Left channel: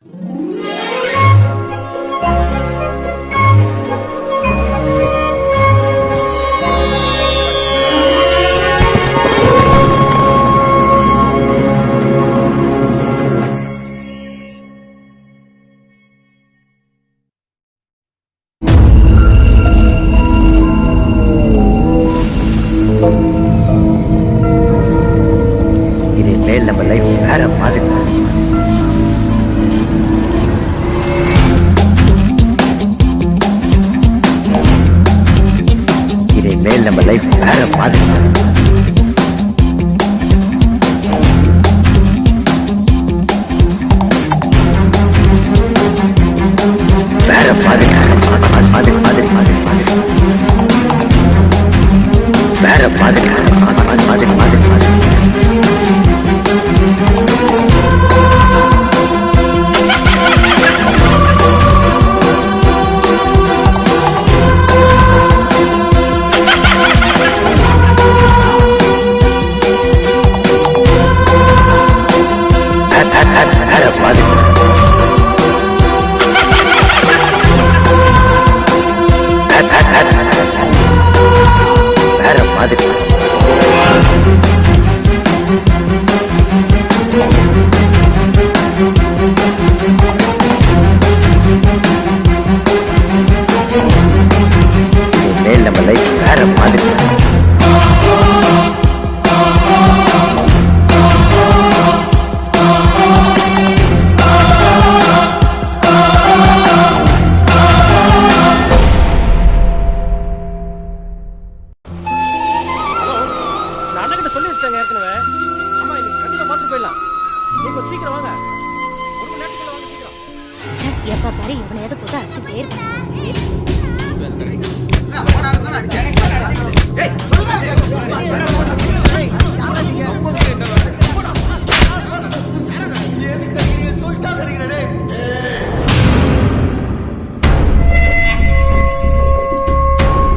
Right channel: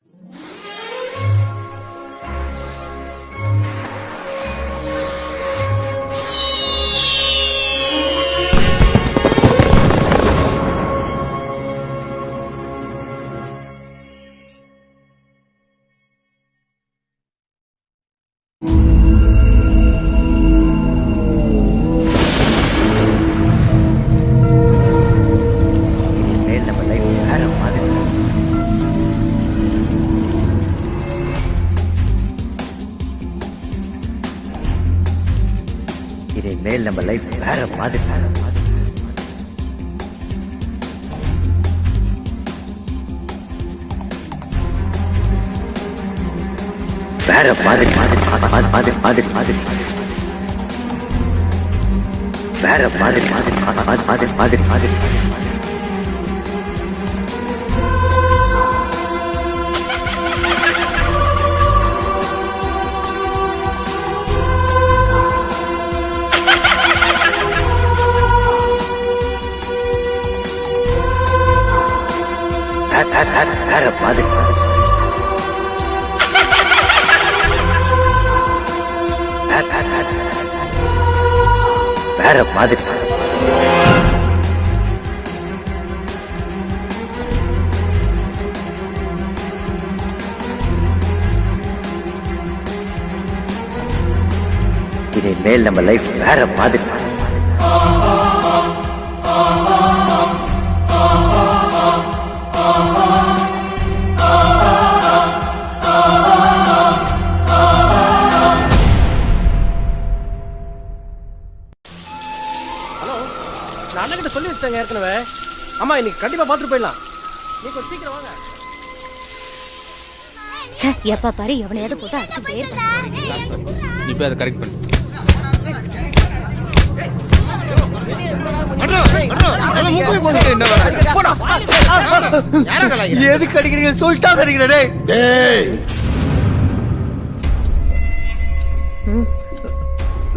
இனிமேல் நம்ம லைஃப் வேற மாதிரி வேற மாதிரி மாதிரி மாதிரி மாதிரி வேற மாதிரி மாதிரி மாதிரி மாதிரி வேற மாதிரி வேற மாதிரி இனிமேல் நம்ம லைஃப் வேற மாதிரி அண்ணன் சொல்லி வச்சாங்க ஏற்கனவே. அம்மா இன்னைக்கு கண்டிப்பா பாத்துட்டு போயிடலாம். நீங்க கொஞ்சம் சீக்கிரம் வாங்க. எப்ப பாரு எவனையாவது போட்டு அடிச்சுட்டே இருக்கான். இப்போ அது கரெக்ட். எதுக்கு அடிக்கிறீங்க சொல்லிட்டா அடிக்கிறே.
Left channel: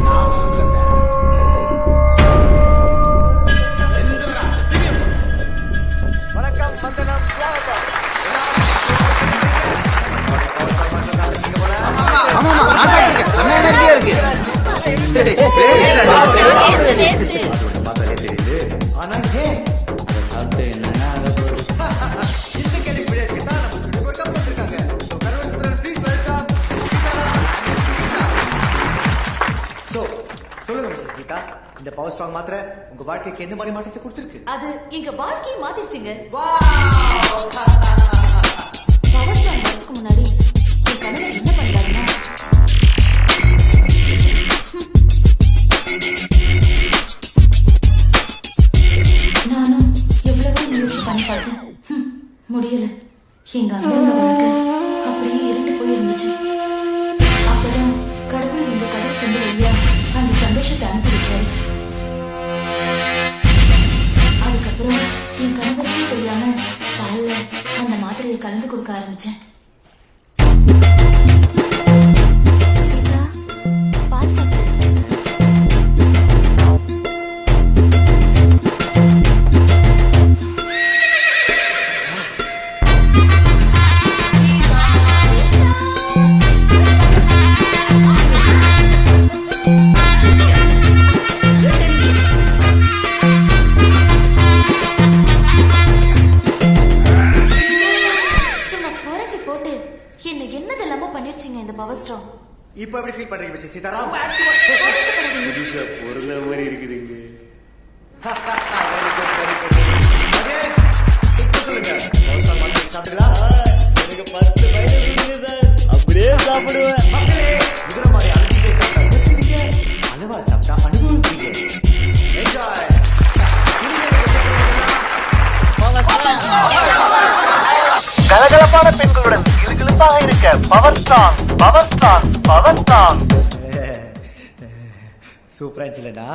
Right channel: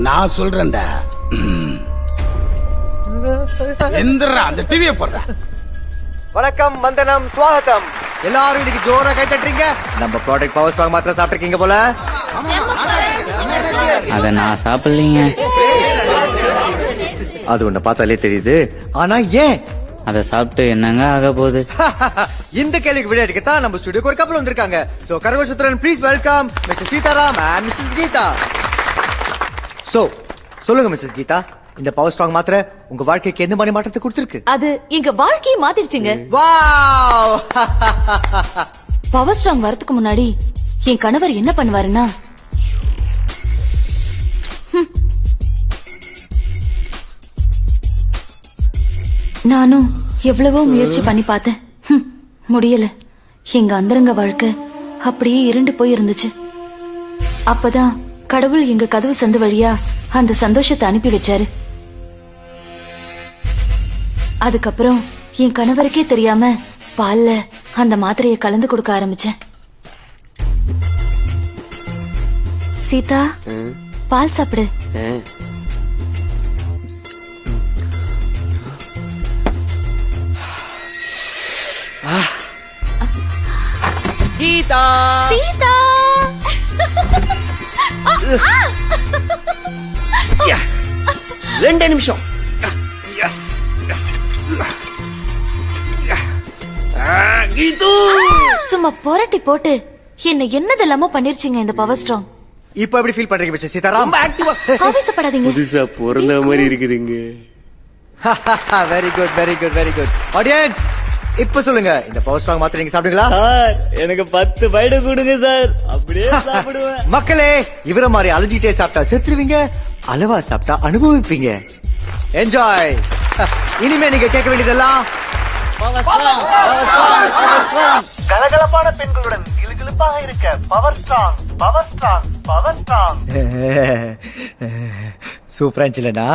நான் சொல்றேன்டா. எந்திரா அந்த டிவியை போடுற. வணக்கம், வந்தனம், ஸ்வாகத்தம். எல்லாரும் இன்னைக்கு ஜோரா கை தட்டுறீங்க. நம்ம ப்ராடக்ட் பவர் ஸ்டாக் மாத்திரம் சாப்பிட்டுருக்கீங்க போல. நான் சாப்பிடுறீங்க. அது உன்னை பார்த்தாலே தெரியுது. ஆனா ஏன் அதை சாப்பிட்டு என்னங்க ஆக போகுது? இந்த கேள்விக்கு விளையாட்டுக்கு தான் நம்ம ஸ்டுடியோக்கு ஒரு கப்பல் வந்திருக்காங்க. சோ கரவசுத்ரன் please welcome Mr Sitaram and Mrs Geetha. So சொல்லுங்க மிஸ்ஸஸ் கீதா, இந்த பவர் ஸ்ட்ராங் மாத்திரை உங்க வாழ்க்கைக்கு எந்த மாதிரி மாற்றத்தை கொடுத்திருக்கு? அது எங்க வாழ்க்கையை மாத்திடுச்சுங்க. வாவ்! பவர் ஸ்ட்ராங் வரதுக்கு முன்னாடி என் கணவர் என்ன பண்ணுவாருன்னா, நானும் எவ்வளவோ முயற்சி பண்ணி பார்த்தேன். முடியல. எங்க அந்தரங்க வாழ்க்கை அப்படியே இருண்டு போய் இருந்துச்சு. அப்பதான் கடவுள் எங்க கதவு சந்து வழியா அந்த சந்தோஷத்தை அனுப்பி வச்சாரு. அதுக்கப்புறம் என் கணவருக்கே தெரியாம பால்ல அந்த மாத்திரையை கலந்து கொடுக்க ஆரம்பிச்சேன். சீதா, பால் சாப்பிடு. கீதா சீதா, 2 நிமிஷம். சும்மா புரட்டி போட்டு என்ன என்னதெல்லாமோ பண்ணிருச்சீங்க இந்த பவர் ஸ்ட்ராங். இப்போ எப்படி ஃபீல் பண்றீங்க மிஸ்டர் சீதாராம்? ஆவேசப்படாதீங்க. புதுசா பிறந்த மாதிரி இருக்குதுங்க. Very good very good very good. Audience, இப்ப சொல்லுங்க, இந்த பவர் ஸ்ட்ராங் மாத்திரை நீங்க சாப்பிடுங்களா? எனக்கு 10 பைட கொடுங்க சார், அப்படியே சாப்பிடுவேன். மக்களே, இவர மாதிரி அலஞ்சிட்டே சாப்பிட்டா செத்துருவீங்க, அளவா சாப்பிட்டா அனுபவிப்பீங்க. என்ஜாய். இனிமே நீங்க கேட்க வேண்டியதெல்லாம் கலகலப்பான பெண்களுடன் கிளுகிளுப்பாக இருக்க power strong power strong power strong. சூப்பரா இல்லனா?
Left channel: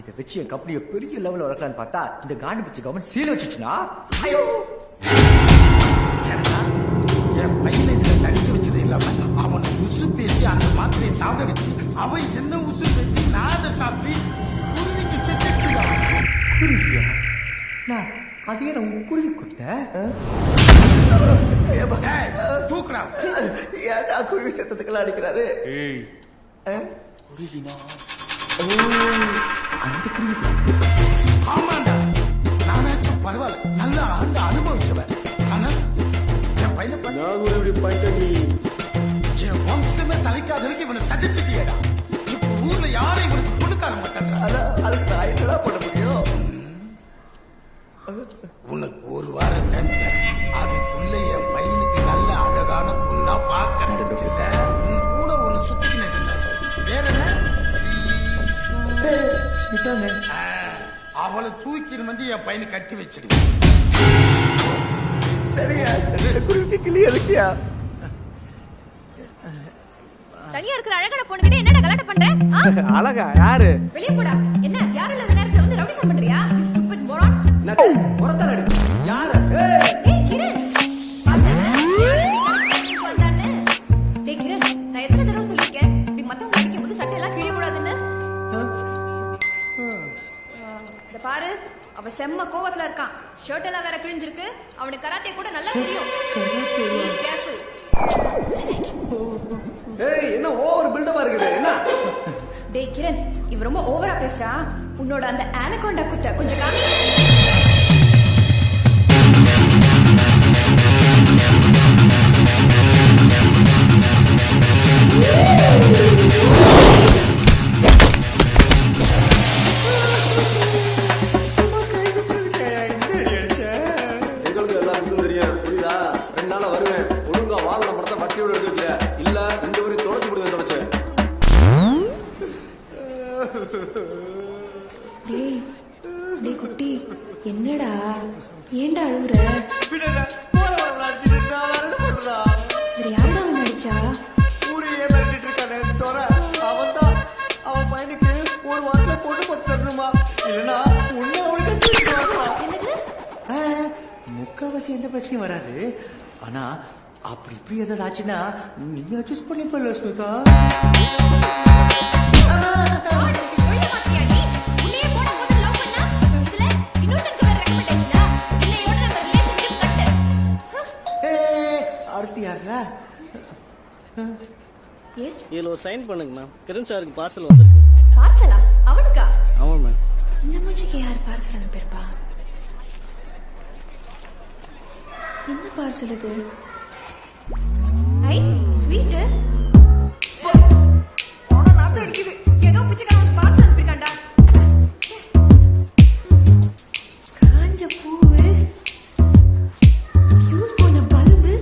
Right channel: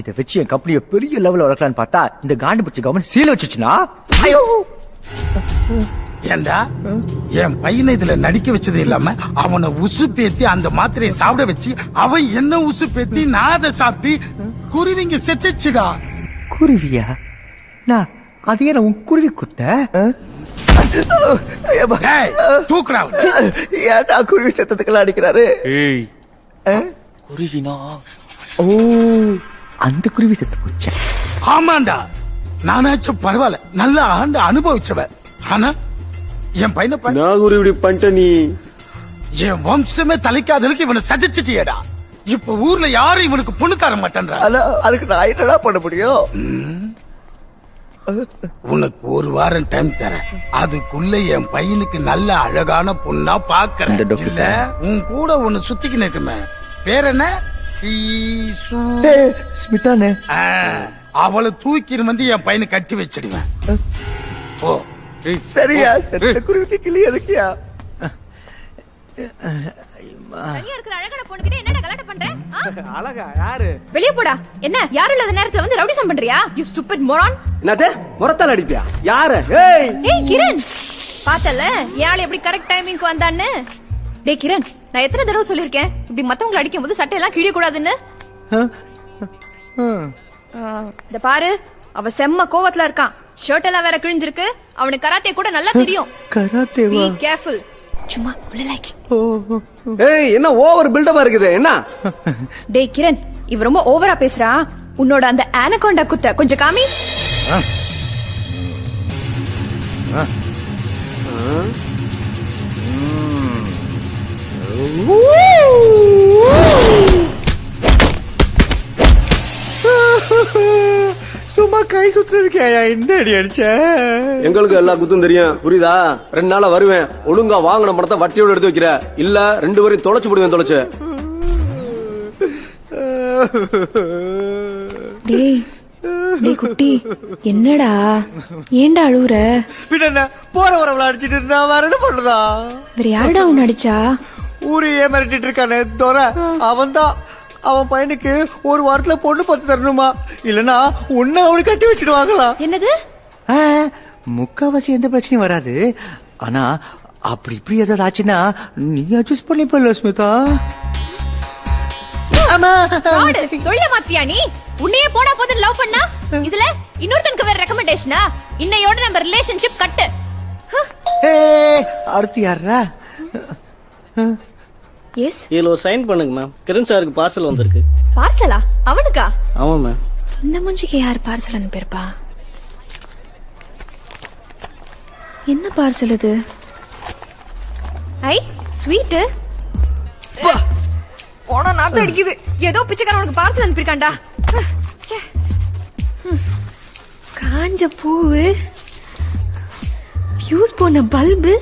இதை வச்சு என் கம்பெனியை பெரிய லெவலில் வளர்க்கலான்னு பார்த்தா இந்த காண்டு பிடிச்ச கவர்மெண்ட் சீல் வச்சுச்சுன்னா, ஐயோ! ஏண்டா என் பையனை இதுல நடிக்க வச்சது இல்லாம அவனை உசு பேத்தி அந்த மாத்திரையை சாப்பிட வச்சு அவன் என்ன உசு பேத்தி நான் அதை சாப்பிட்டு குருவிங்க செத்துச்சுடா. குருவியா? நான் அதையே நான் குருவி குத்த டேய், தூக்குடா அவனை. ஏன்டா குருவி சத்தத்துக்கெல்லாம் அடிக்கிறாரு ஏய் ஆ? குருவினா ஓ அந்த குருவி சத்தம் ஆமாண்டா, நானாச்சும் பரவாயில்ல, நல்லா ஆண்டு அனுபவிச்சவன். ஆனா என் பையனை பாரு. நான் குரு இப்படி பண்ணிட்ட நீ என் வம்சமே தலைக்காதலுக்கு இவனை சஜிச்சிட்டியடா. இப்ப ஊர்ல யாரும் இவனுக்கு பொண்ணு தர மாட்டேன்றா. அதுக்கு நான் என்னடா பண்ண முடியும் உனக்கு ஒரு வாரம் டைம் தரேன். அதுக்குள்ள என் பையனுக்கு நல்ல அழகான பொண்ணா பாக்குறேன். இல்ல உன் கூட ஒண்ணு சுத்திக்கின்னு இருக்குமே, பேர் என்ன? சீசு. ஸ்மிதானே ஆ, அவளை தூக்கின்னு வந்து என் பையனை கட்டி வச்சிடுவேன். போ. சரியா சரி குருவிக்கு கிளி எதுக்கியா தனியா இருக்கிற அழகான பொண்ணுகிட்ட என்னடா கலாட்டம் பண்ற? அழகா யாரு? வெளிய போடா. என்ன யாரும் இல்லாத நேரத்துல வந்து ரவுடிசம் பண்றியா? You stupid moron. என்னது முறத்தால் அடிப்பியா? யாரு? ஏய் ஏய் கிரண், பார்த்தல யாழ் எப்படி கரெக்ட் டைமிங்க்கு வந்தான்னு? டேய் கிரண், நான் எத்தனை தடவை சொல்லிருக்கேன் இப்படி மத்தவங்க அடிக்கும்போது சட்டை எல்லாம் கிழிய கூடாதுன்னு? இந்த பாரு, அவ செம்ம கோவத்துல இருக்கான். ஷர்ட் எல்லாம் வேற கிழிஞ்சிருக்கு. அவனுக்கு கராத்தே கூட நல்லா தெரியும். கராத்தேவா Be careful. சும்மா விளையாக்கி. ஏய் என்ன ஓவர் பில்டப்பா இருக்குது என்ன? டேய் கிரண், இவ ரொம்ப ஓவரா பேசுறா. உன்னோட அந்த ஆனகோண்டா குத்த கொஞ்சம் காமி. சும்மா கை சுத்துறதுக்கு இந்த அடி அடிச்ச எங்களுக்கு எல்லா குத்தும் தெரியும், புரியுதா? 2 நாளா வருவேன், ஒழுங்கா வாங்கின பணத்தை வட்டியோட எடுத்து வைக்கிற, இல்ல 2 வரையும் தொலைச்சு போடுவேன். தொலைச்சு டேய் டேய் குட்டி, என்னடா ஏன்டா அழுவுற? பின்ன போற வரவள அடிச்சிட்டு இருந்தா வேற என்ன பண்றதா? வேற யாருடா உன்னை அடிச்சா? ஊரையே மிரட்டிட்டு இருக்கானே தோற, அவன்தான். அவன் பையனுக்கு ஒரு வாரத்துல பொண்ணு பார்த்து தரணுமா, இல்லனா உன்னை அவனுக்கு கட்டி வச்சிடுவாங்களா? என்னது? முக்காவாசி எந்த பிரச்சனையும் வராது. ஆனா அப்படி இப்படி ஏதாவது ஆச்சுன்னா நீ அட்ஜஸ்ட் பண்ணிப்பல ஸ்மிதா. ஆடு தொழில மாத்தியா நீ? உன்னையே போனா போது லவ் பண்ணா, இதுல இன்னொருத்தனுக்கு வேற ரெக்கமெண்டேஷனா? இன்னையோட நம்ம ரிலேஷன்ஷிப் கட்டு. அடுத்து யாரா? எஸ் இதுல ஒரு சைன் பண்ணுங்க மேம். கிரண் சாருக்கு பார்சல் வந்திருக்கு. பார்சலா? அவனுக்கா? ஆமா மேம். இந்த மூஞ்சிக்கு யார் பார்சல் அனுப்பியிருப்பா? என்ன பார்சல் இது? ஐ ஸ்வீட். போனா நாத்து அடிக்குது. ஏதோ பிச்சைக்காரனுக்கு பார்சல் அனுப்பியிருக்கான்டா. காஞ்ச பூவு, ஃபியூஸ் போன பல்பு,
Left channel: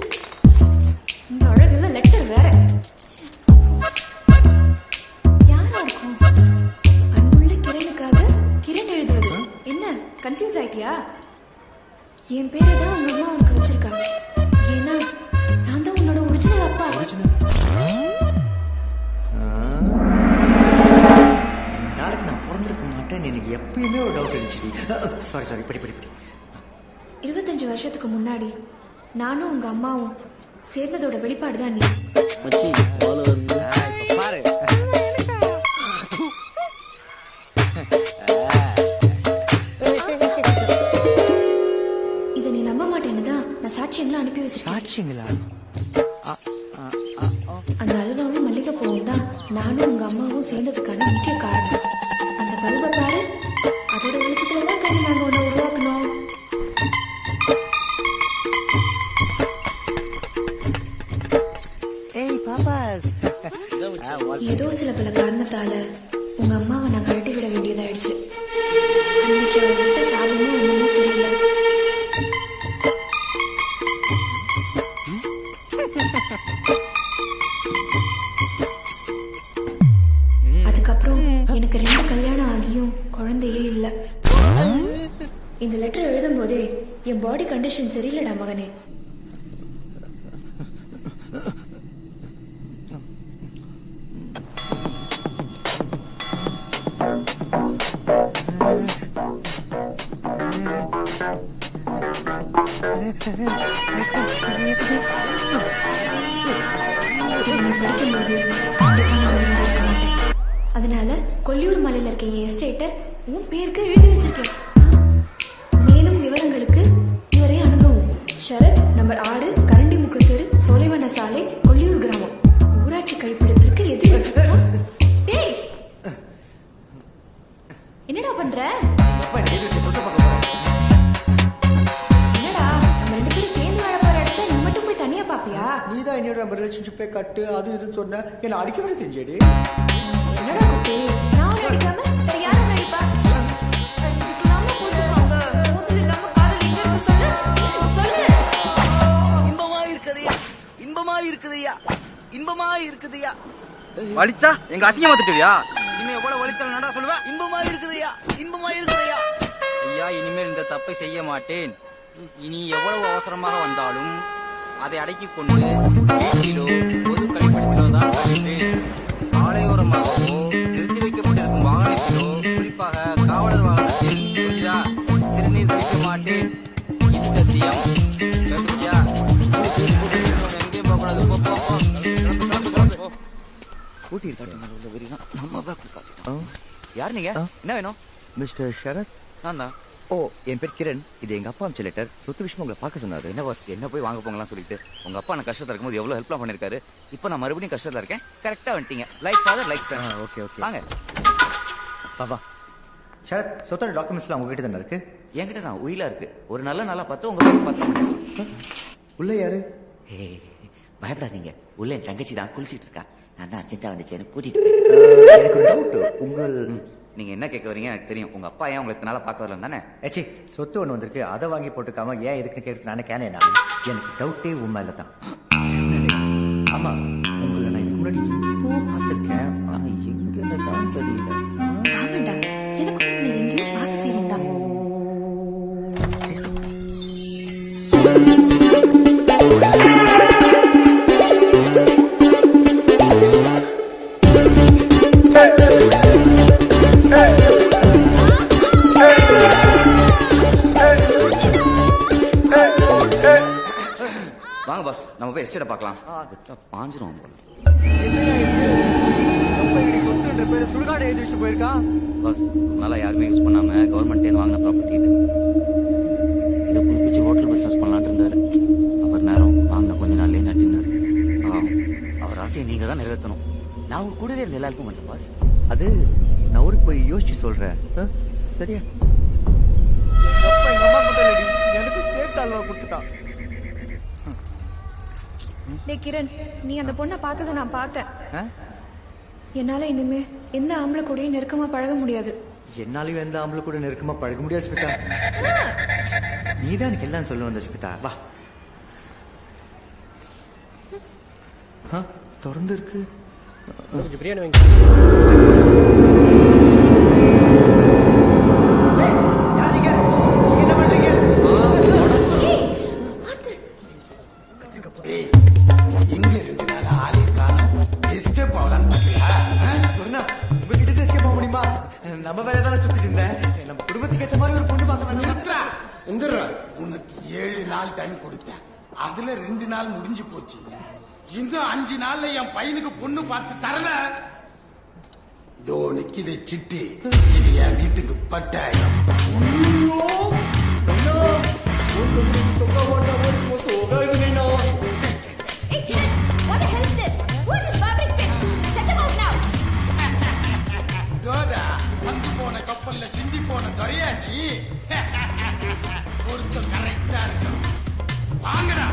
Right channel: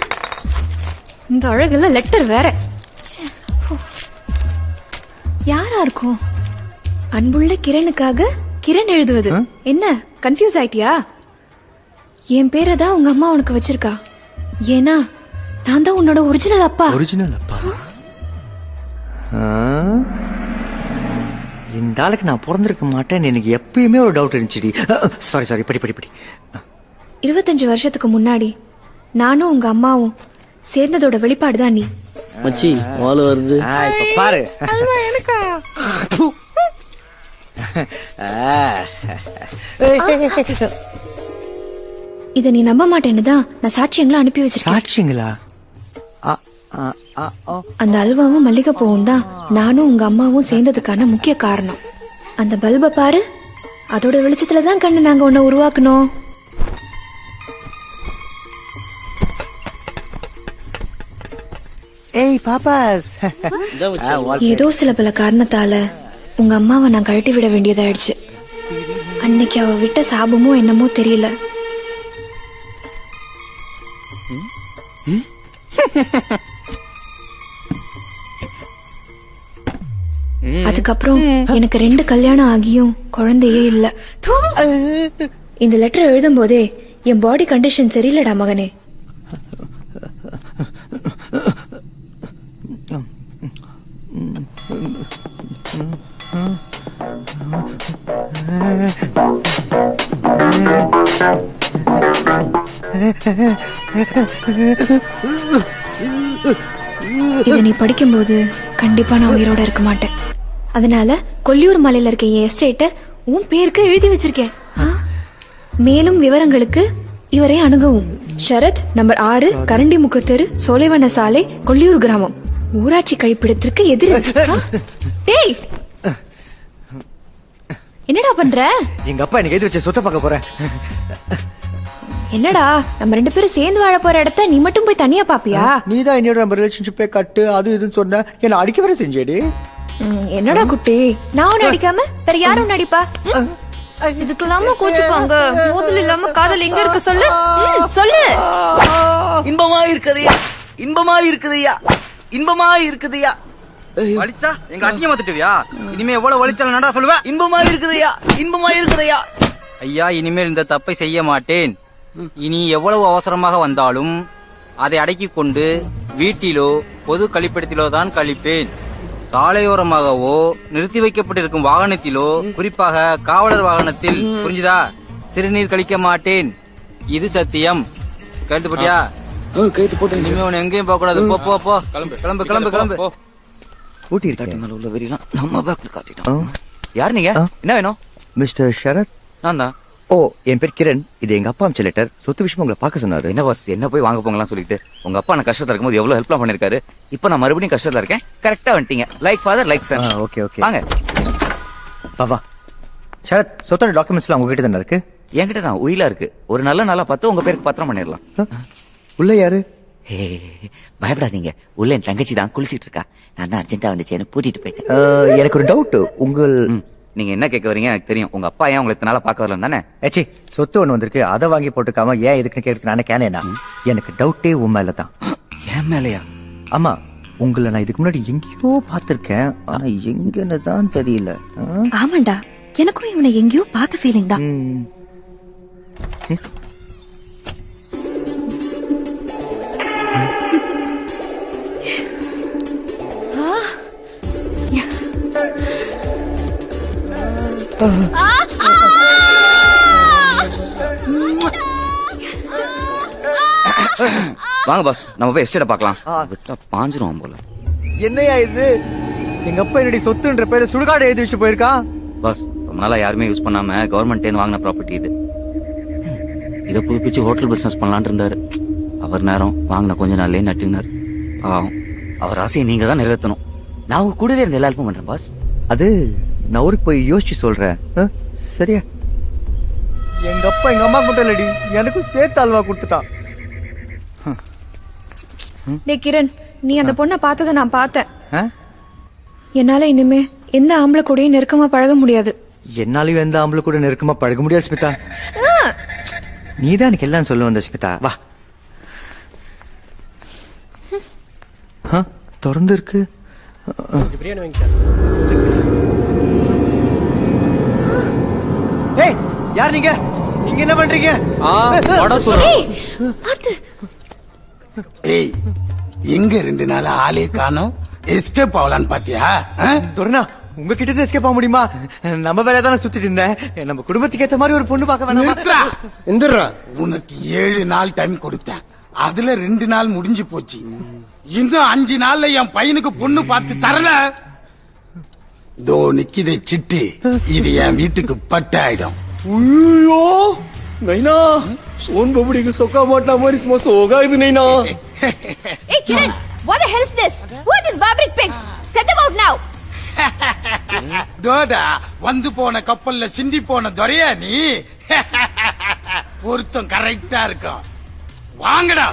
இந்த அழகுல லெட்டர் வேற. யாரா இருக்கும்? அன்புள்ள கிரணுக்காக கிரண் எழுதுவது. என்ன கன்ஃபியூஸ் ஆயிட்டியா? என் பேரை தான் உங்க அம்மா உனக்கு வச்சிருக்கா. ஏன்னா நான் தான் உன்னோட ஒரிஜினல் அப்பா. ஒரிஜினல் இந்த ஆளுக்கு நான் பிறந்திருக்க மாட்டேன்னு எனக்கு எப்பயுமே ஒரு டவுட் இருந்துச்சுடி. சாரி படி படி படி. 25 வருஷத்துக்கு முன்னாடி நானும் உங்க அம்மாவும் சேர்ந்ததோட வெளிப்பாடு தான் நீ. மச்சி வாழ வருது. இப்ப பாரு. இத நீ நம்ப மாட்டேன்னு தான் நான் சாட்சியங்களை அனுப்பி வச்சிருக்கேன். சாட்சிங்களா? அந்த அல்வாவும் மல்லிகைப்பூவும் தான் நானும் உங்க அம்மாவும் சேர்ந்ததுக்கான முக்கிய காரணம். அந்த பல்பை பாரு, அதோட வெளிச்சத்துல தான் கண்ணு நாங்க உன்னை உருவாக்கணும். ஏய் பாப்பாஸ். ஏதோ சில பல காரணத்தால உங்க அம்மாவை நான் கழட்டி விட வேண்டியதாயிடுச்சு. அன்னைக்கு அவ விட்ட சாபமோ என்னமோ தெரியல. அதுக்கப்புறம் எனக்கு 2 கல்யாணம் ஆகியும் குழந்தையே இல்ல. இந்த லெட்டர் எழுதும் போதே என் பாடி கண்டிஷன் சரியில்லடா மகனே. இதை நீ படிக்கும்போது கண்டிப்பா நான் உயிரோட இருக்க மாட்டேன். அதனால கொல்லியூர் மலையில இருக்க என் எஸ்டேட்டை உன் பேருக்கு எழுதி வச்சிருக்கேன். மேலும் விவரங்களுக்கு இவரை அணுகவும். சரத், நம்பர் 6, கரண்டி முக்கத்தெரு, சோலைவன சாலை, கொள்ளியூர் கிராமம், ஊராட்சி கழிப்பிடத்திற்கு எதிர். டேய், என்னடா பண்ற? எங்க அப்பா எனக்கு எழுதி வச்ச சொத்தை பார்க்க போறேன். என்னடா நம்ம 2 பேரும் சேர்ந்து வாழ போற இடத்த நீ மட்டும் போய் தனியா பாப்பியா? நீ தான் என்னோட நம்ம ரிலேஷன்ஷிப்பே கட்டு அது இதுன்னு சொன்ன, என்ன அடிக்க வர செஞ்சேடி. என்னடா குட்டி, நான் உன்னை அடிக்காம வேற யாரும் நடிப்பா? இதுக்கு இல்லாம கோச்சுப்பாங்க. மோதல் இல்லாம காதல் எங்க இருக்கு சொல்லு. சொல்லு. இன்பமா இருக்குதையா, இன்பமா இருக்குதையா, இன்பமா இருக்குதையா. வலிச்சா எங்க அசிங்கமா திட்டுவியா? இனிமே எவ்வளவு வலிச்சாலும் நடா சொல்லுவேன். இன்பமா இருக்குதையா, இன்பமா இருக்குதையா. ஐயா, இனிமேல் இந்த தப்பை செய்ய மாட்டேன். இனி எவ்வளவு அவசரமாக வந்தாலும் அதை அடக்கிக் கொண்டு வீட்டிலோ பொது கழிப்பிடத்திலோ தான் கழிப்பேன். சாலையோரமாகவோ நிறுத்தி வைக்கப்பட்டிருக்கும் வாகனத்திலோ, குறிப்பாக காவலர் வாகனத்தில், புரிஞ்சுதா, சிறுநீர் கழிக்க மாட்டேன். இது சத்தியம். கேட்டு போட்டியா? எங்கேயும் போக கூடாது. போ போ போ. கிளம்பு கிளம்பு கிளம்பு. ஊட்டி இருக்கேன். உள்ள வெறிலாம் நம்ம பேக்ல காட்டிட்டான். யார் நீங்க? என்ன வேணும்? மிஸ்டர் ஷரத். நான் தான். ஓ, என் பேர் கிரண். இது எங்க அப்பா அமிச்ச லெட்டர். சொத்து விஷயம் உங்களை பார்க்க சொன்னாரு. என்ன பாஸ், என்ன போய் வாங்க போங்கலாம் சொல்லிட்டு உங்க அப்பா நான் கஷ்டத்துல இருக்கும்போது எவ்வளவு ஹெல்ப்லாம் பண்ணிருக்காரு. இப்போ நான் மறுபடியும் கஷ்டத்துல இருக்கேன். கரெக்டா வந்துட்டீங்க. Like father like son. Okay okay, வாங்க. வா வா. ஷரத், சொத்தோட டாக்குமெண்ட்ஸ்லாம் உங்ககிட்ட தானே இருக்கு? என்கிட்ட தான் உயிலா இருக்கு. ஒரு நல்ல நாளா பார்த்து உங்க பேருக்கு பத்திரம் பண்ணிடலாம். உள்ள யாரு? ஹே, பயப்படாதீங்க. உள்ள என் தங்கச்சி தான் குளிச்சிட்டு இருக்கா. நான் தான் அர்ஜென்ட்டா வந்துச்சேன்னு கூட்டிட்டு போயிட்டேன். எனக்கு ஒரு டவுட். உங்கள் நீங்க என்ன கேட்க வரீங்க எனக்கு தெரியும். உங்க அப்பா ஏன் உங்களை இத்தனால பார்க்க வரல தானே? ஏச்சி, சொத்து ஒன்று வந்திருக்கு, அதை வாங்கி போட்டுக்காம ஏன் எதுக்குன்னு கேட்கறது நானே கேனேனா? எனக்கு டவுட்டே உன் மேல தான். என் மேலையா? ஆமா, உங்களை நான் இதுக்கு முன்னாடி எங்கேயோ பார்த்திருக்கேன், ஆனா எங்கன்னு தான் தெரியல. ஆமாண்டா, எனக்கும் இவனை எங்கேயோ பார்த்த ஃபீலிங் தான். வாங்க பாஸ், நம்ம போய் எஸ்டேட்டை பார்க்கலாம். விட்டா பாஞ்சிரும் போல. என்னையா இது? எங்க அப்பா என்னடி சொத்துன்ற பேரு சுடுகாடு எழுதி வச்சு போயிருக்கா. பாஸ், ரொம்ப நாளா யாருமே யூஸ் பண்ணாம கவர்மெண்ட் வாங்கின ப்ராப்பர்ட்டி இது. இதை புதுப்பிச்சு ஹோட்டல் பிசினஸ் பண்ணலான் இருந்தாரு. அவர் நேரம் வாங்கின கொஞ்ச நாள்லயே நட்டினார். அவர் ஆசையை நீங்க தான் நிறைவேற்றணும். நான் உங்க கூடவே இருந்த எல்லா ஹெல்ப்பும் பண்றேன் பாஸ். அது நான் ஊருக்கு போய் யோசிச்சு சொல்றேன். சரியா? எங்க அப்பா எங்க அம்மா மட்டும் இல்லடி, எனக்கும் சேர்த்து அல்வா கொடுத்துட்டான். டேய் கிரண், நீ அந்த பொண்ணை பார்த்ததை நான் பார்த்தேன். ஆ? என்னால இனிமே எந்த ஆம்பளை கூடயும் நெருக்கமா பழக முடியாது. என்னாலையும் எந்த ஆம்பளை கூட நெருக்கமா பழக முடியாது ஸ்மிதா. நீதான் எனக்கு எல்லாம் சொல்ல வந்த ஸ்மிதா. வா. திறந்து இருக்கு. ஏய், யார் நீங்க? இங்க என்ன பண்றீங்க? ஏய், எங்க 2 நாள் ஆளே காணோம்? எஸ்கேப் ஆகலான்னு பாத்தியா? துரணா, உங்ககிட்ட இருந்து எஸ்கேப் ஆக முடியுமா? நம்ம வேலையை தானே சுத்திட்டு இருந்தேன். நம்ம குடும்பத்துக்கு ஏத்த மாதிரி ஒரு பொண்ணு பார்க்க வேணாமா? எந்திரா. உனக்கு 7 நாள் டைம் கொடுத்தேன். அதுல 2 நாள் முடிஞ்சு போச்சு. இன்னும் 5 நாள்ல என் பையனுக்கு பொண்ணு பார்த்து தரல. தோ நிக்கிதே சிட்டி, இது என் வீட்டுக்கு பட்டு ஆயிடும். ஐயோ நைனா, சோன் பபடிக்கு சொக்கா மாட்டா மாதிரி சும்மா சோகா இது நைனா. Hey Kiran, what the hell is this? Who are these barbaric pigs? Set them out now. தோடா, வந்து போன கப்பல்ல சிந்தி போன துரையா நீ? பொருத்தம் கரெக்டா இருக்கும். வாங்கடா.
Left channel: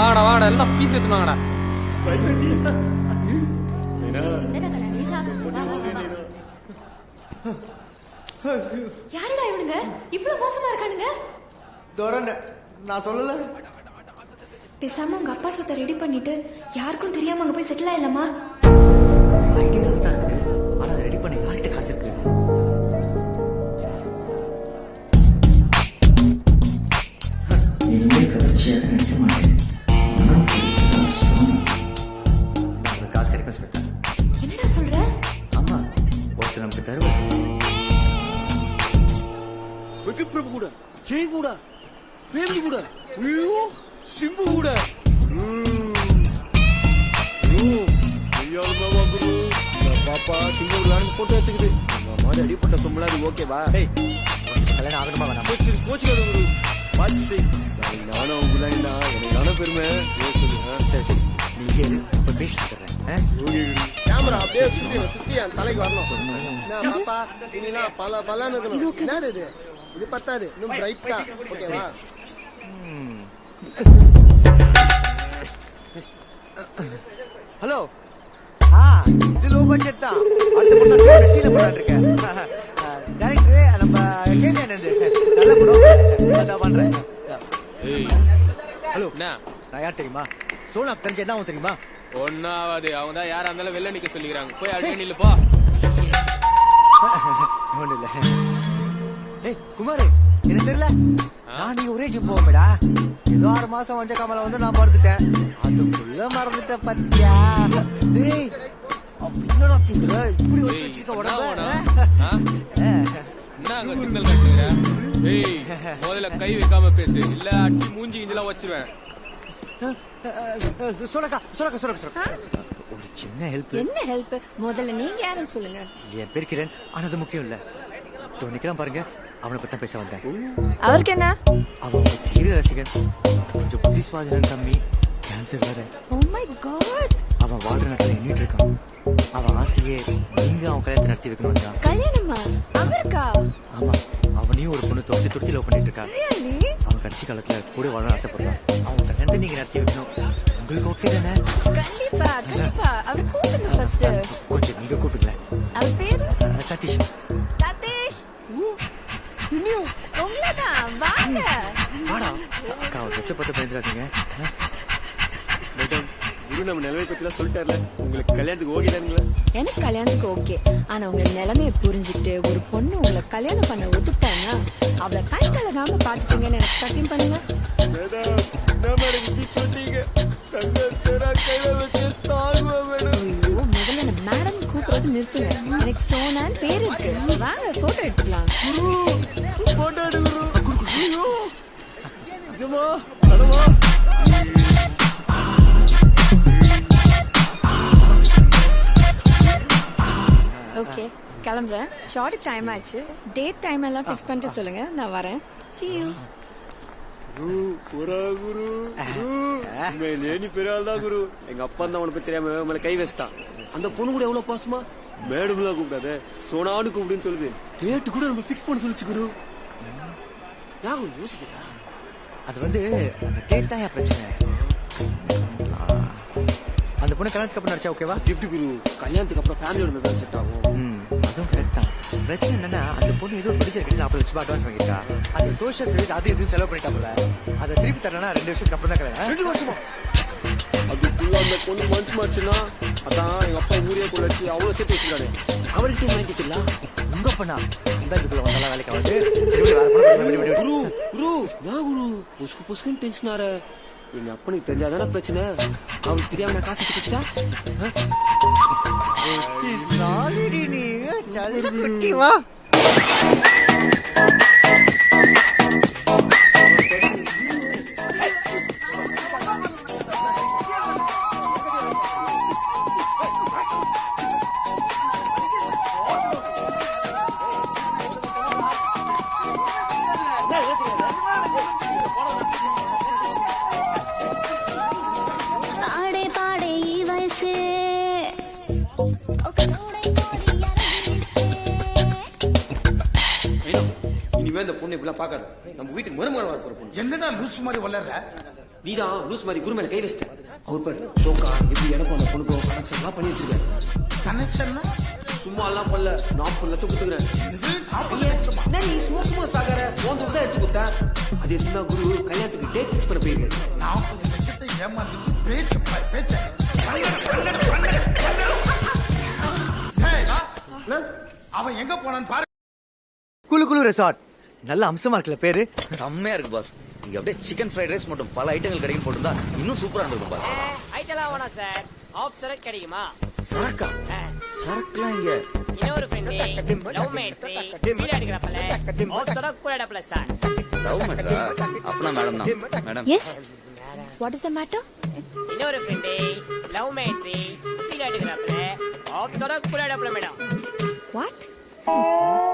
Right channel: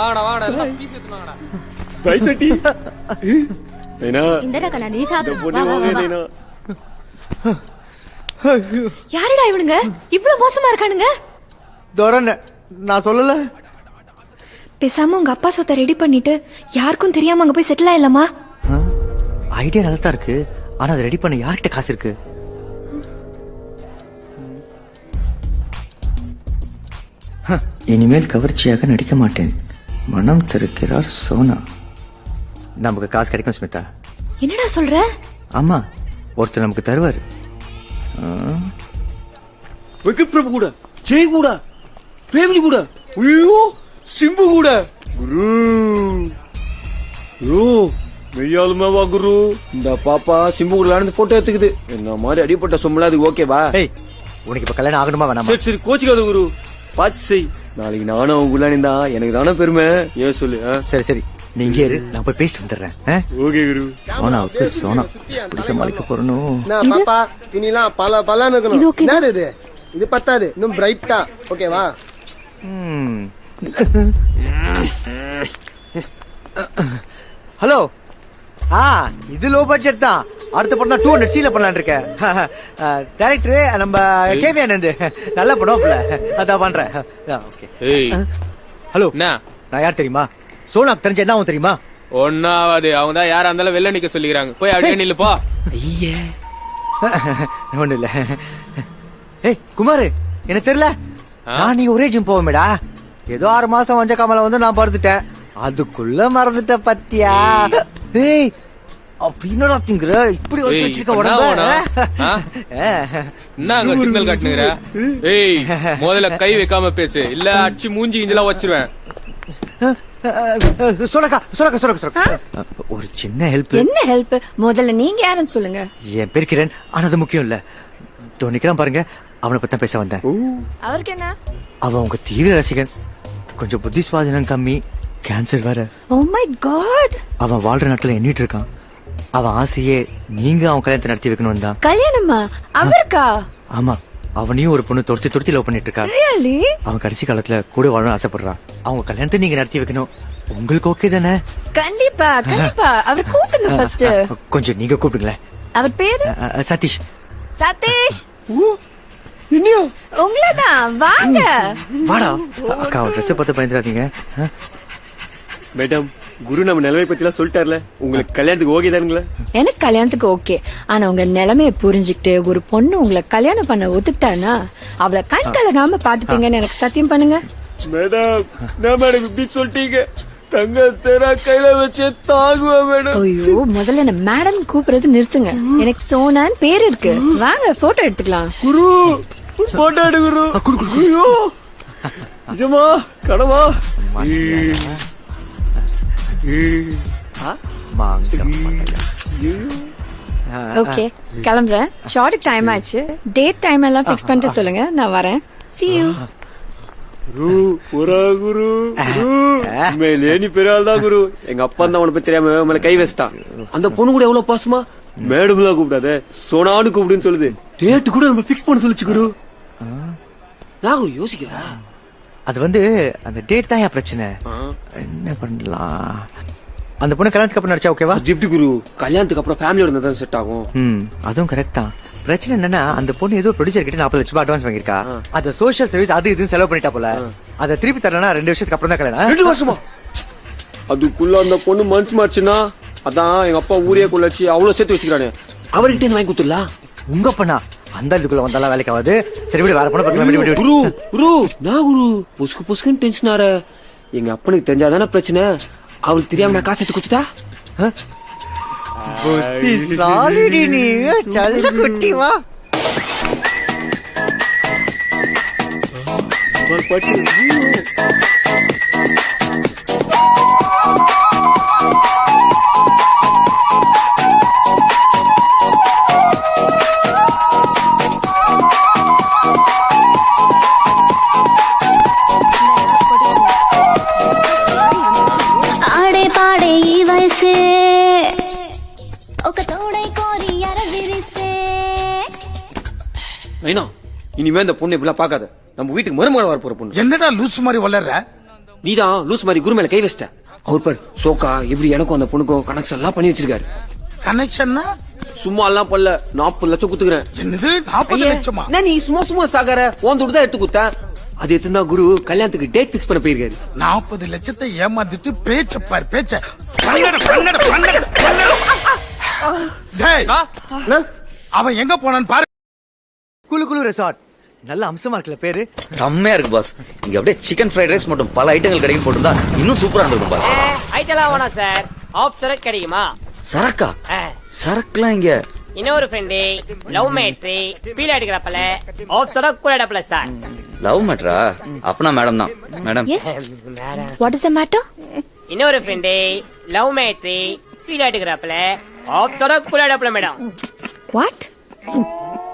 வாடா வாடா, எல்லாம் பீஸ் எடுத்துனாங்கடா. பைசட்டி நைனா, இந்தடா கண்ணா, நீ சாப்பிடு. பொண்ணு வாங்க நைனா. யாருடா இவனுங்க இவ்வளவு மோசமா இருக்கானுங்க? துரண, நான் சொல்லல. பேசாம உங்க அப்பா சொத்தை ரெடி பண்ணிட்டு யாருக்கும் தெரியாம அங்க போய் செட்டில் ஆயிடலாமா? ஐடியா நல்லா தான் இருக்கு, ஆனா அதை ரெடி பண்ண யார்கிட்ட காசு இருக்கு? இனிமேல் கவர்ச்சியாக நடிக்க மாட்டேன். மனம் தருக்கிறார் சோனா. நமக்கு காசு கிடைக்கும் ஸ்மிதா. என்னடா சொல்ற? ஆமா, ஒருத்தர் நமக்கு தருவார். வெங்கட் பிரபு கூட, ஜெய் கூட, பிரேம்ஜி கூட, ஐயோ சிம்பு கூட. குரு மெய்யாலுமே வா குரு. இந்த பாப்பா சிம்பு கூட நடந்து போட்டோ எடுத்துக்குது. இந்த மாதிரி அடிப்பட்ட சொம்பளா அது ஓகேவா? ஏய், உனக்கு இப்ப கல்யாணம் ஆகணுமா வேணாமா? சரி சரி, கோச்சிக்காத குரு. பார்த்து செய். நாளைக்கு நானும் அவங்க உள்ளானிந்தா எனக்கு தானே பெருமை. ஏன் சொல்லு. சரி சரி நீங்க இரு, நான் போய் பேசிட்டு வந்துடுறேன். Okay Guru. Sona please Sona சமாளிக்க போறணும். பாப்பா இனிலாம் பல பலன்னு இது இருக்கணும். okay. என்னது இது? இது பத்தாது, இன்னும் பிரைட்டா. ஓகேவா? ஹலோ. இது லோ பட்ஜெட் தான். அடுத்த படம் தான் 200 சீல பண்ணலாம்னு இருக்கேன். டைரக்டர் நம்ம கேவி ஆனந்த். நல்ல படம் அதான் பண்றேன். ஹலோ. நான் யார் தெரியுமா? சோனாக்கு தெரிஞ்ச என்ன ஆகும் தெரியுமா? ஒன்னாவது அவங்க தான் யாரா இருந்தாலும் வெளில நிக்க சொல்லிக்கிறாங்க. போய் அப்படியே நில்லு போ. ஒண்ணு இல்ல. ஏய் குமார், எனக்கு தெரியல. நான் நீ ஒரே ஜிம் போவேடா. ஏதோ 6 மாசம் வஞ்ச காமல வந்து நான் படுத்துட்டேன். அதுக்குள்ள மறந்துட்ட பத்தியா? ஏய் அப்படின்னா திங்குற இப்படி ஒரு வச்சிருக்க உடம்பு. என்ன அங்க சிக்னல் காட்டுங்கற? ஏய் முதல்ல கை வைக்காம பேசு, இல்ல அடிச்சு மூஞ்சி இஞ்சலாம் வச்சிருவேன். சொல்லக்கா ஒரு சின்ன ஹெல்ப். என்ன ஹெல்ப்? முதல்ல நீங்க யாருன்னு சொல்லுங்க. என் பேர் கிரண். ஆனா அது முக்கியம் இல்ல. நிக்கிறான் பாருங்க, அவனை பத்தி பேச வந்தேன். அவருக்கு என்ன? அவன் உங்க தீவிர ரசிகன். கொஞ்சம் புத்தி சுவாதீனம் கம்மி, கேன்சர் வேற. Oh my god. அவன் வாழ்ற நாட்டுல எண்ணிட்டு இருக்கான். அவன் ஆசையே நீங்க அவன் கல்யாணத்தை நடத்தி வைக்கணும் தான். கல்யாணமா? அவருக்கா? ஆமா, அவனையும் ஒரு பொண்ணு தொடுத்தி லவ் பண்ணிட்டு இருக்கா. ரியலி? அவன் கடைசி காலத்துல கூட வாழணும்னு ஆசைப்படுறான். அவங்க கல்யாணத்தை நீங்க நடத்தி வைக்கணும். உங்களுக்கு ஓகே தானே? கண்டிப்பா கண்டிப்பா. அவர் கூப்பிடுங்க ஃபர்ஸ்ட். கொஞ்சம் நீங்க கூப்பிடுங்களேன். அவர் பேரு சதீஷ். சதீஷ். உங்களதான் வாங்க. வாடா. அக்கா ட்ரெஸ் பார்த்து பயந்துடாதீங்க. மேடம், குரு நம்ம நிலைமை பத்திலாம் சொல்லிட்டார்ல. உங்களுக்கு கல்யாணத்துக்கு ஓகே தானுங்களா? எனக்கு கல்யாணத்துக்கு ஓகே. ஆனா உங்க நிலைமையை புரிஞ்சுக்கிட்டு ஒரு பொண்ணு உங்களை கல்யாணம் பண்ண ஒத்துக்கிட்டானா அவளை கண் கலகாம பாத்துப்பீங்கன்னு எனக்கு சத்தியம் பண்ணுங்க. மேடம், நான் மேடம் இப்படி சொல்லிட்டீங்க. தங்க தெரா கையில வச்சு தாங்குவா மேடம். ஐயோ, முதல்ல என்ன மேடம் கூப்பிடுறது நிறுத்துங்க. எனக்கு சோனான்னு பேர் இருக்கு. வாங்க போட்டோ எடுத்துக்கலாம். குரு போட்டோ எடு குரு. ஐயோ நிஜமா கடமா? ஓகே, கிளம்புறேன். ஷார்ட் டைம் ஆச்சு. டேட் டைம் எல்லாம் ஃபிக்ஸ் பண்ணிட்டு சொல்லுங்க, நான் வரேன். See you. குரு ஒரா குரு. மேலே நீ பெரிய ஆள் தான் குரு. எங்க அப்பா தான் அவனை பத்தி தெரியாம மேல கை வச்சிட்டான். அந்த பொண்ணு கூட எவ்வளவு பாசமா மேடம் தான் கூப்பிடாத, சோனான்னு கூப்பிடுன்னு சொல்லுது. டேட் கூட நம்ம ஃபிக்ஸ் பண்ண சொல்லிச்சு குரு. நான் குரு யோசிக்கிறேன். அது வந்து அந்த டேட் தான் பிரச்சனை. என்ன பண்ணலாம்? அந்த பொண்ணு கல்யாணத்துக்கு அப்புறம் நடிச்சா ஓகேவா? அது எப்படி குரு? கல்யாணத்துக்கு அப்புறம் ஃபேமிலியோட இருந்தா தான் செட் ஆகும். அதுவும் கரெக்ட் தான். பிரச்சனை என்னன்னா அந்த பொண்ணு ஏதோ ப்ரொடியூசர் கிட்ட 40 லட்சம் அட்வான்ஸ் வாங்கிருக்கா. அது சோஷியல் சர்வீஸ் அது இதுன்னு செலவு பண்ணிட்டா போல. அதை திருப்பி தரலனா 2 வருஷத்துக்கு அப்புறம் தான் கல்யாணம். 2 வருஷமா? அதுக்குள்ள அந்த பொண்ணு மனசு மாச்சுன்னா அதான் எங்க அப்பா ஊரே கொள்ளச்சு அவ்வளவு சேர்த்து வச்சுக்கிறானே. அவர்கிட்ட வாங்கி கொடுத்துடலாம். உங்க பண்ணா அந்த இதுக்குள்ள வந்தாலும் வேலைக்கு ஆகாது. சரி விடு, வேற பொண்ணு பார்க்கலாம். குரு குரு நான் குரு புஸ்கு புஸ்குன்னு டென்ஷன் ஆற. எங்க அப்பனுக்கு தெரிஞ்சாதானே பிரச்சனை. அவளுக்கு தெரியாம நான் காசு எடுத்து கொடுத்துட்டா? புத்தி சாலிடி நீ. சல்ல குட்டி வா. இனிமே இந்த பொண்ணு இப்படிலாம் பார்க்காத. நம்ம வீட்டுக்கு மருமகள் வர போற பொண்ணு. என்னடா லூஸ் மாதிரி வளர்ற? நீதான் லூஸ் மாதிரி குரு மேல கை வச்சிட்ட. அவர் பாரு சோக்கா எப்படி எனக்கும் அந்த பொண்ணுக்கும் கனெக்ஷன் எல்லாம் பண்ணி வச்சிருக்காரு. கனெக்ஷன்னா? சும்மா எல்லாம் பண்ணல. 40 லட்சம் குத்துக்கிறேன். என்னது 40 லட்சமா? நீ சும்மா சாகர உன் தான் எடுத்து குத்த. அது எத்தனா குரு கல்யாணத்துக்கு டேட் பிக்ஸ் பண்ண போயிருக்காரு. 40 லட்சத்தை ஏமாத்திட்டு பேச்ச பாரு பேச்ச. அவன் எங்க போனான்னு பாரு. குளு ரெசார்ட் நல்ல அம்சமா இருக்குல்ல பேரு. செம்மையா இருக்கு பாஸ். இங்க அப்படியே சிக்கன் ஃப்ரைட் ரைஸ் மட்டும் பல ஐட்டங்கள் கிடைக்கும் போட்டுருந்தா இன்னும் சூப்பரா இருந்திருக்கும் பாஸ். ஐட்டலாம் வேணாம் சார். ஆஃப் சரக்கு கிடைக்குமா? சரக்கா? சரக்குலாம் இங்க இன்னொரு ஃப்ரெண்டு லவ் மேட்ரி ஃபீல் அடிக்கிறப்பல ஆஃப் சரக்கு கூட இடப்பல சார். லவ் மேட்ரா? அப்பனா மேடம் தான். Madam. Yes. What is the matter? இன்னொரு ஃப்ரெண்டு லவ் மேட்ரி ஃபீல் அடிக்கிறப்பல ஆஃப் சரக்கு கூட இடப்பல மேடம். வாட்?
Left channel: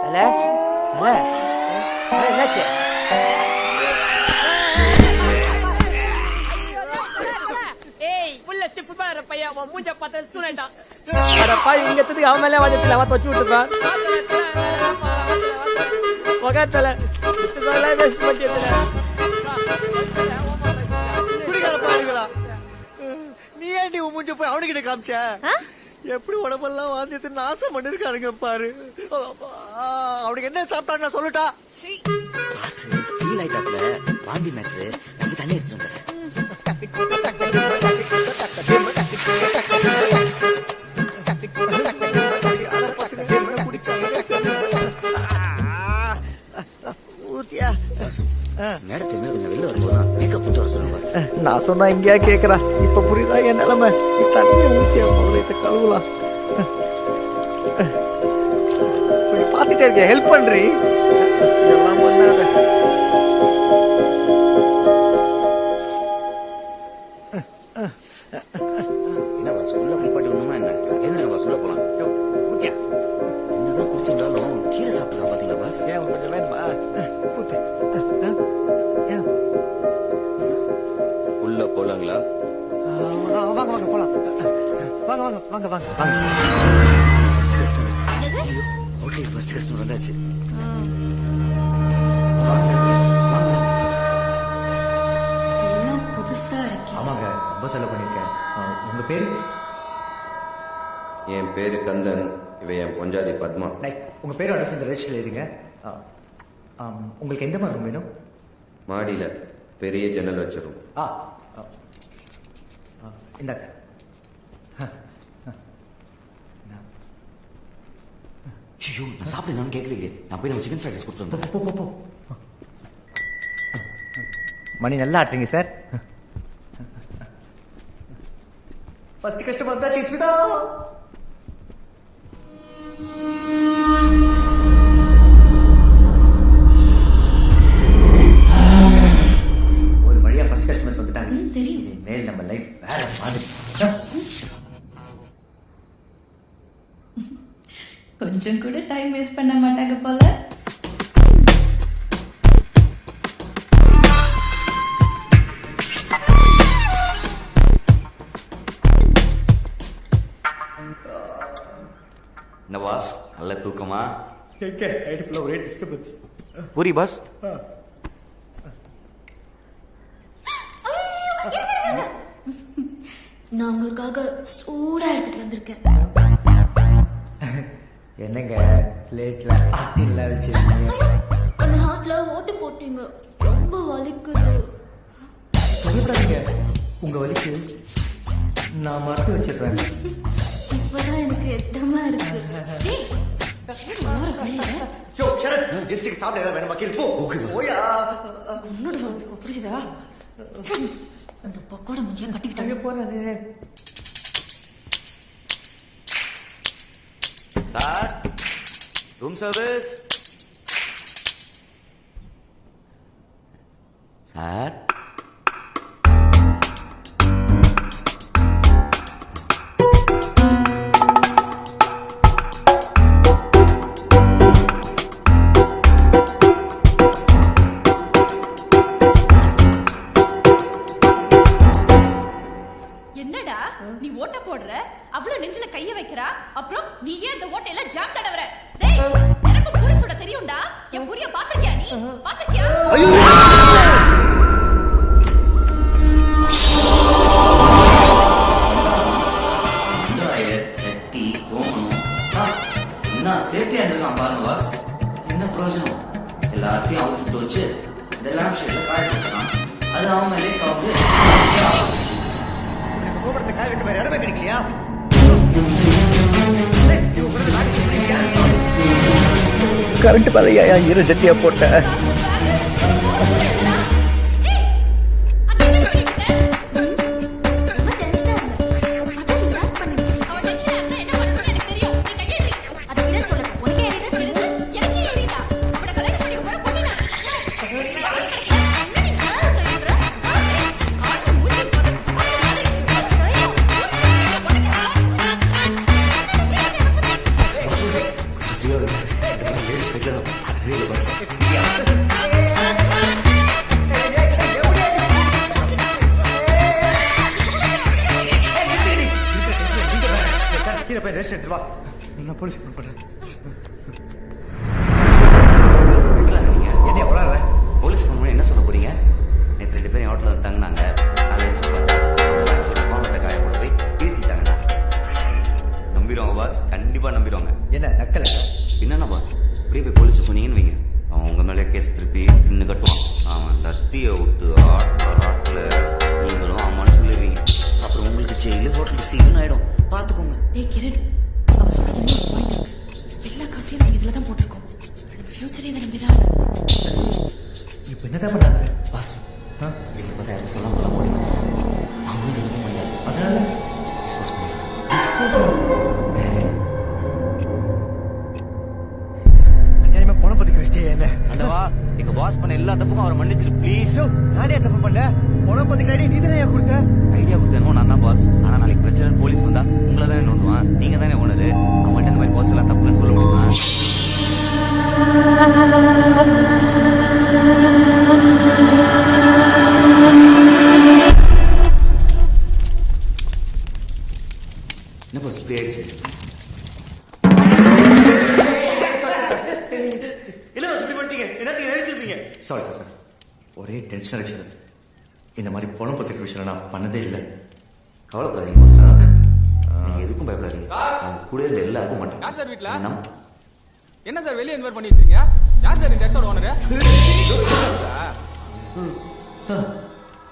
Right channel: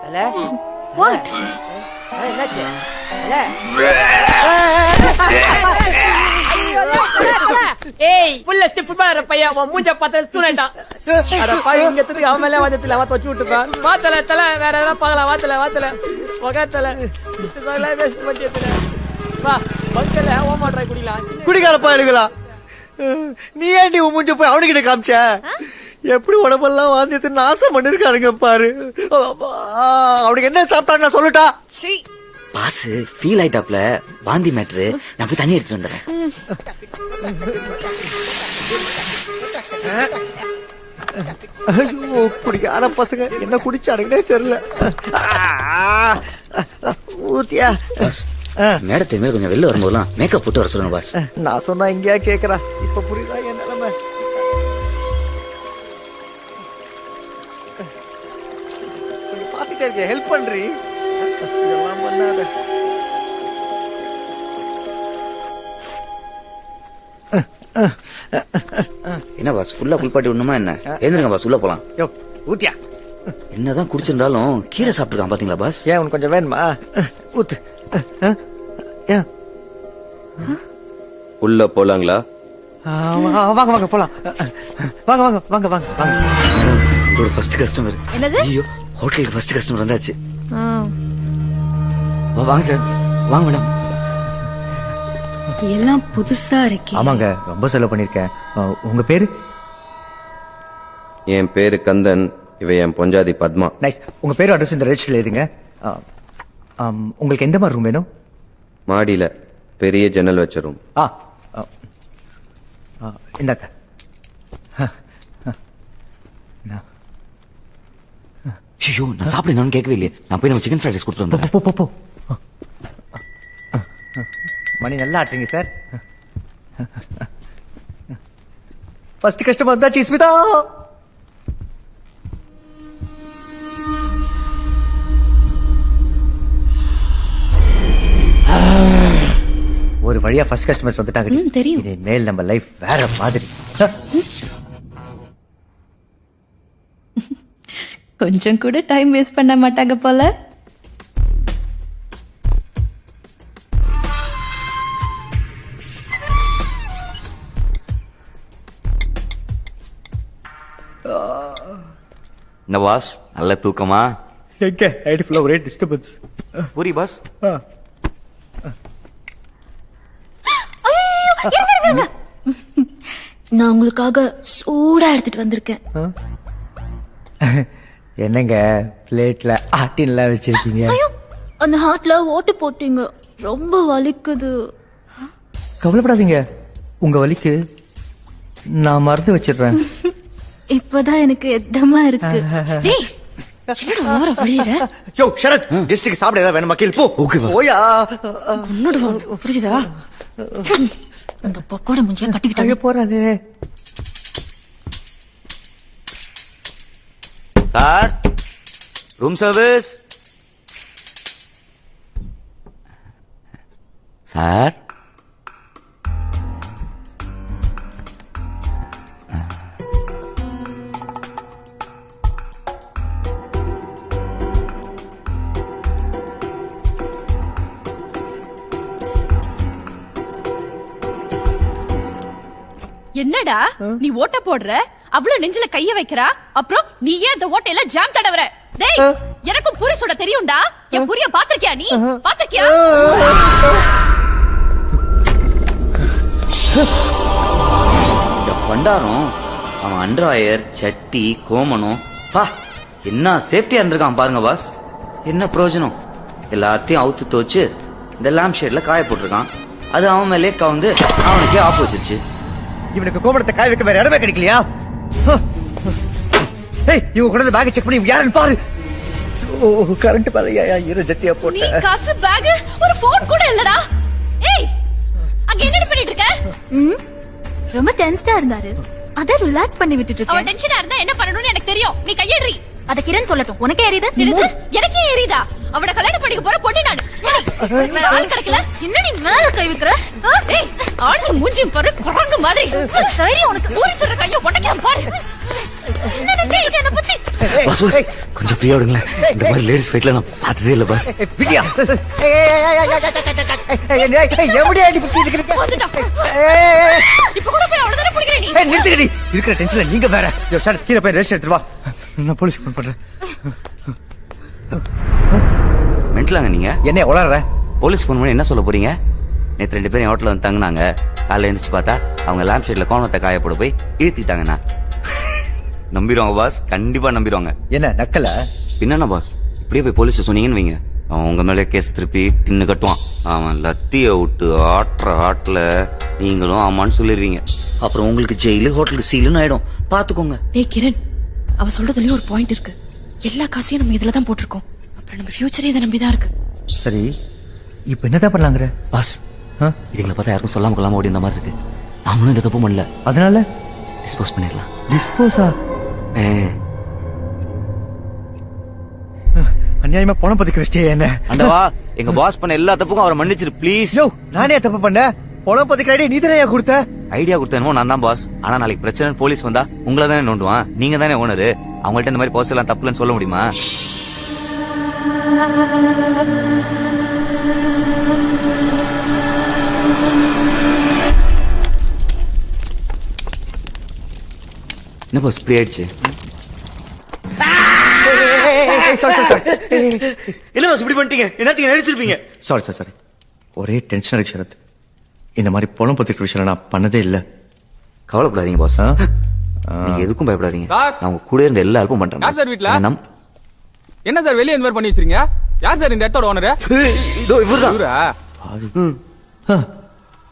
ஹலோ. வாட்? என்னாச்சு ஏய் ஃபுல்ல ஸ்டெப் ஃபுட்பாலர் பையன் உன் மூஞ்ச பார்த்து சூனட்டான் அட பாய் இங்க எத்துக்கு அவன் மேல வாதத்துல வாத்த வச்சு விட்டுறான் வாத்தல தல வேற ஏதாவது பார்க்கலாம் வாத்தல பகத்தல சுத்தல வேஸ்ட் பண்ணிட்டல வா பக்கத்துல ஓமா ட்ரை பண்ணலாம் குடிகார பாடுகளா நீ ஏன்டி உன் மூஞ்ச போய் அவனுக்கிட்ட காமிச்ச எப்படி உடம்பெல்லாம் வாந்தியத்து நாசம் பண்ணிருக்காருங்க பாரு அவனுக்கு என்ன சாப்பிட்டான்னு நான் சொல்லட்டா பாஸ் ஃபீல் ஆயிட்டாப்ல வாந்தி மேட்ரு நான் போய் தண்ணி எடுத்துட்டு வந்துடுறேன். குடிக்காத பசங்க என்ன குடிச்சானுங்கன்னே தெரியல. ஊத்தியா மேடத்தை மேல கொஞ்சம் வெளில வரும்போதெல்லாம் மேக்கப் போட்டு வர சொல்லுங்க பாஸ். நான் சொன்னா இங்கேயா கேக்குறா. இப்ப புரியுதா என் நிலைமை. கழுவலாம் கொஞ்சம் பாத்துட்டே இருக்க ஹெல்ப் பண்றீ. இதெல்லாம் பண்ணாத. என்ன பாஸ் ஃபுல்லா குளிப்பாட்டி விடணுமா என்ன? எழுந்துருங்க பாஸ் உள்ள போலாம். ஊத்தியா என்னதான் குடிச்சிருந்தாலும் கீரை சாப்பிட்டுருக்கான் பாத்தீங்களா பாஸ்? ஏன் உனக்கு கொஞ்சம் வேணுமா? ஊத்து. உள்ள போலாங்களா? வாங்க வாங்க போலாம். வாங்க வாங்க வாங்க வாங்க வாங்க. ஒரு ஃபர்ஸ்ட் கஸ்டமர். என்னது? ஐயோ ஹோட்டலுக்கு ஃபர்ஸ்ட் கஸ்டமர் வந்தாச்சு. வாங்க சார் வாங்க மேடம். எல்லாம் புதுசா இருக்கே. ஆமாங்க ரொம்ப செலவு பண்ணிருக்கேன். உங்க பேரு? என் பேரு கந்தன், இவ என் பொஞ்சாதி பத்மா. நைஸ். உங்க பேரு அட்ரஸ் இந்த ரெஜிஸ்டர்ல எழுதுங்க. உங்களுக்கு எந்த மாதிரி ரூம் வேணும்? மாடியில பெரிய ஜன்னல் வச்ச ரூம். இந்தாக்க. ஐயோ நான் சாப்பிடணும்னு கேட்கவே இல்லையே. நான் போய் நம்ம சிக்கன் ஃப்ரைட் ரைஸ் கொடுத்துட்டு வந்தேன். போ போ போ. மணி நல்லா ஆட்டுறீங்க சார். ஃபர்ஸ்ட் கஸ்டமர் வந்தாச்சு ஸ்மிதா. ஒரு வழியா ஃபர்ஸ்ட் கஸ்டமர்ஸ் வந்துட்டாங்க. தெரியும். இது மேல் நம்ம லைஃப் வேற மாதிரி. கொஞ்சம் கூட டைம் வேஸ்ட் பண்ண மாட்டாங்க போல. இந்த பாஸ் நல்ல தூக்கமா? எங்க ஐடி ஃபுல்லா ஒரே டிஸ்டர்பன்ஸ். பூரி பாஸ். நான் உங்களுக்காக சூடா எடுத்துட்டு வந்திருக்கேன். என்னங்க பிளேட்ல ஆட்டின்லாம் வச்சிருக்கீங்க? அந்த ஹார்ட்ல ஓட்டு போட்டீங்க, ரொம்ப வலிக்குது. கவலைப்படாதீங்க, உங்க வலிக்கு நான் மருந்து வச்சிடுறேன். இப்பதான் எனக்கு எத்தமா இருக்கு. டேய் ஓர வழியில யோ ஷரத், கெஸ்ட்டுக்கு சாப்பிட ஏதாவது வேணுமா? கேள் போ. ஓகே ஓயா. உன்னோட புரியுதா? அந்த பக்கோட முஞ்சிய கட்டிக்கிட்டாங்க. போறாரு சார். Room service sir. என்னடா நீ ஓட்ட போடுற, அவ்வளவு நெஞ்சில கைய வைக்கிறா, அப்புறம் நீ ஏன் அந்த ஓட்டையில ஜாம் தடவற? டேய் எனக்கும் பூரி சுட தெரியும்டா. என் பூரிய பாத்திருக்கியா? நீ பாத்திருக்கியா? வண்டாரம் அவன் அண்டர்வயர் சட்டி கோமனம் பா என்ன சேஃப்டியா இருந்திருக்கான் பாருங்க பாஸ். என்ன பிரயோஜனம்? எல்லாத்தையும் அவுத்து தோச்சு இந்த லேம்ப் ஷேட்ல காய போட்டிருக்கான். அது அவன் மேலே கவுந்து அவனுக்கே ஆப்போசிட்ச்சு. இவனுக்கு கோபுரத்தை காய வைக்க வேற இடமே கிடைக்கலையா? இவங்க கூட பேக் செக் பண்ணி யாருன்னு பாரு. கரண்ட் பாலையா ஈர ஜட்டியா போட்ட காசு பேக் ஒரு போன் கூட இல்லடா. ஏய் அங்க என்ன பண்ணிட்டு இருக்க? ரொம்ப டென்ஸ்டா இருந்தாரு, அத ரிலாக்ஸ் பண்ணி விட்டுட்டு இருக்கேன். அவன் டென்ஷனா இருந்தா என்ன பண்ணணும்னு எனக்கு தெரியும். நீ கையேறி. அத கிரண் சொல்லட்டும். உனக்கே எரியுது? எனக்கே எரியுதா? அவட கல்யாணம் பண்ணிக்க போற பொண்ணு நான். வேற ஆள் கிடைக்கல. என்ன நீ மேல கை வைக்கிற? ஏய் ஆளு மூஞ்சி பாரு குரங்கு மாதிரி. சரி உனக்கு பூரி சுட கைய உடைக்கிற பாரு. என்ன நினைச்சே என்ன பத்தி? பாஸ் பாஸ் கொஞ்சம் ஃப்ரீயா விடுங்களேன். இந்த மாதிரி லேடிஸ் ஃபைட்ல நான் பார்த்ததே இல்லை பாஸ். விஜயா எப்படியா நிறுத்துக்கடி இருக்கிற டென்ஷன்ல நீங்க வேற. சார் கீழே போய் ரெஸ்ட் எடுத்துட்டு வா, நான் போலீஸ் ஃபோன் பண்றேன். மென்டலாங்க நீங்க? என்ன உளற? போலீஸ் ஃபோன் பண்ணி என்ன சொல்ல போறீங்க? நேற்று 2 பேரும் ஹோட்டலில் வந்து தங்கினாங்க. காலையில் எழுந்துச்சு பார்த்தா அவங்க லேம்ப் ஷேட்ல கோணத்தை காய போட போய் இழுத்திட்டாங்கண்ணா. நம்பிடுவாங்க பாஸ், கண்டிப்பா நம்பிடுவாங்க. என்ன நக்கல? என்னண்ணா பாஸ், இப்படியே போய் போலீஸ் சொன்னீங்கன்னு வைங்க, அவன் உங்க மேலே கேஸ் திருப்பி டின்னு கட்டுவான். அவன் லத்தியை விட்டு ஆட்டுற ஆட்டில் நீங்களும் ஆமான்னு சொல்லிடுவீங்க. அப்புறம் உங்களுக்கு ஜெயிலு ஹோட்டலுக்கு சீலுன்னு ஆயிடும். பார்த்துக்கோங்க. டேய் கிரண், அவ சொல்றதுலயும் ஒரு பாயிண்ட் இருக்கு. எல்லா காசையும் நம்ம இதுல தான் போட்டிருக்கோம். நம்ம ஃபியூச்சரே இதை நம்பி தான் இருக்கு. சரி, இப்போ என்னதான் பண்ணலாங்கிற? பாஸ், இதுங்களை பார்த்தா யாருக்கும் சொல்லாம கொள்ளாம ஓடி இந்த மாதிரி இருக்கு. அவனும் இந்த தப்பு பண்ணல, அதனால டிஸ்போஸ் பண்ணிடலாம். டிஸ்போஸா? அநியாயமா பணம் பத்தி வச்சிட்டே என்ன? அண்டவா, எங்க பாஸ் பண்ண எல்லா தப்புக்கும் அவரை மன்னிச்சிரு ப்ளீஸ். யோ, நானே தப்பு பண்ணேன். பணம் பத்தி ஐடியா நீ தானே கொடுத்த? ஐடியா கொடுத்தேனோ நான் தான் பாஸ். ஆனா நாளைக்கு பிரச்சனை போலீஸ் வந்தா உங்களை தானே நோண்டுவான். நீங்க தானே ஓனரு. அவங்கள்ட்ட இந்த மாதிரி போஸ்ட் எல்லாம் தப்புலன்னு சொல்ல முடியுமா? என்ன பாஸ் இப்படி ஆயிடுச்சு? என்ன பாஸ் இப்படி பண்ணிட்டீங்க? என்னத்துக்கு நடிச்சிருப்பீங்க? சாரி. ஒரே டென்ஷன் இருக்கு சரத். இந்த மாதிரி பணம் பத்தி விஷயம் நான் பண்ணதே இல்லை. கவலைப்படாதீங்க பாஸ், நீங்க எதுக்கும் பயப்படாதீங்க. நான் உங்க கூட இருந்த எல்லாருக்கும் பண்றேன். யார் சார் வீட்ல? என்ன சார் வெளியே இந்த மாதிரி பண்ணி வச்சிருக்கீங்க? யார் சார் இந்த இடத்தோட ஓனரு?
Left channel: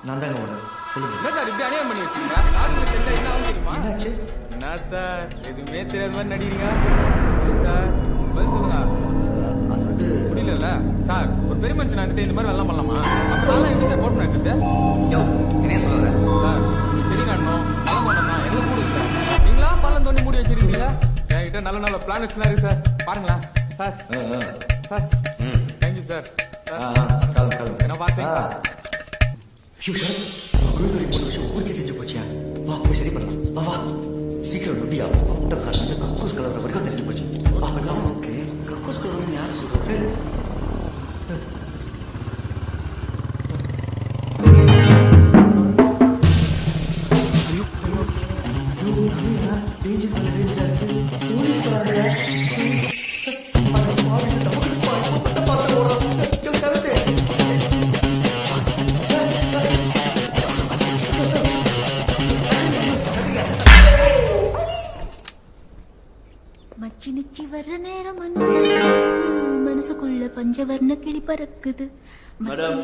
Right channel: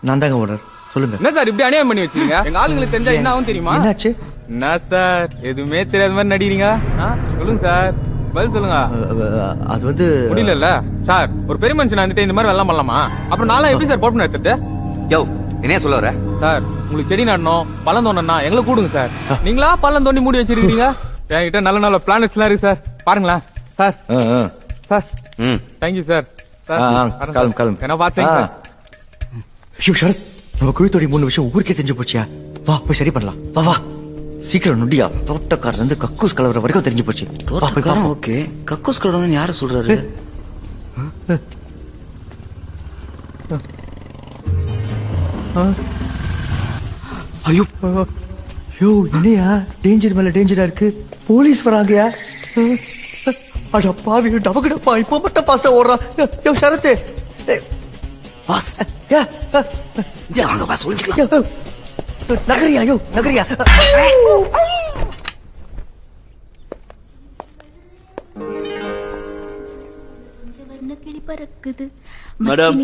நான் தாங்க ஓனர், சொல்லுங்க. என்ன சார் இப்படி அநியாயம் பண்ணி வச்சிருக்கீங்க? எங்க ஆளுங்களுக்கு தெரிஞ்சா என்ன ஆகும் தெரியுமா? என்னாச்சு? என்ன சார் எதுவுமே தெரியாத மாதிரி நடிக்கிறீங்க? சொல்லுங்க சார், பதில் சொல்லுங்க. அது வந்து முடியல சார். ஒரு பெரிய மனுஷன் வந்துட்டு இந்த மாதிரி வெள்ளம் பண்ணலாமா? அப்புறம் நான்லாம் எப்படி சார் போட்டு நடத்துறது? யோ, என்ன சொல்ல வர சார்? உங்களுக்கு செடி நடணும், பழம் தோண்டனா எங்களை கூடுங்க சார். நீங்களா பழம் தோண்டி மூடி வச்சிருக்கீங்க. என்கிட்ட நல்ல நல்ல பிளானட்ஸ் எல்லாம் இருக்கு சார், பாருங்களேன் சார். Sir thank you sir. கிளம்பு. என்ன பாத்தீங்க? ஐயோ சரத், நம்ம குழுத்தோடைய 3 விஷயம் ஊருக்கே தெரிஞ்சு போச்சியா? வா போய் சரி பண்ணலாம். வா வா சீக்கிரம் நொடியா. தோட்டக்காரன் இருந்து கக்கூஸ் கலவர வரைக்கும் தெரிஞ்சு போச்சு. தோட்டக்காரன் ஓகே, கக்கூஸ் கலவரன்னு யாரு சொல்றாரு? ஐயோ என்னையா டேஞ்சர் மேல டேஞ்சரா இருக்கு. போலீஸ் வராங்கயா. அட பாவி, டபக்குடப்பா இப்போ பட்ட பாஸ்டா ஓடுறான். யோ சரத்து பாஸ், வாங்க பாஸ், நகரியா. யோ நகரியா. மச்சி நிச்சி வர்ற நேரம் மனசுக்குள்ள பஞ்சவர்ண கிளி பறக்குது. மேடம்,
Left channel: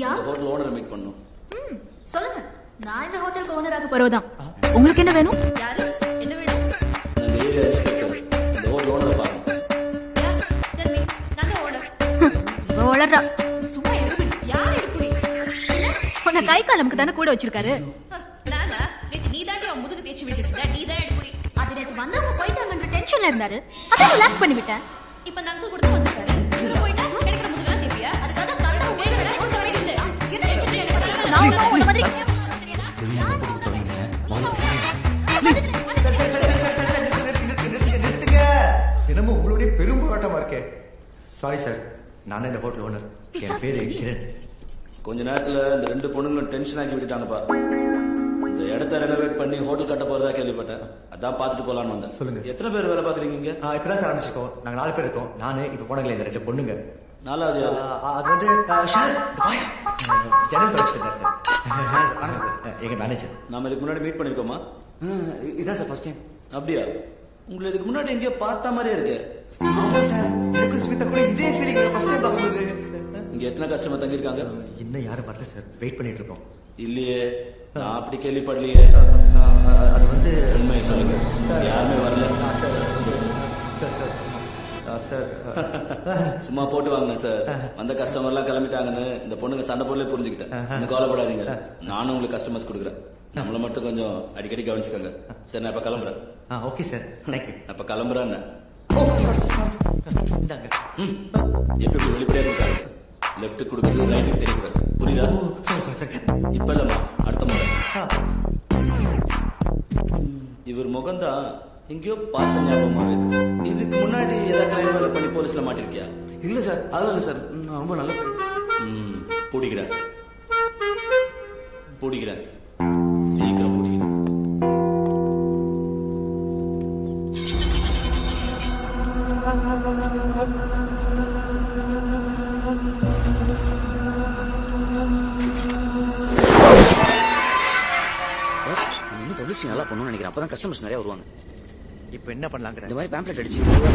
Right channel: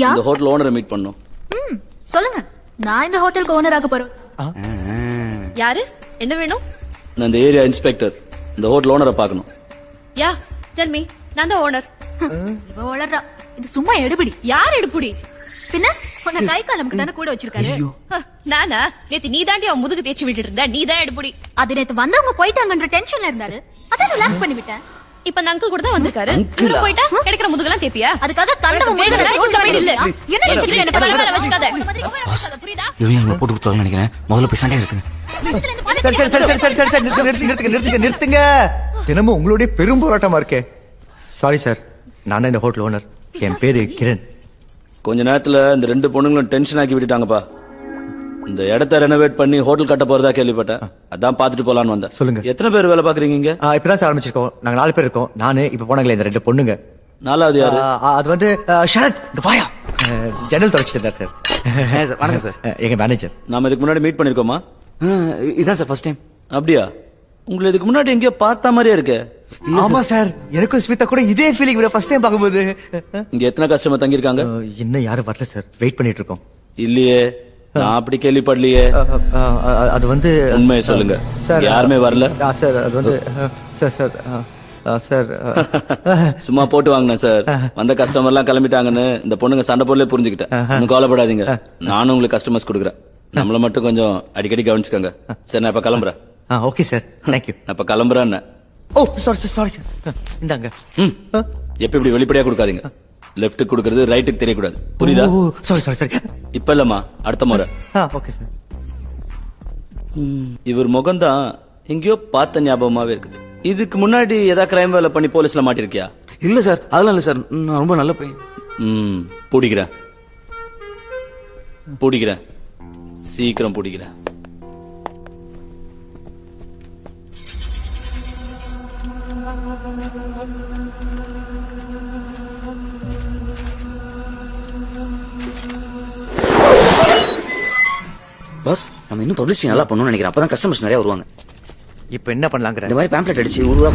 யா இந்த ஹோட்டல் ஓனரை மீட் பண்ணோம். சொல்லுங்க. நான் இந்த ஹோட்டலுக்கு ஓனராக போறவதான். உங்களுக்கு என்ன வேணும்? யாரு? என்ன வேணும்? நான் இந்த ஏரியா இன்ஸ்பெக்டர். இந்த ஹோட்டல் ஓனரை பார்க்கணும். யா டெல் மீ. நான் தான் ஓனர். ஓனரா? இது சும்மா எடுபிடி. யார் எடுபிடி? பின்ன உன்னை கை காலமுக்கு தானே கூட வச்சிருக்காரு. நானா? நேத்து நீ தாண்டி அவன் முதுகு தேய்ச்சி விட்டுட்டு இருந்தா. நீ தான் எடுபிடி. அது நேத்து வந்தவங்க போயிட்டாங்கன்ற டென்ஷன்ல இருந்தாரு. அதான் ரிலாக்ஸ் பண்ணி விட்டேன். இப்ப அந்த அங்கிள் கூட தான் வந்திருக்காரு. இவரு போயிட்டா கிடைக்கிற முதுகெல்லாம் தேப்பியா? அதுக்காக கண்டவன் முதுகு தேய்ச்சி கம்பெனி இல்ல. என்ன நினைச்சிட்டு எனக்கு வேலை வச்சுக்காத. இந்த மாதிரி புரியுதா? இவங்க நம்ம போட்டு கொடுத்தாங்கன்னு நினைக்கிறேன். முதல்ல போய் சண்டை எடுத்து. நிறுத்துங்க. தினமும் உங்களுடைய பெரும் போராட்டமா இருக்கே. சாரி சார், நான் இந்த ஹோட்டல் ஓனர். என் பேரு கிரண். கொஞ்ச நேரத்துல இந்த 2 பொண்ணுங்களும் டென்ஷன் ஆக்கி விட்டுட்டாங்கப்பா. இந்த இடத்த ரெனோவேட் பண்ணி ஹோட்டல் கட்ட போறதா கேள்விப்பட்டேன். அதான் பாத்துட்டு போலான்னு வந்தேன். சொல்லுங்க. எத்தனை பேர் வேலை பாக்குறீங்க இங்க? இப்பதான் சார் ஆரம்பிச்சிருக்கோம். நாங்க 4 பேர் இருக்கோம். நானு இப்ப போனாங்களே இந்த 2 பொண்ணுங்க. 4வது யாரு? அது வந்து ஷரத். வாயா. ஜன்னல் தொடச்சிட்டு இருந்தார் சார். வணக்கம் சார். எங்க மேனேஜர். நாம இதுக்கு முன்னாடி மீட் பண்ணிருக்கோமா? இதான் சார் ஃபர்ஸ்ட் டைம். அப்படியா? உங்களை இதுக்கு முன்னாடி எங்கேயோ பார்த்த மாதிரியே இருக்கு. ஆமா சார், எனக்கும் ஸ்மிதா கூட இதே ஃபீலிங். ஃபர்ஸ்ட் டைம் பார்க்கும்போது. இங்க எத்தனை கஸ்டமர் தங்கி இருக்காங்க? இன்னும் யாரும் வரல சார், வெயிட் பண்ணிட்டு இருக்கோம். இல்லையே, நான் அப்படி கேள்விப்படலையே. அது வந்து உண்மையை சொல்லுங்க சார். யாருமே வரல சார். அது வந்து சார் சும்மா போட்டு வாங்கினேன் சார். வந்த கஸ்டமர் எல்லாம் கிளம்பிட்டாங்கன்னு இந்த பொண்ணுங்க சண்டை போடலே புரிஞ்சுக்கிட்டேன். ஒன்னும் கவலைப்படாதீங்க, நானும் உங்களுக்கு கஸ்டமர்ஸ் கொடுக்குறேன். நம்மள மட்டும் கொஞ்சம் அடிக்கடி கவனிச்சுக்கோங்க. சரி, நான் இப்ப கிளம்புறேன். Okay sir, thank you. நான் இப்ப கிளம்புறேன். ஓ சாரி. இந்தாங்க. எப்ப இப்படி வெளிப்படையா கொடுக்காதீங்க. லெஃப்ட் கொடுக்கறது ரைட்டுக்கு தெரியக்கூடாது, புரியுதா? சாரி. இப்ப இல்லம்மா, அடுத்த முறை. ஓகே. இவர் முகம்தான் எங்கேயோ பார்த்த ஞாபகமாவே இருக்கு. இதுக்கு முன்னாடி ஏதாவது கிரைம் வேலை பண்ணி போலீஸ்ல மாட்டிருக்கியா? இல்ல சார், அதெல்லாம் இல்ல சார். நான் ரொம்ப நல்ல பையன். பிடிக்கிறேன் பிடிக்கிறேன், சீக்கிரம் பிடிக்கிறேன். பாஸ், நம்ம இன்னும் பப்ளிசிட்டி நல்லா பண்ணணும்னு நினைக்கிறேன். அப்பதான் கஸ்டமர்ஸ் நிறைய வருவாங்க. இப்போ என்ன பண்ணலாங்கிற? இந்த மாதிரி பேம்ப்ளெட் அடிச்சு உருவா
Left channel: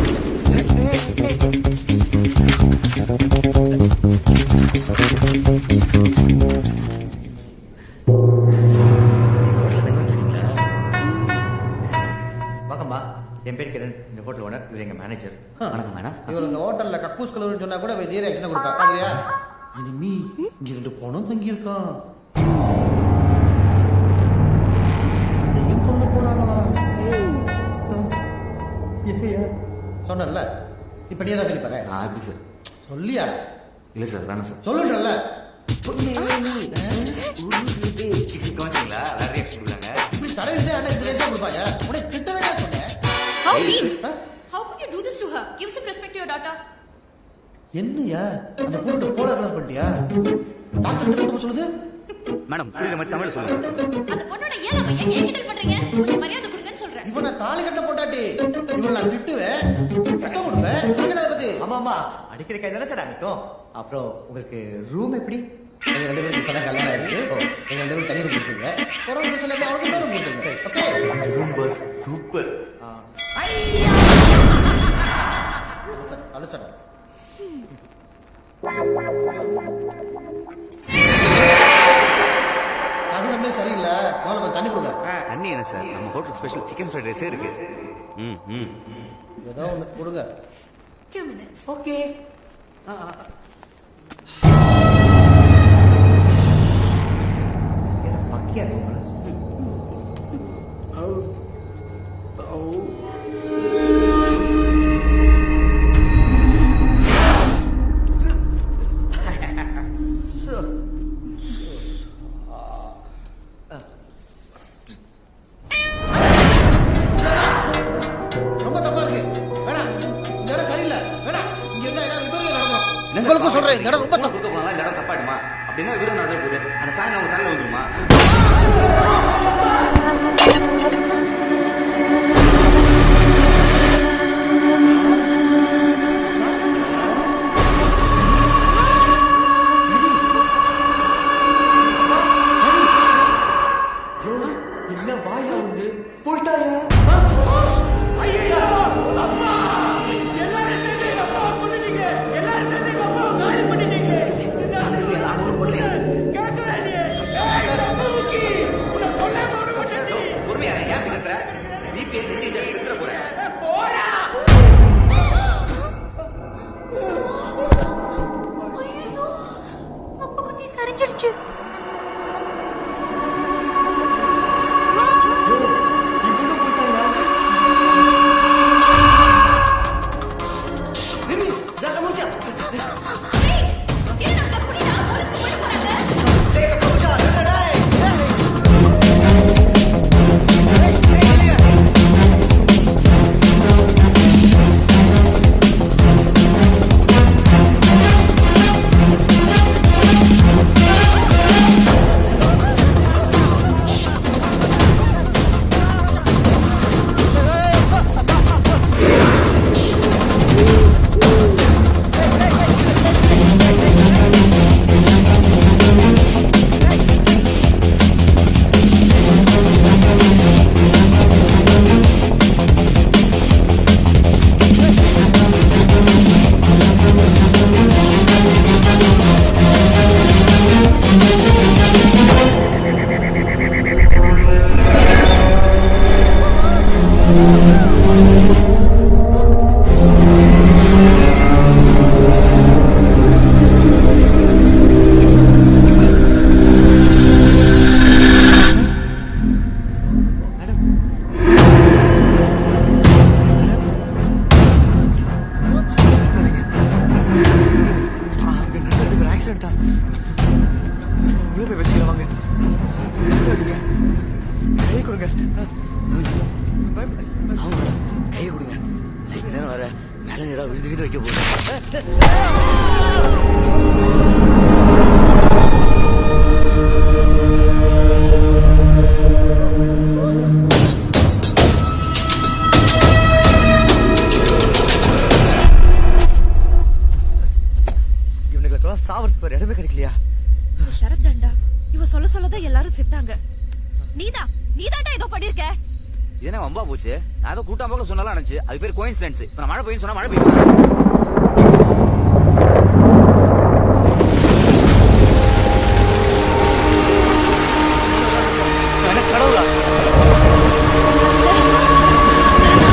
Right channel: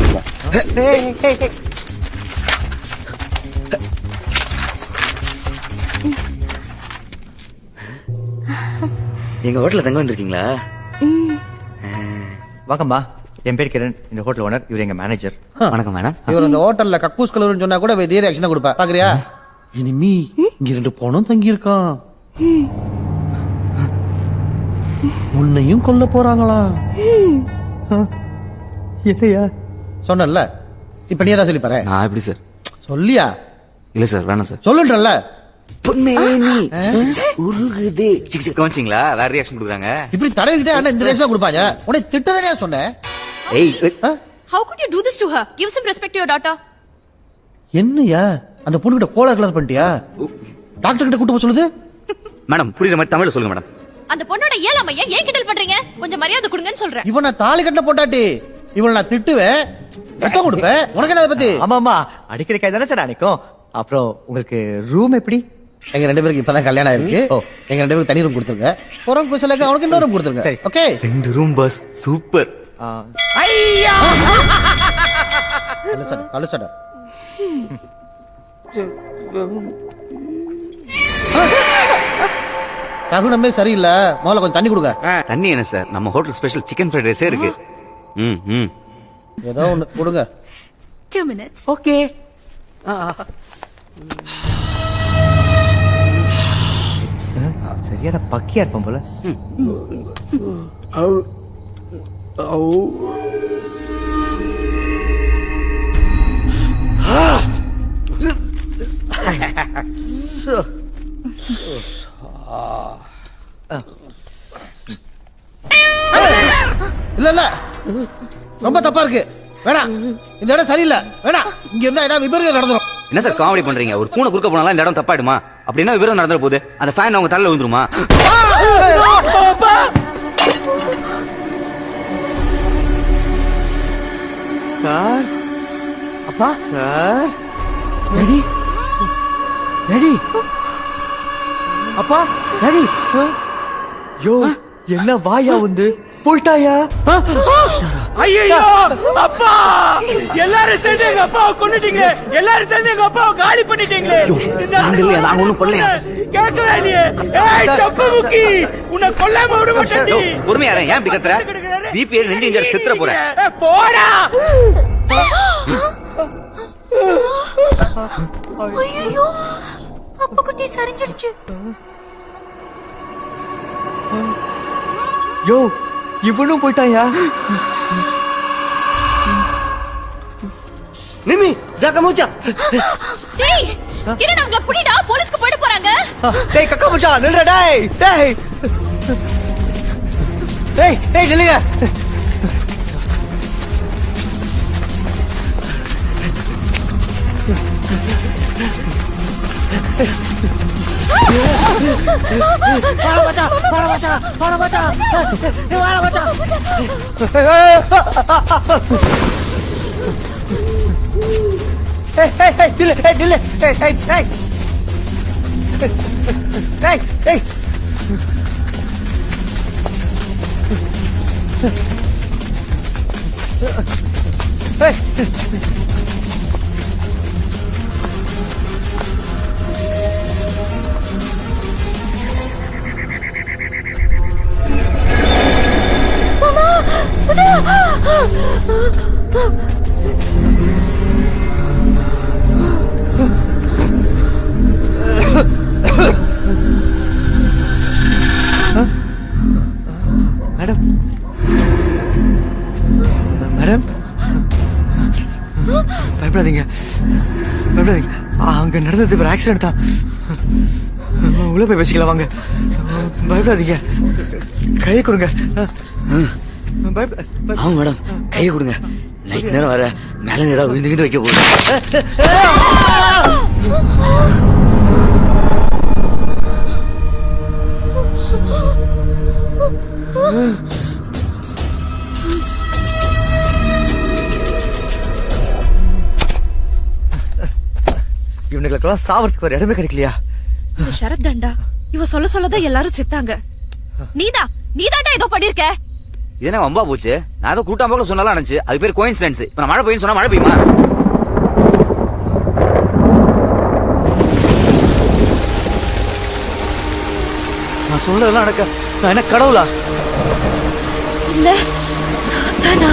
எங்க ஹோட்டல்ல தங்க வந்திருக்கீங்களா? வாங்கம்மா, என் பேர் கிரண், இந்த ஹோட்டல் ஓனர். இவர் எங்க மேனேஜர். வணக்கம் மேடம். இவர் இந்த ஹோட்டல்ல கக்கூஸ் கலர்னு சொன்னா கூட இதே ரியாக்ஷன் தான் கொடுப்பா. பாக்குறியா? இனிமே இங்க 2 பணம் தங்கி இருக்கான். உன்னையும் கொல்ல போறாங்களா? என்னையா சொன்னல, இப்ப நீ தான் சொல்லி பாரு. நான் எப்படி சார்? சொல்லியா? இல்ல சார், வேணாம் சார். சொல்லுன்றல. கவனிச்சிங்களா? வேற ரியாக்ஷன் கொடுக்குறாங்க. இப்படி தலையிட்டே அண்ணா இந்த ரியாக்ஷன் கொடுப்பாங்க. உடனே திட்டதே சொன்னேன். How could you do this to her? Give some respect to your daughter. என்னையா அந்த பொண்ணுகிட்ட கோலர் கலர் பண்ணிட்டியா? டாக்டர் கிட்ட கூட்டு போக சொல்லுது. மேடம், புரியுற மாதிரி தமிழ்ல சொல்லுங்க மேடம். அந்த பொண்ணோட இயலாமைய ஏன் கிண்டல் பண்றீங்க? கொஞ்சம் மரியாதை கொடுங்கன்னு சொல்றேன். இவன் நான் தாலி கட்ட போட்டாட்டி இவன் நான் திட்டுவேன், ரத்தம் கொடுப்பேன். உனக்கு என்ன அதை பத்தி? ஆமாமா, அடிக்கிற கை தானே சார் அடிக்கும். அப்புறம் உங்களுக்கு ரூம் எப்படி? எங்க 2 பேருக்கு இப்பதான் கல்யாணம் ஆயிருக்கு. எங்க 2 பேருக்கு தனி ரூம் கொடுத்துருங்க. போறவங்க போய் சொல்லுங்க, அவனுக்கு இன்னொரு ரூம் கொடுத்துருங்க. ஓகே? இந்த ரூம் பாஸ் சூப்பர். ஐயா கலுசட சகுனமே சரியில்லை. முதல்ல கொஞ்சம் தண்ணி கொடுங்க. தண்ணி என்ன சார்? நம்ம ஹோட்டல் ஸ்பெஷல் சிக்கன் ஃப்ரைட் ரைஸே இருக்கு. ஏதோ ஒண்ணு கொடுங்க. 2 minutes. ஓகே. சரியான பக்கியா இருப்போம் போல. இல்ல இல்ல, ரொம்ப தப்பா இருக்கு. வேணாம், இந்த இடம் சரியில்லை. வேணாம், இங்க இருந்தா ஏதாவது விபரீதம் நடந்துரும். என்ன சார் காமெடி பண்றீங்க? ஒரு பூனை குறுக்க போனாலும் இந்த இடம் தப்பாயிடுமா? அப்படின்னா விபரம் நடந்துற போகுது. அந்த ஃபேன் அவங்க தலையில விழுந்துருமா? சார், அப்பா சார், ரெடி அப்பா, ரெடி. யோ, என்ன வாயா வந்து போயிட்டாயா? ஐயோ அப்பா, எல்லாரும் சேர்ந்து எங்க அப்பாவை கொன்னுட்டீங்க. எல்லாரும் சேர்ந்து எங்க அப்பாவை காலி பண்ணிட்டீங்களே. நான் ஒண்ணும் கொல்லையா? கேட்கவே இல்லையே. ஏய் தப்புமுக்கி, உன்னை கொல்லாம விட மாட்டேன். பொறுமையா இரு. ஏன் இப்படி கத்துற? VPN நெஞ்சு இன்ஜர் செத்துற போற. போடா. ஐயோ, அப்பா குட்டி சரிஞ்சிடுச்சு. யோ, இவனும் போயிட்டாயா? மிமி, ஜாக்க மூச்சா. டேய், என்ன நம்மள புடிடா, போலீஸ்க்கு போயிட போறாங்க. டேய் கக்கா மச்சா, நில்லுடா டேய். டேய். டேய், டேய் நில்லுங்க. மேடம், மேடம், பயப்படாதீங்க, பயப்படாதீங்க. அங்க நடந்தது ஒரு ஆக்சிடென்ட் தான். உள்ள போய் வச்சுக்கலாம் வாங்க. பயப்படாதீங்க, கையை கொடுங்க. ஆமா மேடம் கையை கொடுங்க நைட் நேரம் வர மேல ஏதாவது விழுந்து வைக்க போகுது. இவனுங்களுக்கெல்லாம் சாவறதுக்கு ஒரு இடமே கிடைக்கலையா? இந்த ஷரத் தாண்டா இவ சொல்ல சொல்லதான் எல்லாரும் செத்தாங்க. நீதாண்டா ஏதோ பண்ணிருக்க. இது என்ன வம்பா போச்சு? நான் ஏதோ கூட்டம் போல சொன்னாலும் நினைச்சு அது பேர் கோயின்சிடன்ஸ். இப்ப நான் மழை பெய்யும் சொன்னா மழை பெய்யுமா? நான் சொன்னதெல்லாம் நடக்க நான் என்ன கடவுளா? இல்ல சாத்தானா?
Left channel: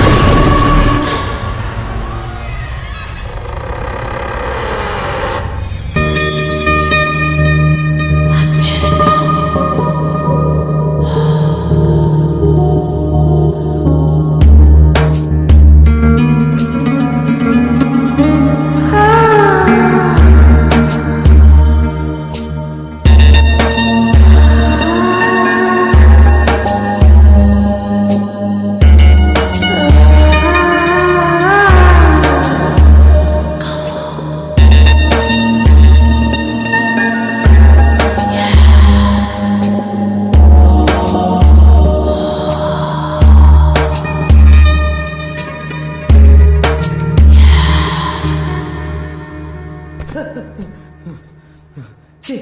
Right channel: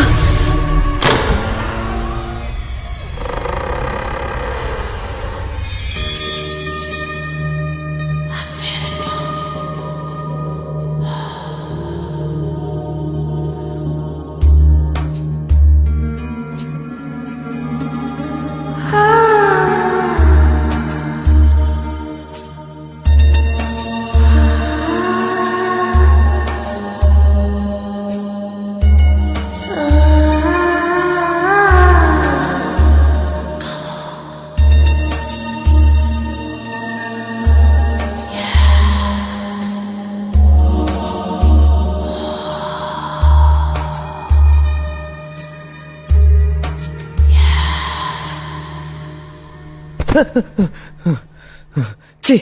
சி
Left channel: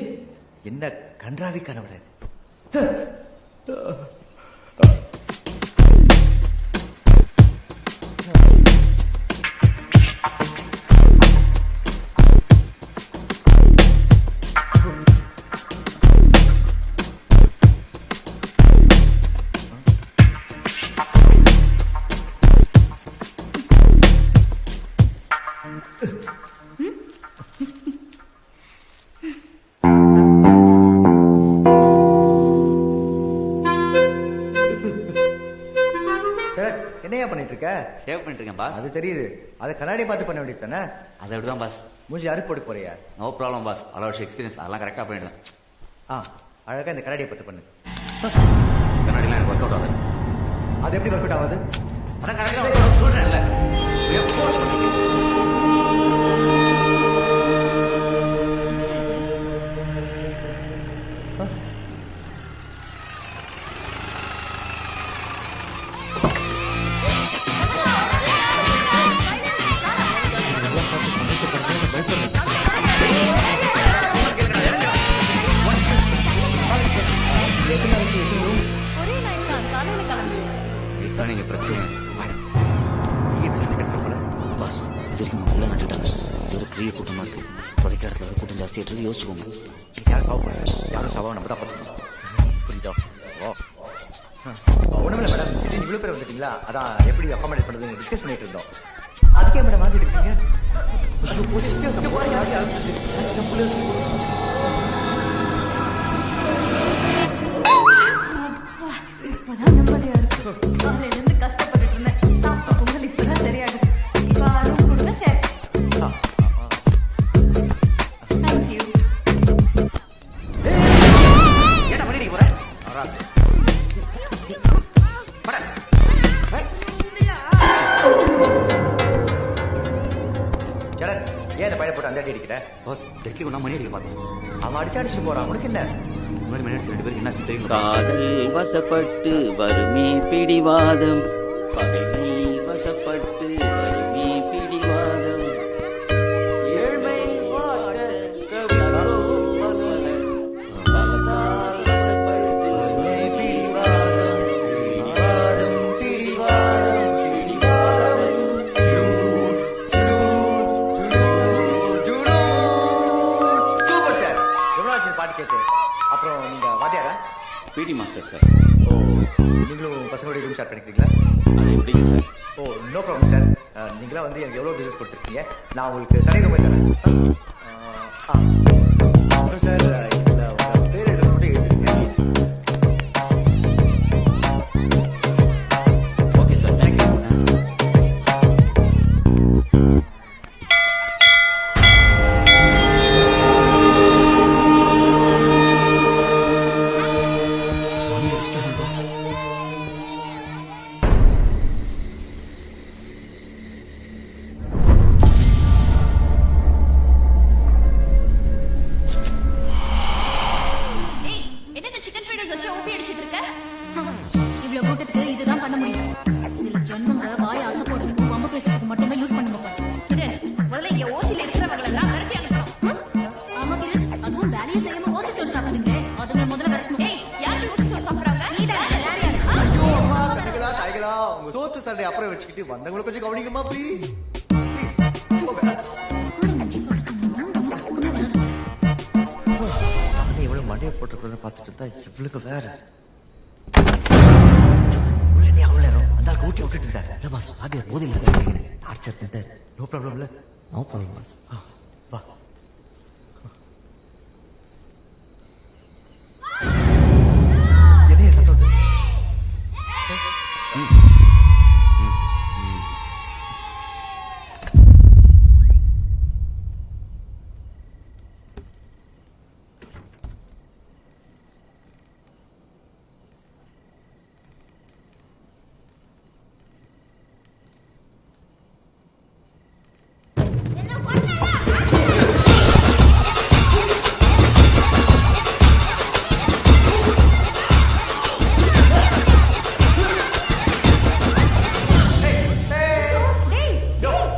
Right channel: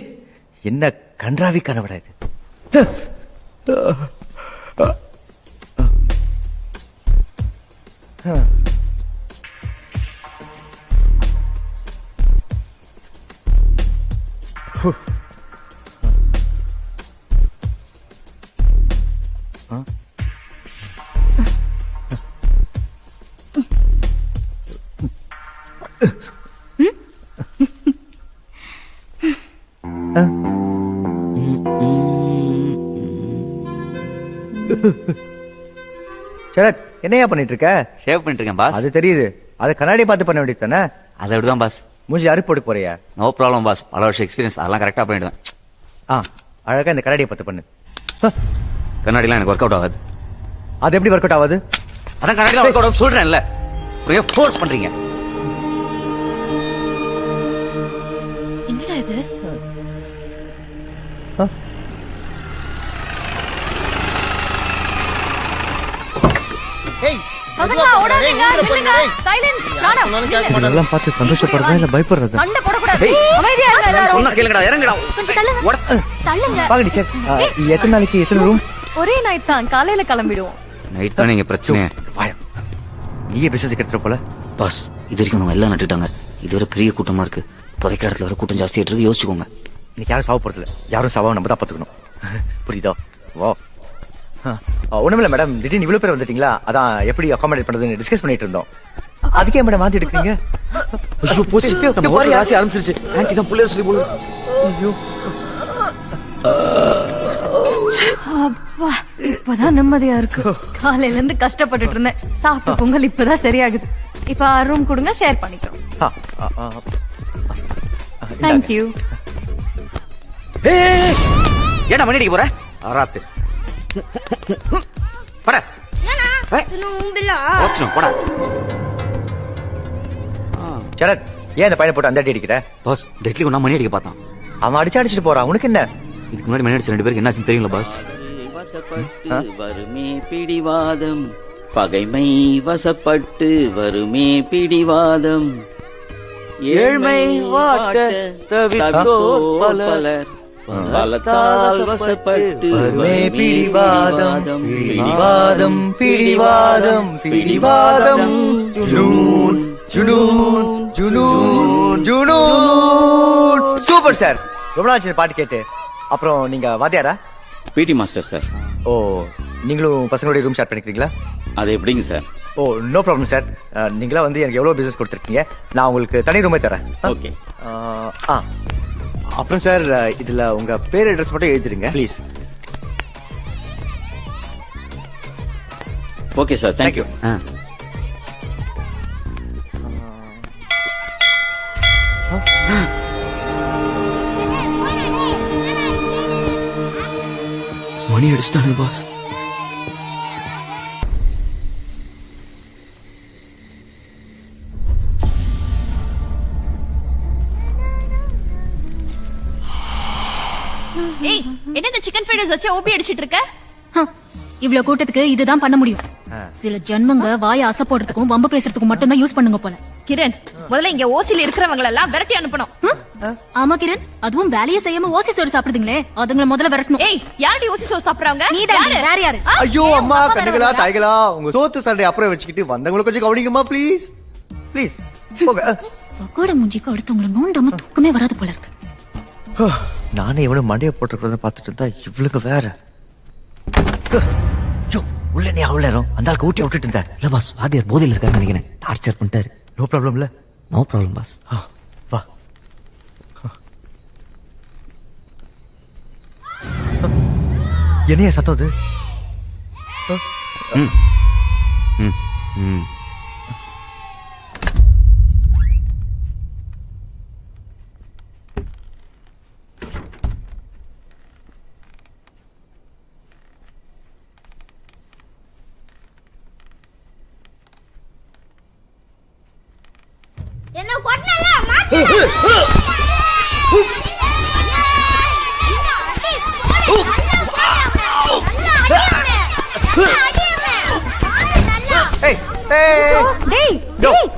என்ன கன்றாவி கனவடா இது. சரத் என்னையா பண்ணிட்டு இருக்க? ஷேவ் பண்ணிட்டு இருக்கேன் பாஸ். அது தெரியுது. அது கண்ணாடியை பார்த்து பண்ண வேண்டியது தானே? அதை விடுதான் பாஸ். மூஞ்சி அறுப்பு போட்டு போறியா? No problem boss. பல வருஷம் எக்ஸ்பீரியன்ஸ், அதெல்லாம் கரெக்டாக பண்ணிடுவேன். அழகா இந்த கண்ணாடியை பார்த்து பண்ணு. கண்ணாடிலாம் எனக்கு ஒர்க் அவுட் ஆகாது. அது எப்படி ஒர்க் அவுட் ஆகுது? அதான் கண்ணாடிலாம் ஒர்க் அவுட் ஆகுது சொல்றேன்ல. ஃபோர்ஸ் பண்றீங்க. என்னடா இது? இதெல்லாம் பார்த்து சந்தோஷப்படுறதா இல்ல பயப்படுறதா? சொன்னா கேளுங்கடா, இறங்குடா. பாங்க டீச்சர், எத்தனை நாளைக்கு எத்தனை ரூம்? ஒரே நைட் தான், காலையில கிளம்பிடுவோம். நைட் தானே இங்க பிரச்சனை. நீயே பிசினஸ் எடுத்துற போல. பாஸ் இது வரைக்கும் நம்ம எல்லாம் நட்டுட்டாங்க. இது ஒரு பெரிய கூட்டமா இருக்கு. புதைக்க இடத்துல வர கூட்டம் ஜாஸ்தியா இருக்கு. யோசிச்சுக்கோங்க. இன்னைக்கு யாரும் சாவ போறது இல்லை. யாரும் சாவா நம்ம தான் பார்த்துக்கணும். புரியுதா? வா. ஒண்ணுமில்ல மேடம், திடீர்னு இவ்வளவு பேர் வந்துட்டீங்களா, அதான் எப்படி அகாமடேட் பண்றதுன்னு டிஸ்கஸ் பண்ணிட்டு இருந்தோம். அதுக்கே மேடம் மாத்தி எடுக்கிறீங்க. ராசி ஆரம்பிச்சிருச்சு. ஆன்ட்டி தான் புள்ளைய சொல்லி போடு. அப்பா, இப்பதான் நிம்மதியா இருக்கு. காலையில இருந்து கஷ்டப்பட்டுட்டு இருந்தேன். சாப்பிட்ட பொங்கல் இப்பதான் சரியாகுது. இப்ப ரூம் கொடுங்க, ஷேர் பண்ணிக்கிறோம். தேங்க்யூ. ஏடா மணி அடிக்க போற? ஆராத்து பட சரத், ஏன் இந்த பையனை போட்டு அந்த அடி அடிக்கிற? பாஸ் டெட்லி ஒன்னா மணி அடிக்க பார்த்தான். அவன் அடிச்சுட்டு போறான். உனக்கு என்ன? இதுக்கு முன்னாடி மணி அடிச்ச 2 பேருக்கு என்னாச்சுன்னு தெரியுங்களா பாஸ்? வசப்பட்டு வருமே பிடிவாதம், பகைமை வசப்பட்டு வருமே பிடிவாதம், ஏழ்மை வாட்ட தவிர்த்தோ பலர் பலத்தால் வசப்பட்டு வருமே பிடிவாதம் பிடிவாதம் பிடிவாதம் பிடிவாதம். ஜுனூன் ஜுனூன் ஜுனூன் ஜுனூன். Super sir. எவ்வளவு ஆச்சு பாட்டு கேட்டு? அப்புறம் நீங்க வாத்தியாரா? PT master sir. ஓ, நீங்களும் பசங்களுடைய ரூம் ஷேர் பண்ணிக்கிறீங்களா? அது எப்படிங்க சார்? ஓ, நோ ப்ராப்ளம் சார். நீங்களா வந்து எனக்கு எவ்வளோ பிஸ்னஸ் கொடுத்துருக்கீங்க, நான் உங்களுக்கு தனி ரூமே தரேன். ஓகே. அப்புறம் சார், இதில் உங்கள் பேர் அட்ரஸ் மட்டும் எழுதிருங்க ப்ளீஸ். Okay sir, thank you. மணி அடிச்சிட்டானே பாஸ். மைனஸ் வச்சு ஓபி அடிச்சிட்டு இருக்க? இவ்வளவு கூட்டத்துக்கு இதுதான் பண்ண முடியும். சில ஜென்மங்க வாய அசை போடுறதுக்கும் வம்பு பேசுறதுக்கும் மட்டும் தான் யூஸ் பண்ணுங்க போல. கிரண், முதல்ல இங்க ஓசில இருக்கிறவங்க எல்லாம் விரட்டி அனுப்பணும். ஆமா கிரண், அதுவும் வேலையை செய்யாம ஓசி சோறு சாப்பிடுறீங்களே, அதுங்களை முதல்ல விரட்டணும். ஏய், யாரடி ஓசி சோறு சாப்பிடுறாங்க? நீதான். வேற யாரு? ஐயோ அம்மா, கண்ணுகளா தாய்களா, உங்க சோத்து சண்டை அப்புறம் வச்சுக்கிட்டு வந்தவங்களை கொஞ்சம் கவனிங்கம்மா ப்ளீஸ் ப்ளீஸ். கூட மூஞ்சிக்கு அடுத்தவங்களை நோண்டாம தூக்கமே வராது போல இருக்கு. நானே எவ்வளவு மண்டைய போட்டுக்கிறத பார்த்துட்டு இருந்தா இவளுக்கு வேற. உள்ள நீ அவ்வளோ நேரம் அந்த ஆளுக்கு ஊட்டி விட்டுட்டு இருந்தேன். இல்ல பாஸ், வாத்தியார் போதையில் இருக்காரு நினைக்கிறேன். டார்ச்சர் பண்ணிட்டாரு. நோ ப்ராப்ளம் இல்ல. No problem boss. வா. என்னைய சத்தம் அது?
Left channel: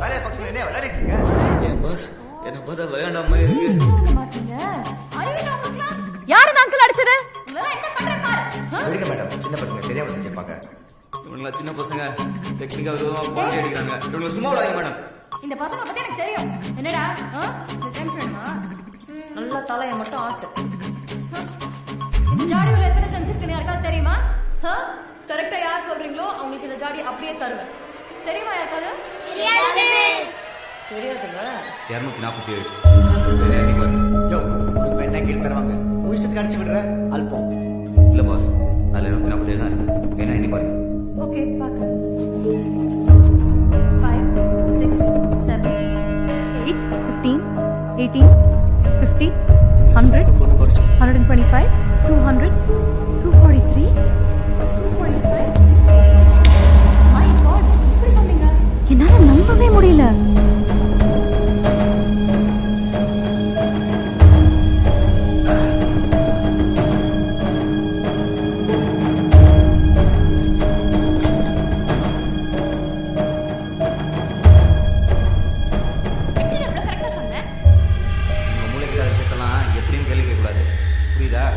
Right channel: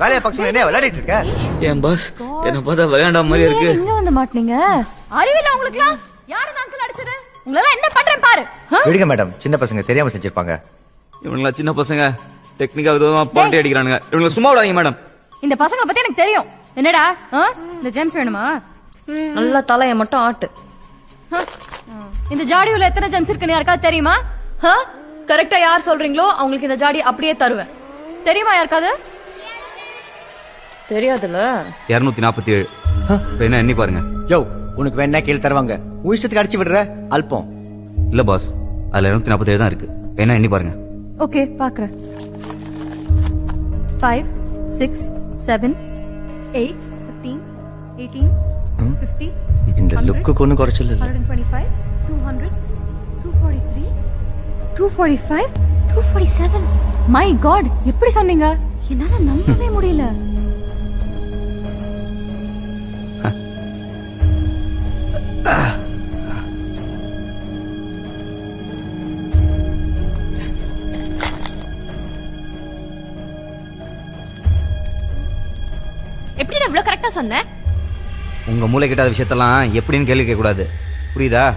வேலையை பக்கம் என்ன விளையாடிட்டு இருக்க? ஏன் பாஸ், என்ன பார்த்தா விளையாண்டா மாதிரி இருக்கு. இங்க வந்து மாட்டீங்க. அறிவில்ல உங்களுக்குலாம்? யாரு அங்கிள் அடிச்சது? உங்களெல்லாம் என்ன பண்றேன் பாரு. விடுங்க மேடம், சின்ன பசங்க தெரியாம செஞ்சிருப்பாங்க. இவங்களா சின்ன பசங்க டெக்னிக்கா விதமா பாண்டி அடிக்கிறானுங்க. இவங்களை சும்மா விடாதீங்க மேடம். இந்த பசங்களை பத்தி எனக்கு தெரியும். என்னடா இந்த ஜேம்ஸ் வேணுமா? நல்ல தலைய மட்டும் ஆட்டு. இந்த ஜாடியுள்ள எத்தனை ஜெம்ஸ் இருக்குன்னு யாருக்காவது தெரியுமா? கரெக்டா யார் சொல்றீங்களோ அவங்களுக்கு இந்த ஜாடி அப்படியே தருவேன். தெரியுமா யாருக்காவது? தெரியாதுல்ல. 247 வேணா எண்ணி பாருங்க. யோ, உனக்கு வேணா கீழே தருவாங்க. உன் இஷ்டத்துக்கு அடிச்சு விடுற அல்பம். இல்ல பாஸ், அதுல 247 தான் இருக்கு. வேணா எண்ணி பாருங்க. ஓகே, பாக்குறேன். 5 6 7 8 15 18 50 இந்த 100 லுக்கு ஒண்ணு குறைச்சல. 125 200 243 245 247. மை காட், எப்படி சொன்னீங்க? என்னால நம்பவே முடியல. எப்படி இவ்வளவு கரெக்டா சொன்ன? உங்க மூளை கிட்டாத விஷயத்தெல்லாம் எப்படின்னு கேள்வி கேட்க கூடாது, புரியுதா?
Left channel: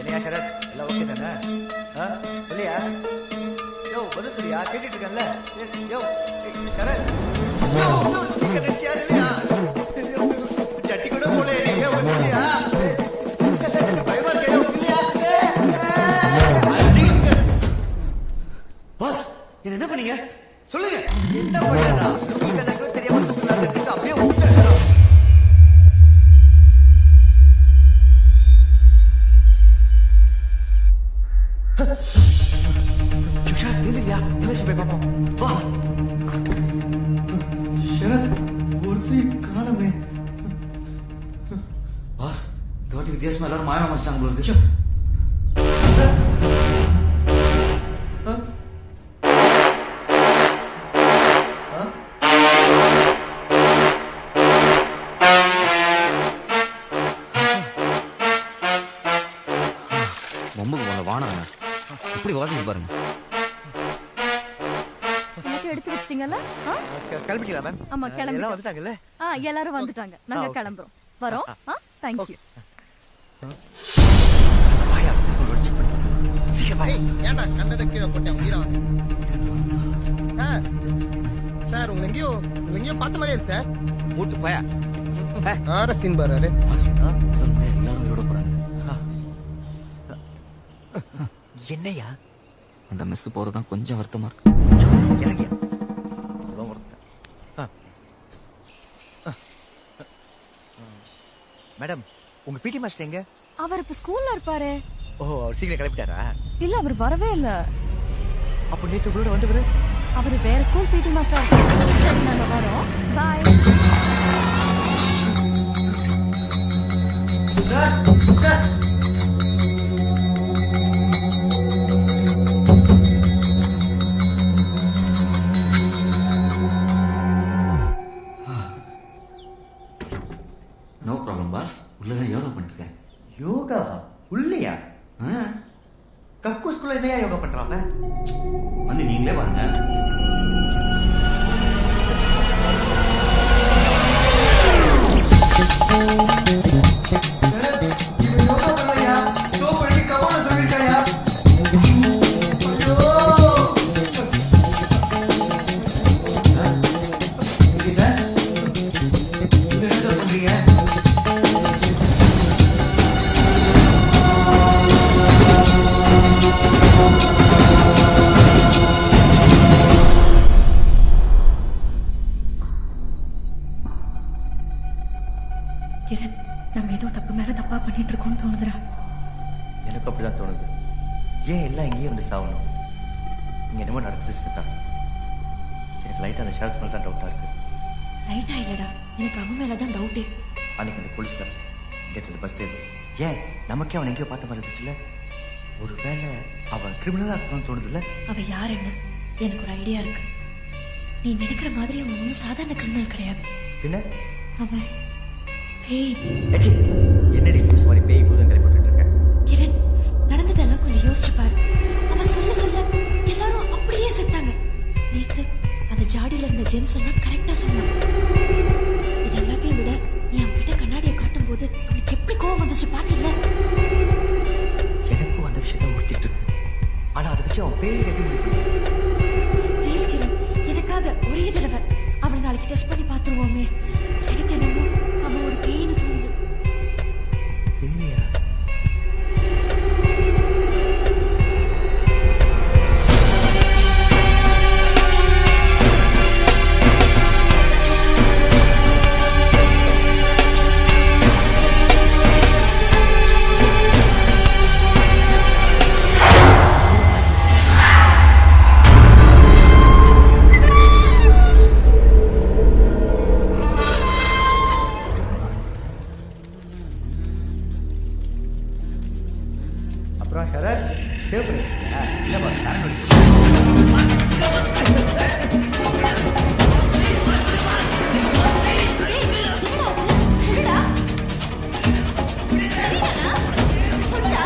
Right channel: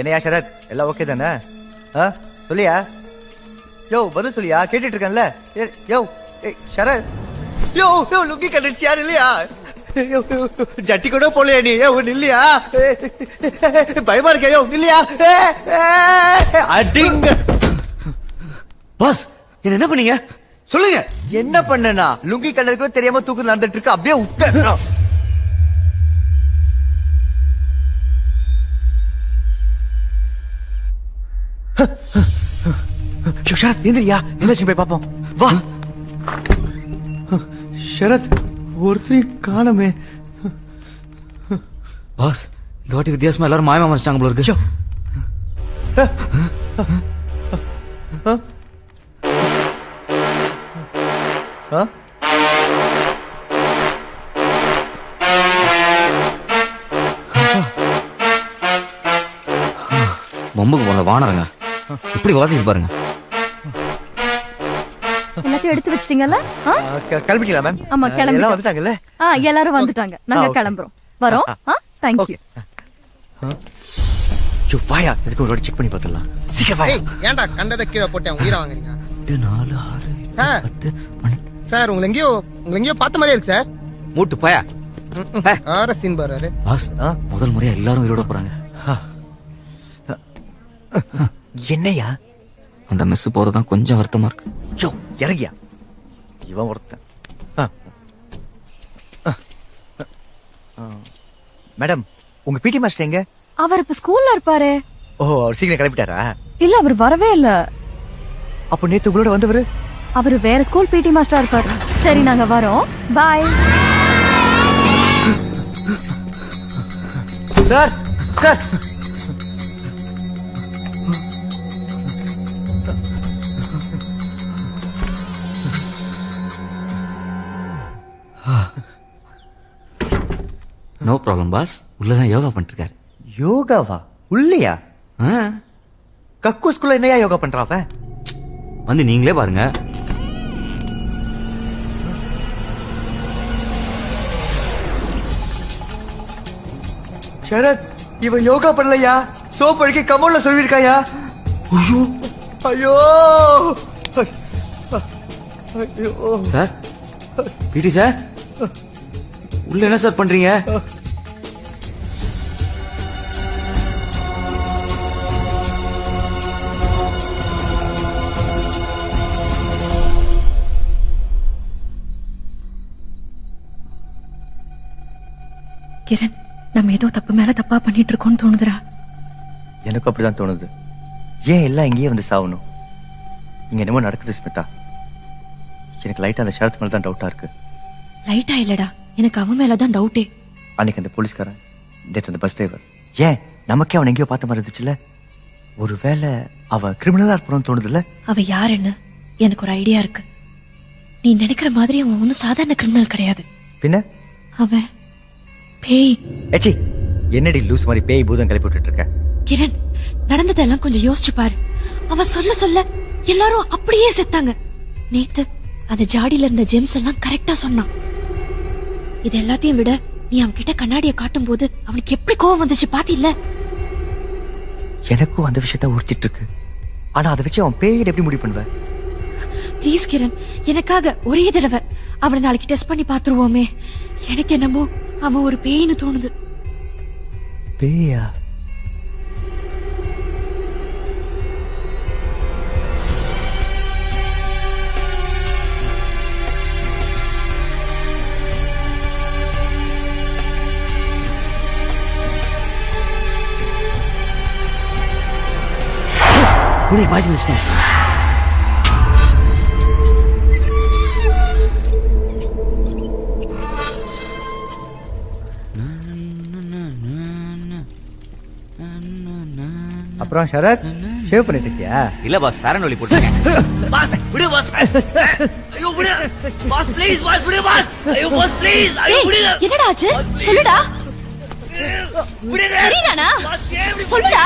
என்னையா சரத், எல்லாம் ஓகே தானே? சொல்லியா? யோ, பதில் சொல்லியா? கேட்டுட்டு இருக்கேன்ல. யோ சரத், யோ யோ லுக்கி கண்டிச்சு யாரு இல்லையா? ஜட்டி கூட போலையா நீ? இல்லையா? பயமா இருக்க? யோ இல்லையா? அடிங்க பாஸ், என்ன பண்ணீங்க சொல்லுங்க. என்ன பண்ணனா? லுக்கி கண்டதுக்கு தெரியாம தூக்கு நடந்துட்டு இருக்கு. அப்படியே விட்டுறோம். ஷரத், எந்திரியா, என்னாச்சு போய் பாப்போம். வா. ஷரத், ஒருத்தரை காணமே. பாஸ், இந்த வாட்டி வித்தியாசமா எல்லாரும் மாயமா மறைச்சாங்க போல இருக்கு. பொம்புக்கு போன வானரங்க இப்படி வாசிக்கு பாருங்க. எல்லாத்தையும் எடுத்து வச்சிட்டீங்கல்ல? கிளம்பிட்டீங்களா மேம்? ஆமா, கிளம்பி. எல்லாம் வந்துட்டாங்கல்ல? எல்லாரும் வந்துட்டாங்க. நாங்க கிளம்புறோம். வரோம். Thank you. வாயா, இதுக்கு ஒரு செக் பண்ணி பார்த்துடலாம். சீக்கிரம் வாயா. ஏன்டா கண்டதை கீழே போட்டேன், உயிரை வாங்க. 4 6 சார், உங்களை எங்கேயோ பார்த்த மாதிரியே இருக்கு சார். மூட்டு போயா. சீன் பாரு. பாஸ், முதல் முறையா எல்லாரும் உயிரோட போறாங்க. என்னையா? அந்த மெஸ் போறதுதான் கொஞ்சம் வருத்தமா இருக்கு. யோ, இறங்கியா. இவன் ஒருத்தன். மேடம் உங்க பிடி மாஸ்டர் எங்க? அவர் இப்ப ஸ்கூல்ல இருப்பாரு. ஓ அவர் சீக்கிரம் கிளம்பிட்டாரா? இல்ல அவர் வரவே இல்ல. அப்போ நேத்து உங்களோட வந்தவரு? அவரு வேற ஸ்கூல் பிடி மாஸ்டரா இருப்பாரு. சரி நாங்க வரோம். Bye. Sir sir no problem boss. உள்ளதான் யோகா பண்ணிருக்காரு. யோகாவா? உள்ளையா? ஆ, கக்கூஸ்குள்ள என்னையா யோகா பண்றான் அவன்? வந்து நீங்களே பாருங்க. சரத் இவன் யோகா பண்ணலையா? சோப் அடிக்க கபோர்ட்ல சொல்லிருக்காயா? ஐயோ சார் பிடி சார் உள்ள என்ன சார் பண்றீங்க? கிரண் நம்ம ஏதோ தப்பு மேல தப்பா பண்ணிட்டு இருக்கோம்னு தோணுதுடா. எனக்கு அப்படிதான் தோணுது. ஏன் எல்லாம் இங்கேயே வந்து சாவணும்? இங்க என்னமோ நடக்குது ஸ்மிதா. எனக்கு லைட்டா அந்த ஷரத் மேல தான் டவுட்டா இருக்கு. லைட்டா இல்லடா, எனக்கு அவன் மேலதான் டவுட்டே. அன்னைக்கு அந்த போலீஸ்காரன், நேற்று அந்த பஸ் டிரைவர், ஏன் நமக்கே அவன் எங்கேயோ பார்த்த மாதிரி இருந்துச்சுல்ல? ஒருவேளை அவ கிரிமினலா இருக்கணும்னு தோணுதுல்ல? அவ யாருன்னு எனக்கு ஒரு ஐடியா இருக்கு. நீ நினைக்கிற மாதிரி அவன் ஒன்றும் சாதாரண கிரிமினல் கிடையாது. பின்ன அவன் பேய். ஏச்சி என்னடி லூஸ் மாதிரி பேய் பூதம் கிளப்பி விட்டுட்டு இருக்க? கிரண் நடந்ததெல்லாம் கொஞ்சம் யோசிச்சு பாரு. அவ சொல்ல சொல்ல எல்லாரும் அப்படியே செத்தாங்க. நேத்து அந்த ஜாடியில இருந்த ஜெம்ஸ் எல்லாம் கரெக்டா சொன்னான். இது எல்லாத்தையும் விட நீ அவன் கிட்ட கண்ணாடியை காட்டும் போது அவனுக்கு எப்படி கோவம் வந்துச்சு பாத்தில்ல? எனக்கும் அந்த விஷயத்த உறுத்திட்டு இருக்கு. ஆனா அதை வச்சு அவன் பேய் எப்படி முடிவு பண்ணுவேன்? ப்ளீஸ் கிரண், எனக்காக ஒரே தடவை அவனை நாளைக்கு டெஸ்ட் பண்ணி பாத்துருவோமே. எனக்கு என்னமோ அவன் ஒரு பேய்னு தோணுது. பேயா? Voice listing. அப்புறம் ஷரத் ஷேவ் பண்ணிட்டு இருக்கியா? இல்ல பாஸ், ஃபேரன் ஒலி போட்டு. பாஸ் விடு பாஸ். ஐயோ விடு பாஸ், ப்ளீஸ் பாஸ், விடு பாஸ். ஐயோ பாஸ் ப்ளீஸ். ஐயோ விடு. என்னடா ஆச்சு? சொல்லுடா. தெரியலனா? சொல்லுடா.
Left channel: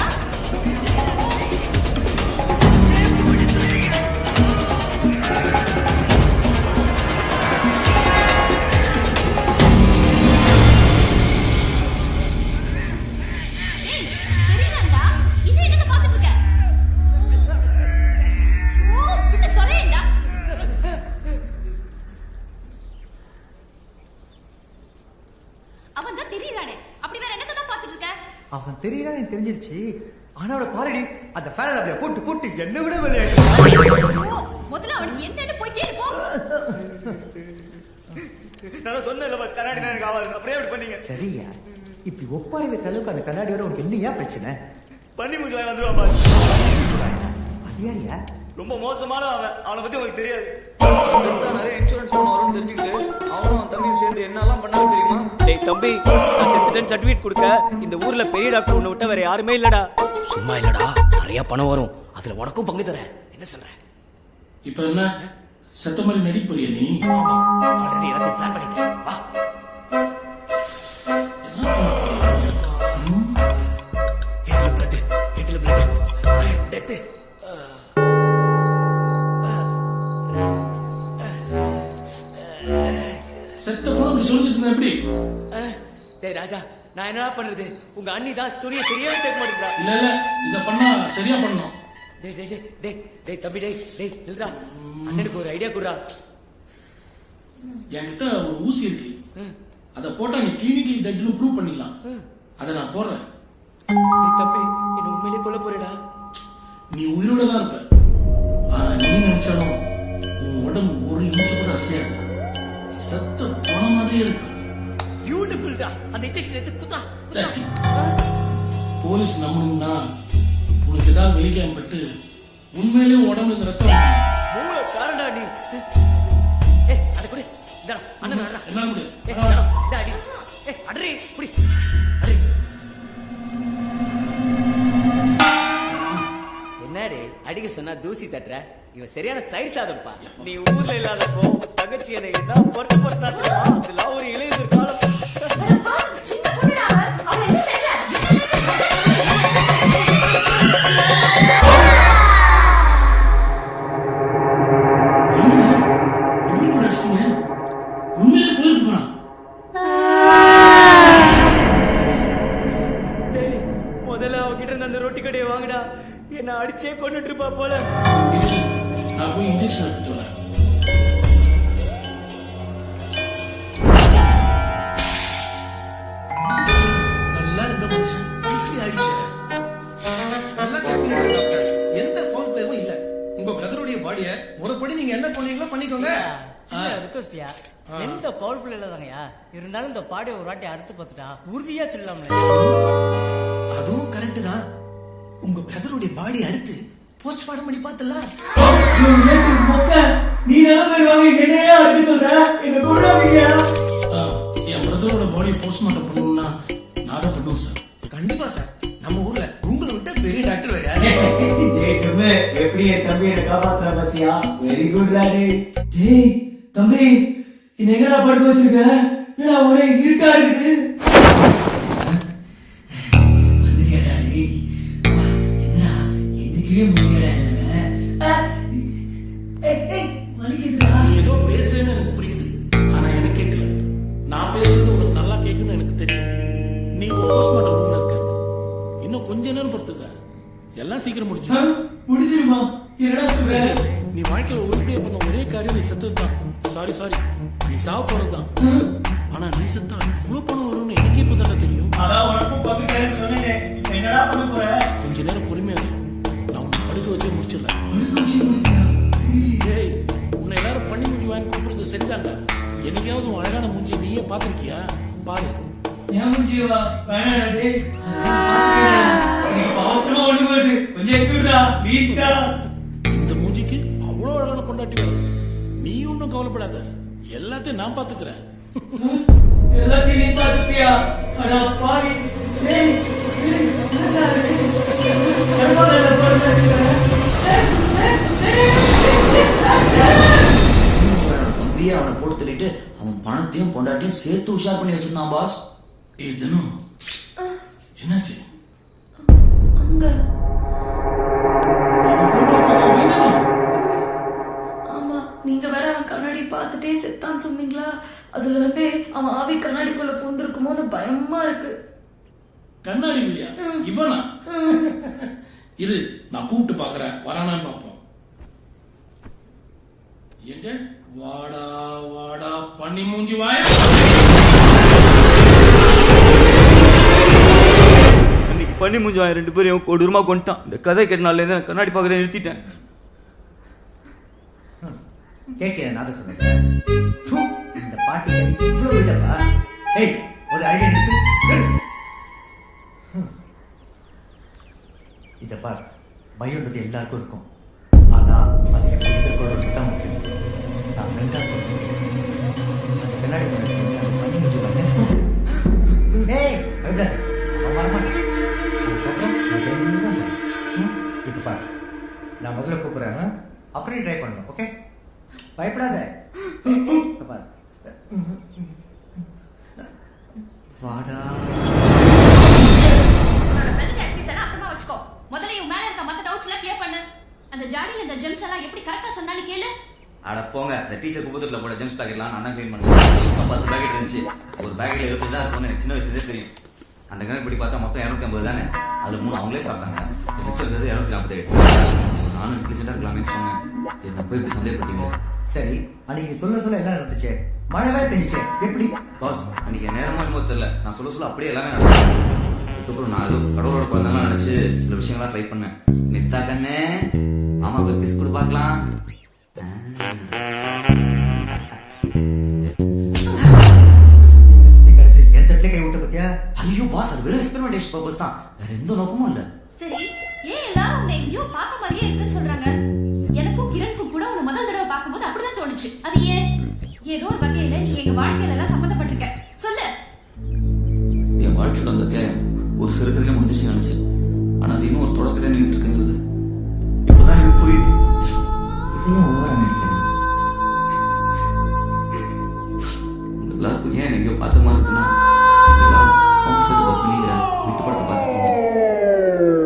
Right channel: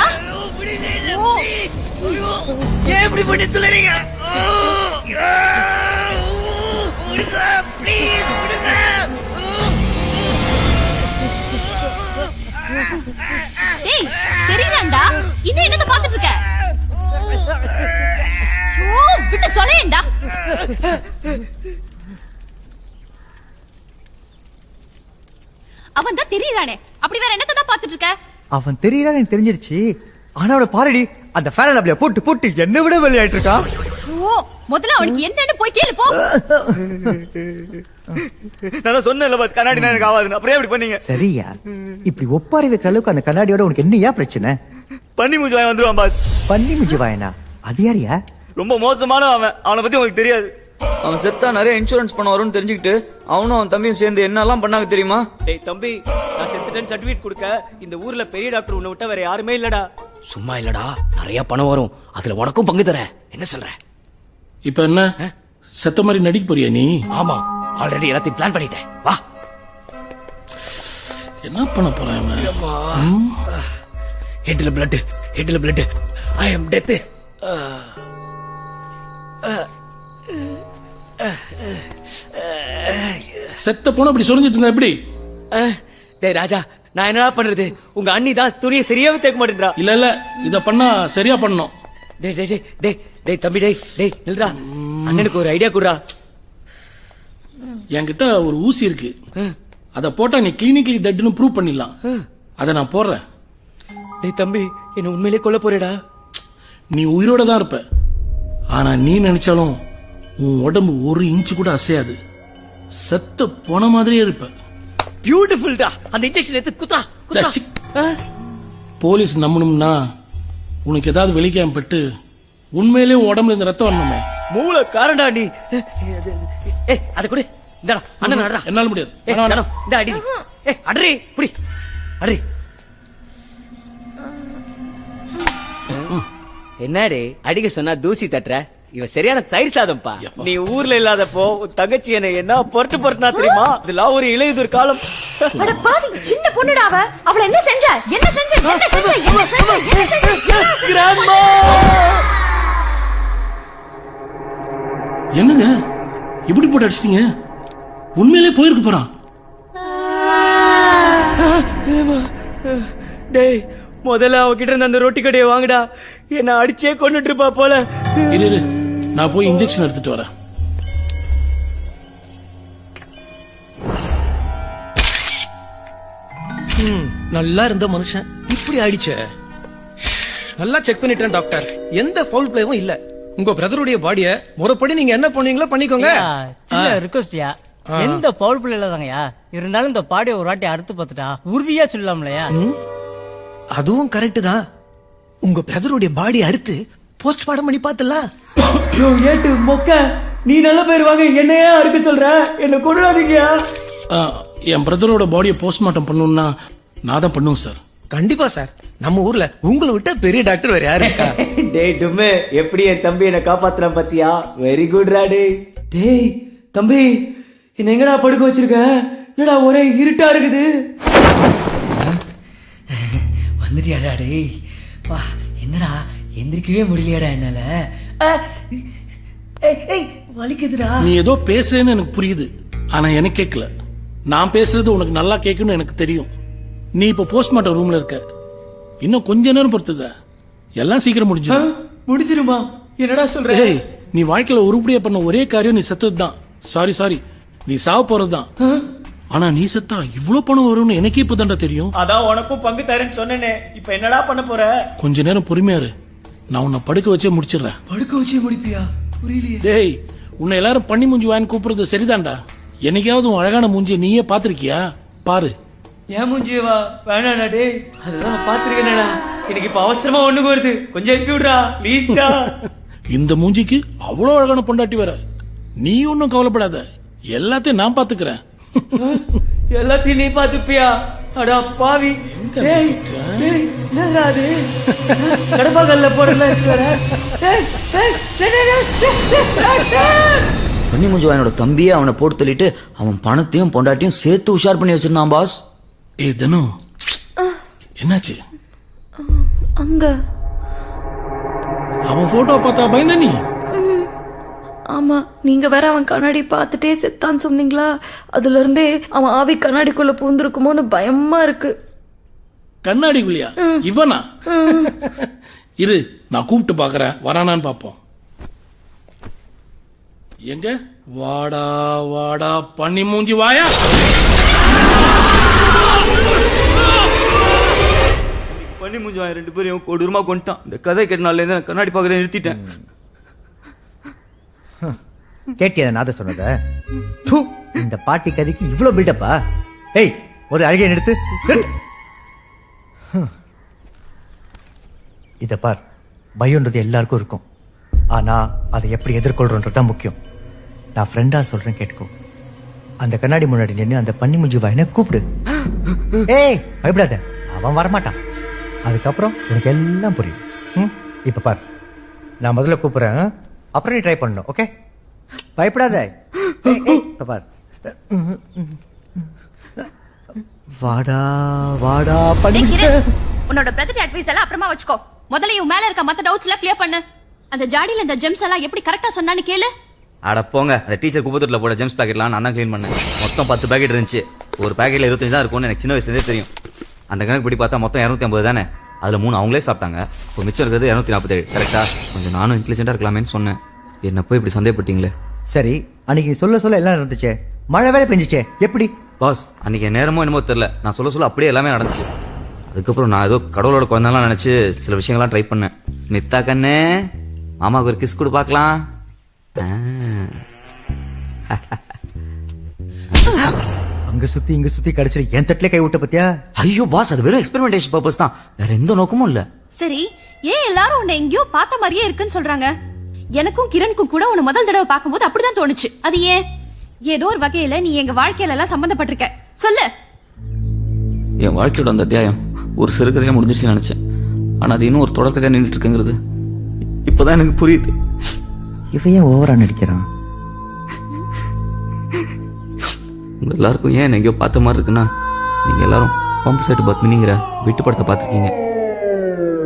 ஏன் இப்படி பண்ணி துளறீங்க? டேய் தெரியலடா. இன்னும் என்னத பாத்துட்டு இருக்க? ஓ விட்டு தொலையேண்டா. அவன் தான் தெரியறானே, அப்படி வேற என்னத தான் பாத்துட்டு இருக்க? அவன் தெரியறான்னு எனக்கு தெரிஞ்சிருச்சு. ஆனா அவளை பாருடி, அந்த ஃபேரன் லவ்லியா போட்டு போட்டு என்ன விட வெளியாயிட்டு இருக்கா. ஓ முதல்ல அவனுக்கு என்னன்னு போய் கேளு போ. நான் சொன்னேன்ல பாஸ், கண்ணாடி எனக்கு ஆகாது. அப்புறம் எப்படி பண்ணீங்க? சரியா? இப்படி ஒப்பாரி வைக்கிற அளவுக்கு அந்த கண்ணாடியோட உனக்கு என்னையா பிரச்சனை? பண்ணி மூஞ்சி வாங்கி வந்துருவான் பாஸ். பண்ணி நிஜவாயனா? அது யாரியா? ரொம்ப மோசமான அவனை பத்தி உங்களுக்கு தெரியாது. அவன் செத்தா நிறைய இன்சூரன்ஸ் பண்ண வரும்னு தெரிஞ்சுக்கிட்டு அவனும் அவன் தம்பியும் சேர்ந்து என்னெல்லாம் பண்ணாங்க தெரியுமா? டேய் தம்பி, நான் செத்துட்டேன்னு சர்டிபிகேட் கொடுக்க இந்த ஊர்ல பெரிய டாக்டர் உன்னை விட்டா வேற யாருமே இல்லடா. சும்மா இல்லடா, நிறைய பணம் வரும், அதுல உனக்கும் பங்கு தரேன். என்ன சொல்ற? இப்ப என்ன செத்த மாதிரி நடிக்க போறியா நீ? ஆமா, ஆல்ரெடி எல்லாத்தையும் பிளான் பண்ணிட்டேன். வா. என்ன பண்ண போற? ஹெட்ல பிளட், ஹெட்ல பிளட். ஐ அம் டெத். செத்த போன அப்படி சொல்லிட்டு இருந்தா எப்படி? டேய் ராஜா, நான் என்னடா பண்றது? உங்க அண்ணி தான் துணியை சரியாவே தேக்க மாட்டேன்றா. இல்ல இல்ல, இத பண்ணா சரியா பண்ணணும். டேய் டேய் டேய் டேய் டேய் தம்பி, டேய் டேய் நில்றா. அண்ணனுக்கு ஒரு ஐடியா குடுறா. என்கிட்ட ஒரு ஊசி இருக்கு, அத போட்டா நீ கிளினிக்கலி டெட்னு ப்ரூவ் பண்ணிடலாம். அத நான் போடுறேன். டேய் தம்பி, என்ன உண்மையிலே கொல்ல போறேடா? நீ உயிரோட தான் இருப்ப, ஆனா நீ நினைச்சாலும் உன் உடம்பு ஒரு இன்ச்சு கூட அசையாது. செத்த போன மாதிரியே இருப்ப. பியூட்டிஃபுல்டா. அந்த இன்ஜெக்ஷன் எடுத்து குத்தா. ச்சீ. போலீஸ் நம்பணும்னா உனக்கு ஏதாவது வெளிக்காம பட்டு உண்மையிலேயே உடம்புல இந்த ரத்தம் வரணுமா? மூளை காரண்டா நீ. ஏய் அத கொடு. இந்தடா அண்ணன் அடடா. என்னால முடியாது. ஏய் இந்தடா இந்த அடி. ஏய் அடறி புடி. அடறி. என்னடே அடிக்க சொன்னா தூசி தட்டுற? இவன் சரியான தயிர் சாதம்ப்பா. நீ ஊர்ல இல்லாதப்போ தங்கச்சி என்ன பொறுட்டுனா தெரியுமா? இதெல்லாம் ஒரு இளையுதிர் காலம். அட பாவி, சின்ன பொண்ணுடா அவ. அவள என்ன செஞ்ச? என்ன செஞ்ச? என்னங்க இப்படி போட்டு அடிச்சிட்டீங்க? உண்மையிலே போயிருக்கு போறான். டேய் முதல்ல அவகிட்ட இருந்த அந்த ரொட்டி கடையை வாங்குடா. என்ன அடிச்சே கொண்டுட்டு இருப்பா போல. இரு நான் போய் இன்ஜெக்ஷன் எடுத்துட்டு வரேன். நல்லா இருந்த மனுஷன் இப்படி ஆயிடுச்சே. நல்லா செக் பண்ணிட்டேன் டாக்டர், எந்த ஃபவுல் பிளேவும் இல்ல. உங்க பிரதருடைய பாடிய முறைப்படி நீங்க என்ன பண்ணீங்களோ பண்ணிக்கோங்க. ரிக்வெஸ்ட்யா எந்த பவுல் பிள்ளை இல்லாதங்கயா இருந்தாலும் இந்த பாடியை ஒரு வாட்டி அறுத்து பார்த்துட்டா உறுதியா சொல்லலாம்லையா? அதுவும் கரெக்ட் தான். உங்க பிரதருடைய பாடி அறுத்து போஸ்ட்மார்ட்டம் பண்ணி பார்த்தலாம். நீ நல்ல பேர் வாங்க என்னையே அறுக்க சொல்ற? என்ன கொள்ளாதீங்கயா. என் பிரதரோட பாடியை போஸ்ட்மார்ட்டம் பண்ணணும்னா நான் தான் பண்ணுவேன் சார். கண்டிப்பா சார். நம்ம ஊர்ல உங்களை விட்ட பெரிய டாக்டர் வேற யாரு? டேய் டும்மே எப்படி என் தம்பி என்ன காப்பாத்துற பாத்தியா? வெரி குட் ரா டேய். டேய் தம்பி என்ன எங்கடா படுக்க வச்சிருக்க? என்னடா ஒரே இருட்டா இருக்குது. வந்துட்டியாடா டேய்? என்னடா எந்திரிக்கவே முடியலடா என்னால. வலிக்குதுடா. நீ ஏதோ பேசுறேன்னு எனக்கு புரியுது, ஆனா எனக்கு கேட்கல. நான் பேசுறது உனக்கு நல்லா கேட்கும்னு எனக்கு தெரியும். நீ இப்ப போஸ்ட்மார்ட்டம் ரூம்ல இருக்க. இன்னும் கொஞ்ச நேரம் பொறுத்துக்க, எல்லாம் சீக்கிரம் முடிஞ்சிடும். முடிஞ்சிருமா? என்னடா சொல்ற? நீ வாழ்க்கையில உருப்படியா பண்ண ஒரே காரியம் நீ செத்ததுதான். சாரி நீ சாவ போறதுதான். ஆனா நீ செத்தா இவ்வளவு பணம் வரும்னு எனக்கே இப்பதான்டா தெரியும். அதான் உனக்கும் பங்கு தரேன்னு சொன்னேனே. இப்ப என்னடா பண்ண போற? கொஞ்ச நேரம் பொறுமையா இரு, நான் உன்னை படுக்க வச்சே முடிச்சிடுறேன். படுக்க வச்சே முடிப்பியா? டேய் உன்னை எல்லாரும் பண்ணி மூஞ்சி வாங்கி கூப்பிடுறது சரிதான்டா. என்னைக்காவது உன் அழகான மூஞ்சி நீயே பாத்திருக்கியா? பாரு. ஏன் மூஞ்சியவா? வேணாடா டேய், அதெல்லாம் பாத்துருக்கேன்டா. எனக்கு இப்ப அவசரமா ஒண்ணுக்கு வருது, கொஞ்சம் எக்கி விடுறா ப்ளீஸ்டா. இந்த மூஞ்சிக்கு அவ்வளவு அழகான பொண்டாட்டி வேற. நீ ஒன்னும் கவலைப்படாத, எல்லாத்தையும் நான் பாத்துக்கிறேன். எல்லாத்தையும் நீ பாத்துப்பியா? அடா பாவி. டேய் என்னடா இது? கர்மகல்ல போறல இருக்கற. கன்னிமுஞ்சுவாயனோட தம்பியே அவனை போட்டு தள்ளிட்டு அவன் பணத்தையும் பொண்டாட்டியும் சேர்த்து உஷார் பண்ணி வச்சிருந்தான் பாஸ். ஏய் தனு, என்னாச்சு? அங்க அவன் போட்டோ பார்த்தா பயந்தா நீ? ஆமா, நீங்க வேற அவன் கண்ணாடி பார்த்துட்டே செத்தான்னு சொன்னீங்களா? அதுல இருந்தே அவன் ஆவி கண்ணாடிக்குள்ள பூந்துருக்குமோன்னு பயமா இருக்கு. கண்ணாடிக்குள்ளியா? இவனா? இரு நான் கூப்பிட்டு பாக்குறேன், வரானான்னு பாப்போம். எங்க? வாடா வாடா பண்ணி மூஞ்சி வாயா. அன்னைக்கு பண்ணி மூஞ்சுவாயன் 2 பேரையும் கொடூரமா கொண்டுட்டான். இந்த கதை கேட்டனால கண்ணாடி பார்க்கறத நிறுத்திட்டேன். கேட்டியா நாத சொன்னத? இந்த பாட்டி கதைக்கு இவ்வளவு பில்டப்பா? ஏய் ஒரு அழகை நிறுத்து. இத பார், பயம்ன்றது எல்லாருக்கும் இருக்கும். ஆனா அதை எப்படி எதிர்கொள்றோன்றது தான் முக்கியம். நான் ஃப்ரெண்டா சொல்றேன் கேட்டுக்கோ. அந்த கண்ணாடி முன்னாடி நின்று அந்த பண்ணி முஞ்சி வாயினை கூப்பிடு. ஏய் பயப்படாத, அவன் வரமாட்டான். அதுக்கப்புறம் உனக்கு எல்லாம் புரியும். இப்ப பார், நான் முதல்ல கூப்பிடுறேன், அப்புறம் நீ ட்ரை பண்ணணும். ஓகே? பயப்படாத. பார், வாடா வாடா. உன்னோட பிரதர் அட்வைஸ் எல்லாம் அப்புறமா வச்சுக்கோ. முதல்ல இவன் மேல இருக்க மத்த டவுட்ஸ் எல்லாம் கிளியர் பண்ணு. அந்த ஜாடியில இந்த ஜெம்ஸ் எல்லாம் எப்படி கரெக்டா சொன்னான்னு கேளு. அட போங்க, அந்த டீச்சர் குப்பத்தூர்ல போட ஜெம்ஸ் பாக்கெட்லாம் நான் தான் க்ளீன் பண்ணேன். மொத்தம் 10 பாக்கெட் இருந்துச்சு. ஒரு பாக்கெட்ல 25 தான் இருக்கும்னு எனக்கு சின்ன வயசுலேருந்தே தெரியும். அந்த கணக்கு படி பார்த்தா மொத்தம் 250 தானே. அதுல 3 அவங்களே சாப்பிட்டாங்க. இப்போ மிச்சம் இருக்கிறது 247. கரெக்டா? நானும் இன்டெலிஜென்ட்டா இருக்கலாமேன்னு சொன்னேன். என்ன போய் இப்படி சந்தேகப்பட்டீங்களே. சரி, அன்னைக்கு சொல்ல எல்லாம் இருந்துச்சே, மழை வேலை பெஞ்சிச்சே, எப்படி? பாஸ், அன்னைக்கு நேரமோ என்னமோ தெரியல, நான் சொல்ல அப்படியே எல்லாமே நடந்துச்சு. அதுக்கப்புறம் நான் ஏதோ கடவுளோட குழந்தைலாம் நினைச்சு சில விஷயங்கள்லாம் ட்ரை பண்ணேன். ஸ்மிதா கண்ணு, மாமாவுக்கு ஒரு கிஸ் கொடு பார்க்கலாம். இங்க சுத்தி சுத்தி கடைசி என் தட்டிலே கை விட்ட பத்தியா? ஐயோ பாஸ், அது வெறும் எக்ஸ்பெரிமெண்டேஷன் பர்பஸ் தான், வேற எந்த நோக்கமும் இல்ல. சரி, ஏன் எல்லாரும் உன்னை எங்கேயோ பார்த்த மாதிரியே இருக்குன்னு சொல்றாங்க? எனக்கும் கிரணுக்கும் கூட உன்னை முதல் தடவை பார்க்கும்போது அப்படிதான் தோணுச்சு. அது ஏன்? ஏதோ ஒரு வகையில நீ எங்க வாழ்க்கையில எல்லாம் சம்பந்தப்பட்டிருக்க. சொல்லு. என் வாழ்க்கையோட அந்த அத்தியாயம் ஒரு சிறுகதையா முடிஞ்சிருச்சுன்னு நினைச்சேன். ஆனா அது இன்னும் ஒரு தொடக்கத்தையா நின்றுட்டு இருக்குங்கிறது இப்பதான் எனக்கு புரியுது. இவன் ஏன் ஓவரா நடிக்கிறான்? உங்க எல்லாருக்கும் ஏன் எங்கேயோ பார்த்த மாதிரி இருக்குன்னா, நீங்க எல்லாரும் பம்பு செட்டு பத்மினிங்கிற வீட்டு படத்தை பார்த்துருக்கீங்க.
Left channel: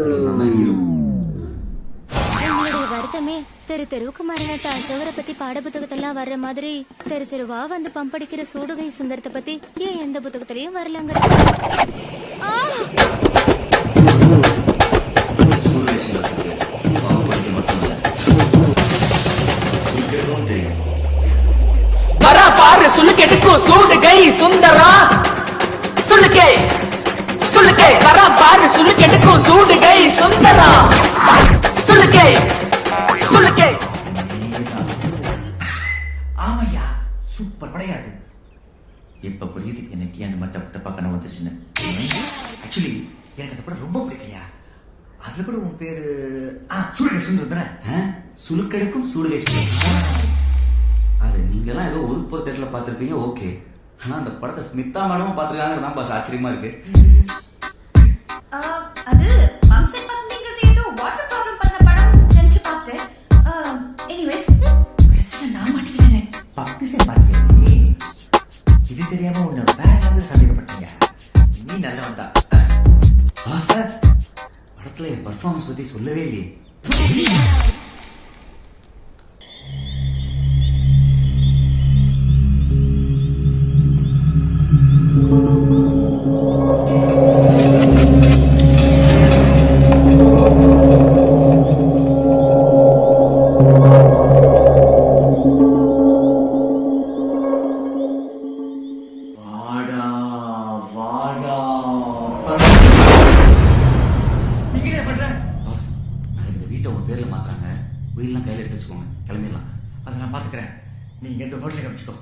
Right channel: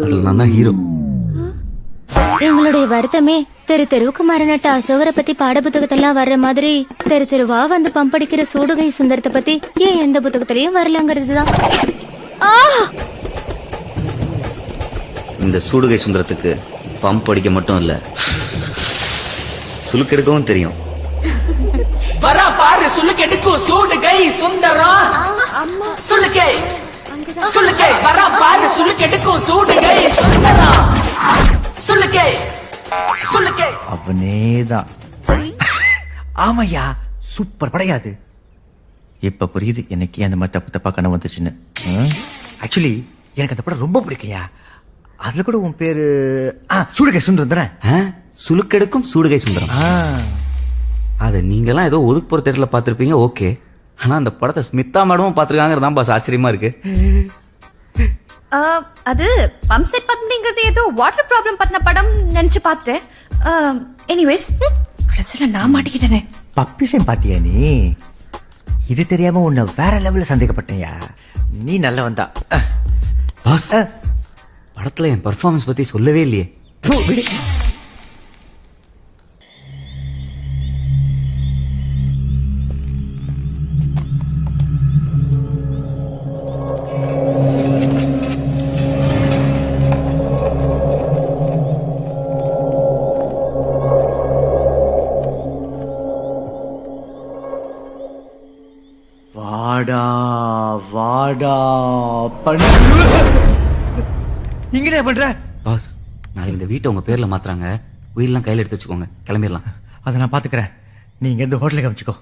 அதுல நான் தான் ஹீரோ. எங்களுடைய வருத்தமே தெரு தெருவுக்கு மரணட்ட அசோகரை பத்தி பாட புத்தகத்தெல்லாம் வர்ற மாதிரி தெரு தெருவா வந்து பம்படிக்கிற சூடுகை சுந்தரத்தை பத்தி ஏன் எந்த புத்தகத்திலயும் வரலங்கிறது தான். இந்த சூடுகை சுந்தரத்துக்கு பம்ப் அடிக்க மட்டும் இல்ல, சுலுக்கெடுக்கவும் தெரியும். வரா பாரு சுளுக்கெடுக்கும் சூடுகை சுந்தரா. சுளுக்கே சுளுக்கே வரா பாரு சுளுக்கெடுக்கும் சூடுகை சுந்தரா. சுளுக்கே சுளுக்கே. அவனேதான். ஆமையா, சூப்பர் படையாது. இப்ப புரியுது எனக்கு அந்த மாதிரி தப்பு தப்பா கனவு வந்துச்சுன்னு. ஆக்சுவலி எனக்கு அந்த படம் ரொம்ப பிடிக்கையா. அதுல கூட உன் பேரு சூடுகை சுந்தரம் தானே? சுலுக்கெடுக்கும் சூடுகை சுந்தரம். அது நீங்கெல்லாம் ஏதோ ஒதுக்கு போற தேட்டர்ல பார்த்திருப்பீங்க, ஓகே. ஆனா அந்த படத்தை ஸ்மிதா மேடமும் பார்த்திருக்காங்கிறது தான் பாஸ் ஆச்சரியமா இருக்கு. அது பம்செட் பத்மிங்கிறது ஏதோ வாட்டர் ப்ராப்ளம் பத்தின படம் நினைச்சு பார்த்தேன். எனிவேஸ், கடைசியில நான் மாட்டிக்கிட்டேனே. பப்பிசை பாட்டியா நீ? இது தெரியாம உன்னை வேற லெவல்ல சந்தேகப்பட்டியா? நீ நல்ல வந்தா. பாஸ், படத்துல என் பர்ஃபார்மன்ஸ் பத்தி சொல்லவே இல்லையே. வாடா வாடா இங்கே பண்ற? பாஸ், நாளைக்கு இந்த வீட்டை உங்க பேர்ல மாத்துறாங்க. வீடெல்லாம் கையில எடுத்து வச்சுக்கோங்க, கிளம்பிடலாம். அதை நான் பாத்துக்கிறேன். நீங்க எந்த ஹோட்டலுக்கு அமைச்சுக்கோ.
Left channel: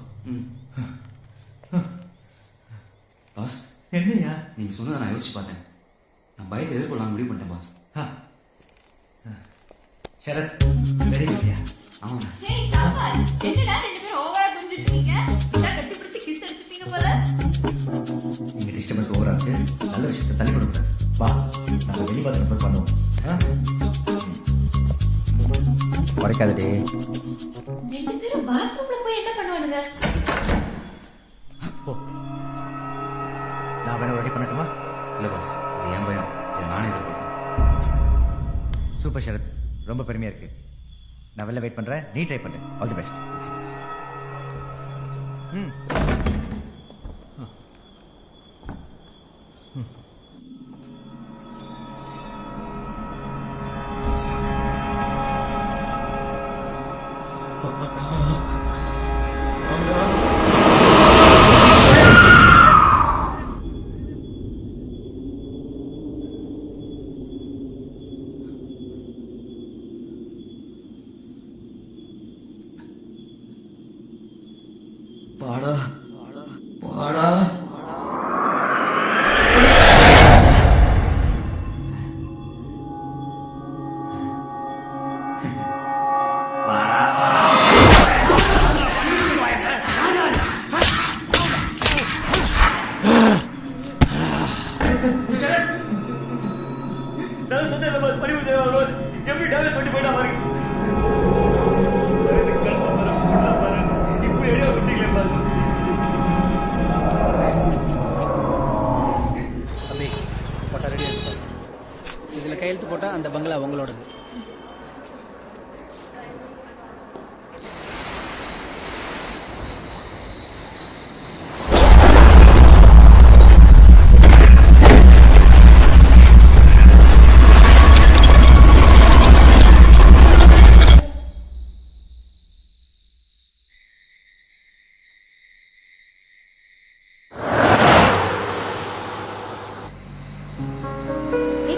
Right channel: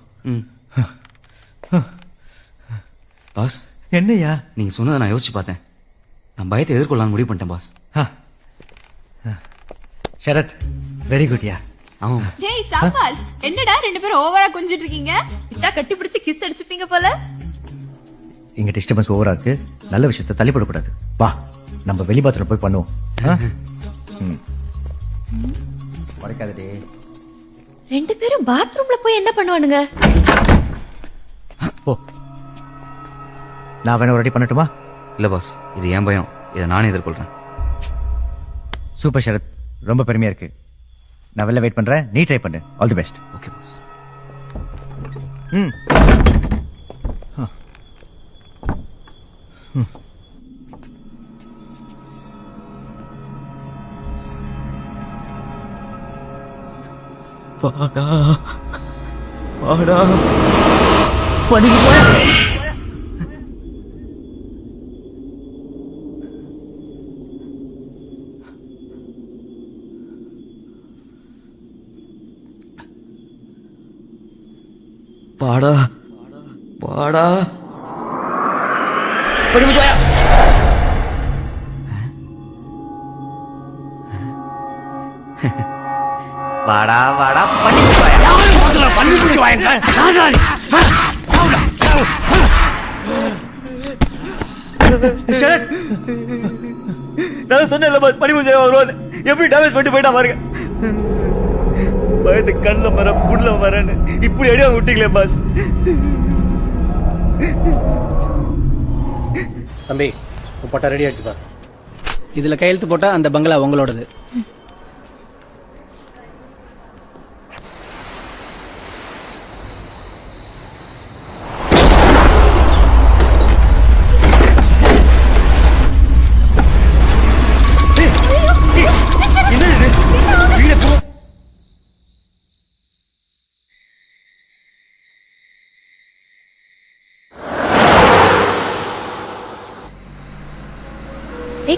பாஸ், என்னையா? நீங்க சொன்னதை நான் யோசிச்சு பார்த்தேன். நான் பயத்தை எதிர்கொள்ளலாம்னு முடிவு பண்ணிட்டேன் பாஸ். சரத், வெரி குட்யா. ஆமா. ஜெய் சாபாஸ். என்னடா ரெண்டு பேரும் ஓவரா கொஞ்சிட்டு இருக்கீங்க? இதா கட்டி பிடிச்சு கிஸ் அடிச்சுப்பீங்க போல. இங்க டிஸ்டர்பன்ஸ் ஓவரா இருக்கு. நல்ல விஷயத்தை தள்ளிப்படக்கூடாது. வா, நம்ம வெளி பாத்ரூம் போய் பண்ணுவோம். உடைக்காதே. ரெண்டு பேரும் பாத்ரூம்ல போய் என்ன பண்ணுவானுங்க? போ. நான் வேணா ரெடி பண்ணட்டுமா? இல்ல பாஸ், இது என் பயம். இதை நானே எதிர்கொள்றேன். சூப்பர் சரத், ரொம்ப பெருமையா இருக்கு. நான் வெளில வெயிட் பண்றேன், நீ ட்ரை பண்ணு. All the best. ஓகே. வாடா வாடா பாடா பாடா. வாடா வாடா நான் சொன்னேன்ல பாஸ், பனிமுஞ்சை வருவான். எப்படி டேமேஜ் பண்ணிட்டு போயிட்டா பாருங்க. பயந்து கண்ண மரம் புள்ள மரன்னு இப்படி அடியா விட்டீங்களே பாஸ். தம்பி, போட்டா ரெடி ஆயிடுச்சு பாரு. இதுல கையெழுத்து போட்டா அந்த பங்களா உங்களோடது.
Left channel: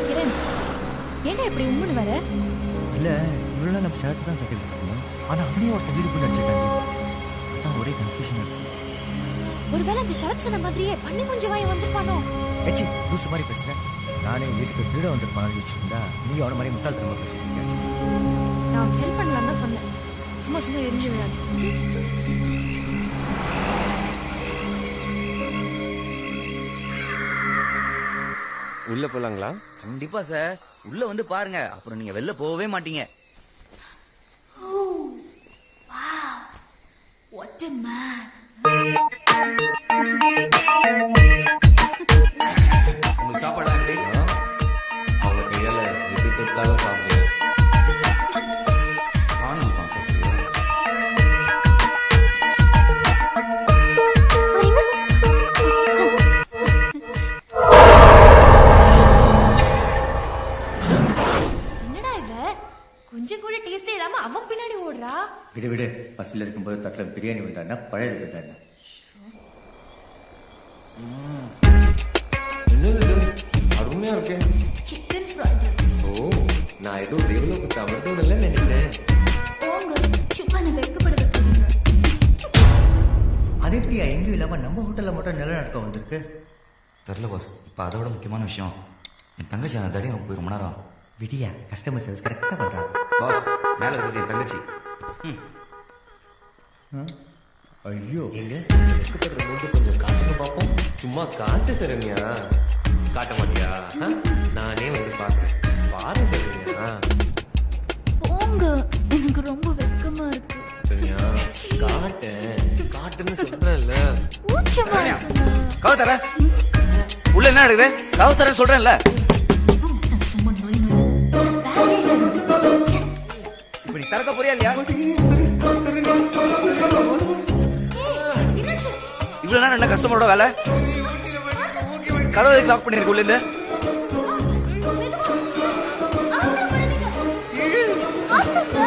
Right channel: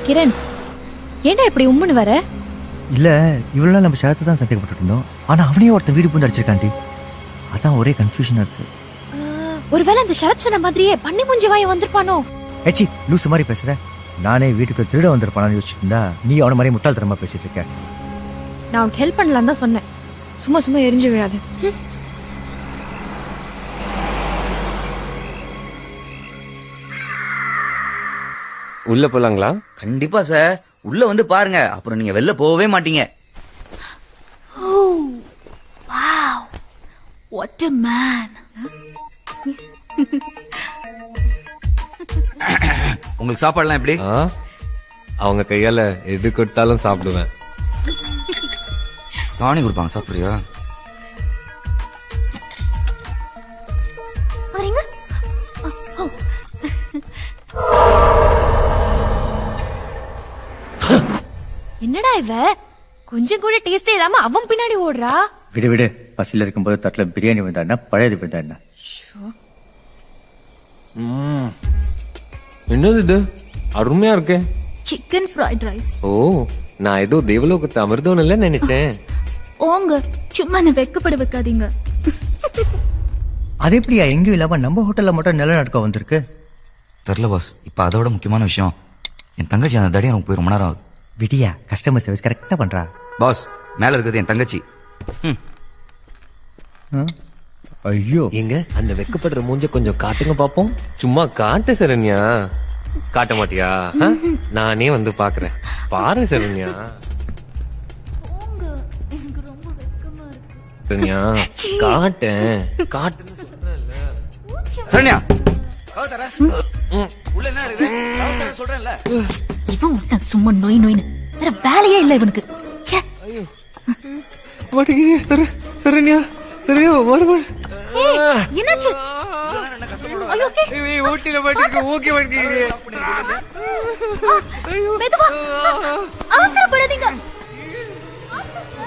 கிரண், ஏன்டா இப்படி உம்முன்னு வர? இல்ல, இவ்வளவு நாள் நம்ம சரத்தை தான் சந்தேகப்பட்டு இருந்தோம். ஆனா அவனையும் ஒருத்தன் வீடு பூந்து அடிச்சிருக்காண்டி. அதான் ஒரே கன்ஃபியூஷனா இருக்கு. ஒருவேளை அந்த சரத் சொன்ன மாதிரியே பண்ணி மூஞ்சி வாய வந்திருப்பானோ? ஏச்சி லூசு மாதிரி பேசுற. நானே வீட்டுக்கு திருட வந்திருப்பானு யோசிச்சுட்டு இருந்தா நீ அவன மாதிரி முட்டாள்தனமா பேசிட்டு இருக்க. நான் உனக்கு ஹெல்ப் பண்ணலாம் தான் சொன்னேன். சும்மா சும்மா எரிஞ்சு விழாது. உள்ள போலாங்களா? கண்டிப்பா சார், உள்ள வந்து பாருங்க, அப்புறம் நீங்க வெளில போகவே மாட்டீங்க. What a man. உங்களுக்கு சாப்பாடுலாம் எப்படி? அவங்க கையால எது கொடுத்தாலும் சாப்பிடுவேன். சாணி கொடுப்பாங்க, சாப்பிடுறியா? என்னடா இவ கொஞ்சம் கூட டேஸ்டே இல்லாம அவன் பின்னாடி ஓடுறா. விடு விடு, பசியில் இருக்கும்போது தட்டில் பிரியாணி வந்தாண்ணா பழையது வந்தாண்ணா. என்னது இது அருமையா இருக்கே. Chicken fried rice. ஓ, நான் ஏதோ தேவலோகத்து அமிர்தம் இல்ல நினைச்சேன். ஓங்க சும்மா என்ன வெக்கப்பட வைக்காதீங்க. அது எப்படியா எங்கேயும் இல்லாம நம்ம ஹோட்டல்ல மட்டும் நிலநடுக்கம் வந்திருக்கு? தெரியல பாஸ். இப்ப அதோட முக்கியமான விஷயம், என் தங்கச்சி அந்த தடியை நமக்கு போய் ரொம்ப நேரம் ஆகுது. விடியா, கஸ்டமர் சர்வீஸ் கரெக்டா பண்றா. பாஸ், மேல இருக்கிறது என் தங்கச்சி. ஐயோ, எங்க அந்த வெக்கப்படுற மூஞ்ச கொஞ்சம் காட்டுங்க பாப்போம். சும்மா காட்டு சரண்யா. காட்ட மாட்டியா? நானே வந்து பாக்குறேன். பாரு சரண்யா. போங்க, எனக்கு ரொம்ப வெக்கமா இருக்கு. சரண்யா காட்டேன், காட்டுன்னு சொல்றேன்ல. சரண்யா, கதவு தர. உள்ள என்ன நடக்குது? கதவு தர சொல்றேன்ல. இவன் ஒருத்தன் சும்மா நோய் நோயின்னு வேற வேலையே இல்லை இவனுக்கு. ச்சே. சரண்யா சரண்யா ஓடு ஓடு. ஏய், என்னாச்சு? இவ்வளவு நேரம் என்ன கஸ்டமரோட வேலை? ஊட்டில மாட்டிருக்கு. Okay okay. கதவை லாக் பண்ணிருக்கு உள்ள இருந்து. மெதுவா. அவசரப்படாதீங்க. ஆத்துங்க.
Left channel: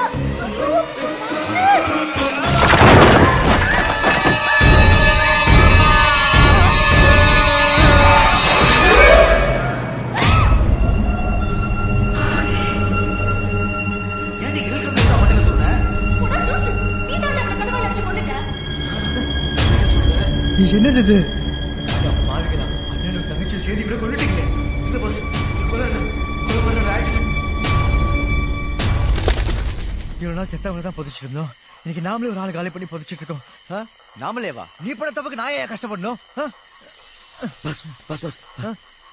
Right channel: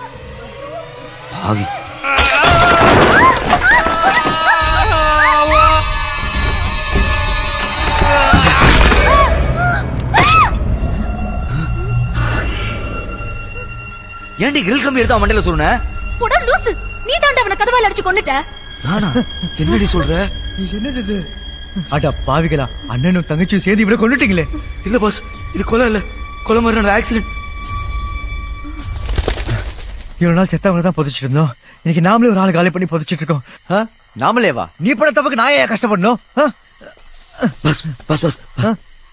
ஏன்டி கிரில் கம்பி எடுத்து மண்டையில சொன்ன? போடா லூசு, நீ தாண்டா அவனை கதவால அடிச்சு கொன்னுட்ட. நானா? என்னடி சொல்ற? நீ என்னது இது? அட பாவிகளா, அண்ணனும் தங்கச்சியும் சேர்ந்து இவரை கொண்டுட்டீங்களே. இல்ல பாஸ், இது கொலை இல்ல, கொலை மாதிரி ஆக்சிடென்ட். இவ்வளவு நாள் செத்தவங்களை தான் புதைச்சிட்டு இருந்தோம். இன்னைக்கு நாமளே ஒரு ஆள் காலி பண்ணி புதைச்சிட்டு இருக்கோம். நாமளே வா, நீ பண்ண தப்புக்கு நான் ஏன் கஷ்டப்படணும்? பாஸ் பாஸ் பாஸ்,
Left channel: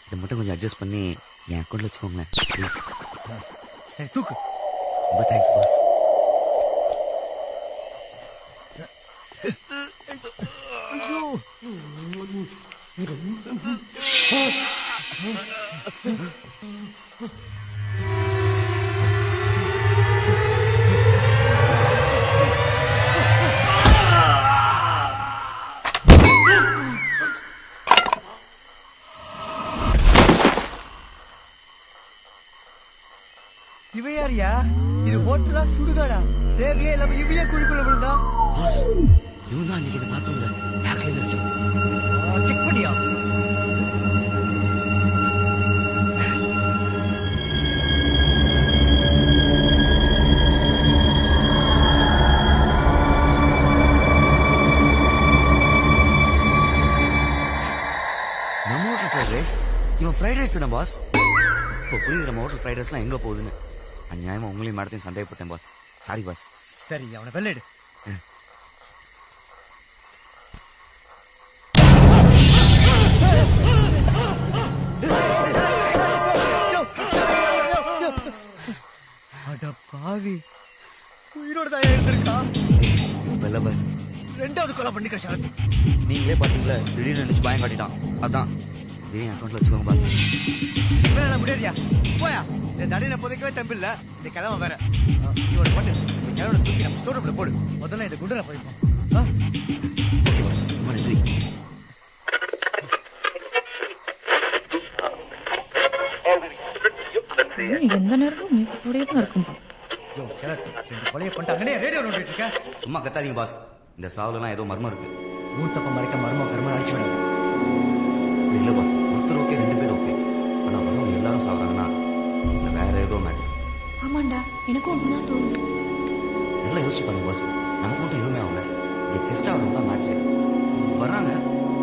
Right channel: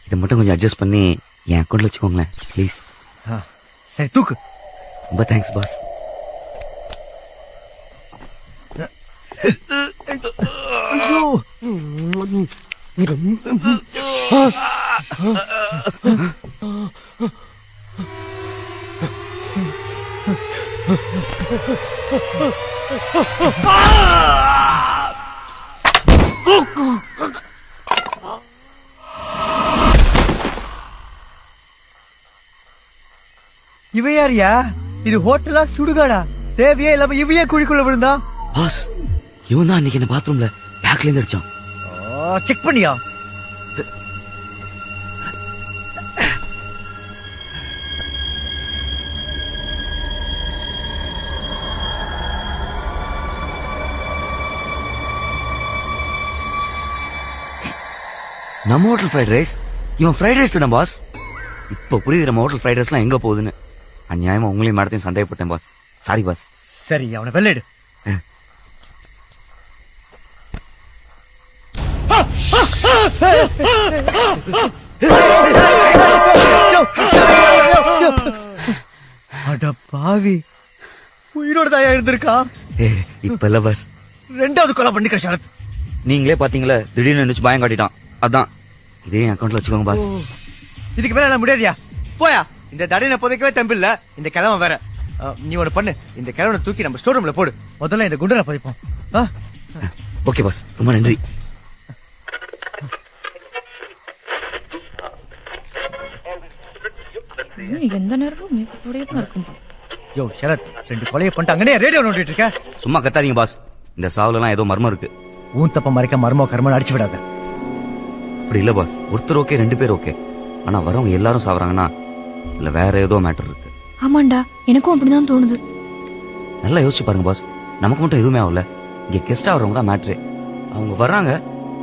இதை மட்டும் கொஞ்சம் அட்ஜஸ்ட் பண்ணி என் அக்கௌண்ட்ல வச்சுக்கோங்களேன் ப்ளீஸ். சரி தூக்கு. ரொம்ப தேங்க்ஸ் பாஸ். ஐயோ, இவ யாரியா? இது ஹோட்டலா சுடுகாடா? தேவையே இல்லாம இவையே குழிக்குள்ள விழுந்தா? பாஸ், இவன் தான் அன்னைக்கு என்ன பாத்ரூம்ல பேக்ல இருந்து அடிச்சான். செக் பண்ணியா? நம்ம ஹோட்டல் ஃப்ரைட் ரைஸ், இவன் ஃப்ரைட் ரைஸ் தானே பாஸ்? இப்போ புரியுது நம்ம ஹோட்டல் ஃப்ரைட் ரைஸ்லாம் எங்க போகுதுன்னு. அநியாயமா உங்களையும் மேடத்தையும் சந்தேகப்பட்டேன் பாஸ். Sorry boss. சரி, அவனை வெள்ளைடு. அட பாவி, உயிரோட தாயா இருந்திருக்கா? இப்ப இல்ல பாஸ், ரெண்டாவது கொலை பண்ணிக்க சரத். நீங்களே பாத்தீங்களா, திடீர்னு இருந்துச்சு பயம் காட்டிட்டான். அதான் இதே அக்கௌண்ட்ல வச்சுக்கோங்க பாஸ். இதுக்கு மேல எல்லாம் முடியாதியா? போயா, இந்த தடையில புதைக்கவே தம்பி இல்ல. இந்த கிழமை வேற. நீ ஒண்ணு பண்ணு, இந்த கிழவனை தூக்கி நம்ம ஸ்டோர் ரூம்ல போடு. முதல்ல இந்த குண்டரை புதைப்போம். ஓகே பாஸ், ரொம்ப நன்றி. எந்த நேரமும் நீ கூடயே தான் இருக்கும். யோ சரத், ரெண்டு கொலையை பண்ணிட்டு அங்கனே ரேடியோ நோண்டிட்டு இருக்க. சும்மா கத்தாதீங்க பாஸ், இந்த சாவுலலாம் ஏதோ மர்மம் இருக்கு. ஊன் தப்ப மறைக்க மர்மோ கர்மன்னு அடிச்சு விடாத. அப்படி இல்ல பாஸ், ஒருத்தர் ஓகே, ரெண்டு பேர் ஓகே. ஆனா வரவங்க எல்லாரும் சாவறாங்கன்னா இல்ல வேற ஏதோ மேட்டர் இருக்கு. ஆமாண்டா, எனக்கும் அப்படிதான் தோணுது. நல்லா யோசிச்சு பாருங்க பாஸ், நமக்கு மட்டும் எதுவுமே ஆகல. இங்க கெஸ்டா வரவங்க தான் மேட்ரே. அவங்க வர்றாங்க,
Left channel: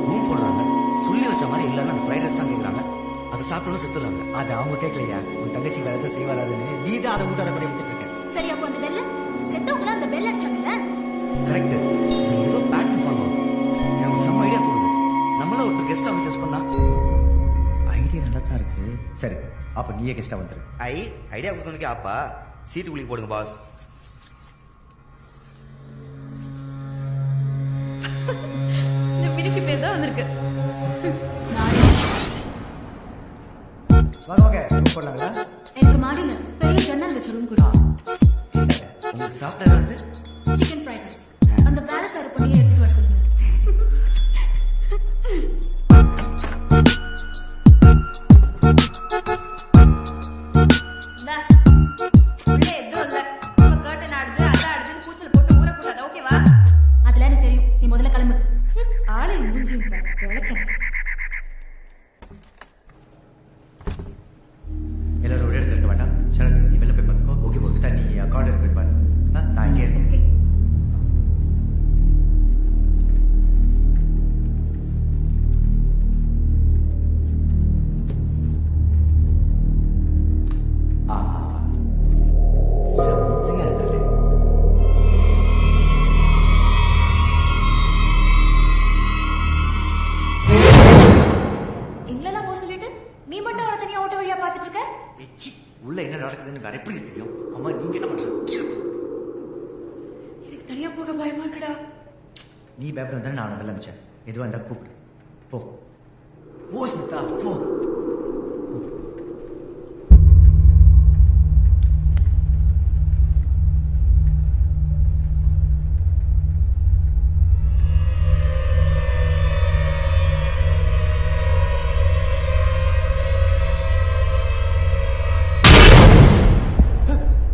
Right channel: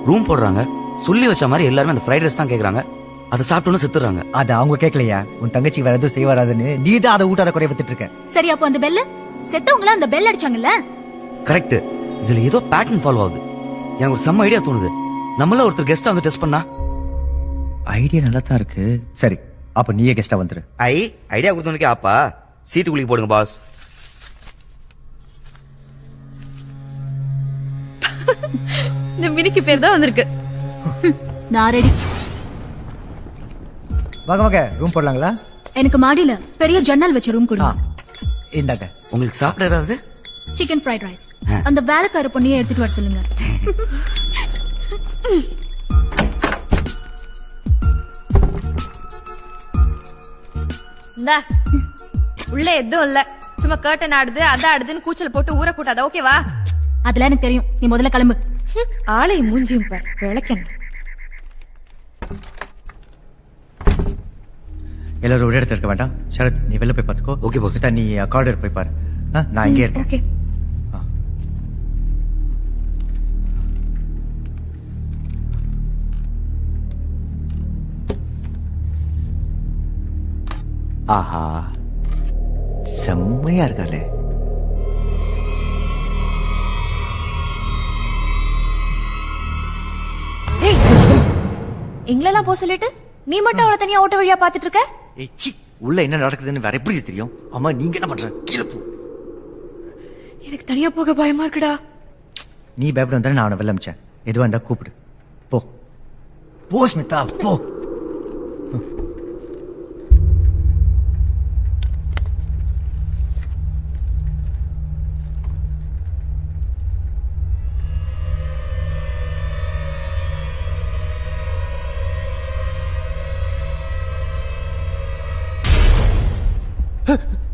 ரூம் போடுறாங்க, சொல்லி வச்ச மாதிரி எல்லாருமே அந்த ஃப்ரைட் ரைஸ் தான் கேக்குறாங்க. அதை சாப்பிட்டோன்னு செத்துறாங்க. அது அவங்க கேட்கலையா? உன் தங்கச்சி வேற எதுவும் செய்ய வராதுன்னு நீ தான் அதை ஊட்டாத குறைய வித்துட்டு இருக்க. சரி, அப்போ அந்த பெல்ல செத்தவங்கள அந்த பெல் அடிச்சாங்கல்ல? கரெக்ட். இதுல ஏதோ பேட்டர்ன் ஃபாலோ ஆகுது. எனக்கு ஒரு செம்ம ஐடியா தோணுது. நம்மள ஒருத்தர் கெஸ்டா வந்து டெஸ்ட் பண்ணா. ஐடியா நல்லா தான் இருக்கு. சரி, அப்ப நீயே கெஸ்டா வந்துரு. ஐடியா கொடுத்தவனுக்கே அப்பா சீட்டு குளிக்க போடுங்க பாஸ். இந்த மினிக்கு பேர் தான் வந்திருக்கு. நான் ரெடி. வாங்க வாங்க, ரூம் போடலாங்களா? எனக்கு மாடியில பெரிய ஜன்னல் வச்ச ரூம் கொடுங்க. இந்தாங்க. உங்களுக்கு சாப்பிட ஏதாவது? Chicken fried rice. அந்த வேலைக்கார பொண்ணையே எடுத்துட்டு வர சொல்லுங்க. உள்ள எதுவும் இல்ல. நம்ம கர்டன் ஆடுது அதான் ஆடுதுன்னு கூச்சல் போட்டு ஊற கூட்டாத. ஓகேவா? அதெல்லாம் எனக்கு தெரியும். நீ முதல்ல கிளம்பு. ஆளையும் மூஞ்சியும் பார், விளக்கணும். எல்லாரும் ஒரே இடத்துல இருக்க வேண்டாம். சரத், நீ வெளில போய் பார்த்துக்கோ. Okay pass. நீ கார்டர் போய் பாரு. நான் இங்கே இருக்கேன். ஓகே. ஆஹா, செம்மையா இருக்காளே. எங்களெல்லாம் போக சொல்லிட்டு நீ மட்டும் அவளை தனியா ஓட்ட வழியா பாத்துட்டு இருக்க. ஏச்சி, உள்ள என்ன நடக்குதுன்னு வேற எப்படி தெரியும்? அம்மா, நீங்க என்ன பண்ற? கீழே போ. எனக்கு தனியா போக பயமா இருக்குடா. நீ பயப்பட வந்தா நான் அவனை வெளில அமிச்சேன். எதுவா இருந்தா கூப்பிடு. போ போ ஸ்மிதா, போ.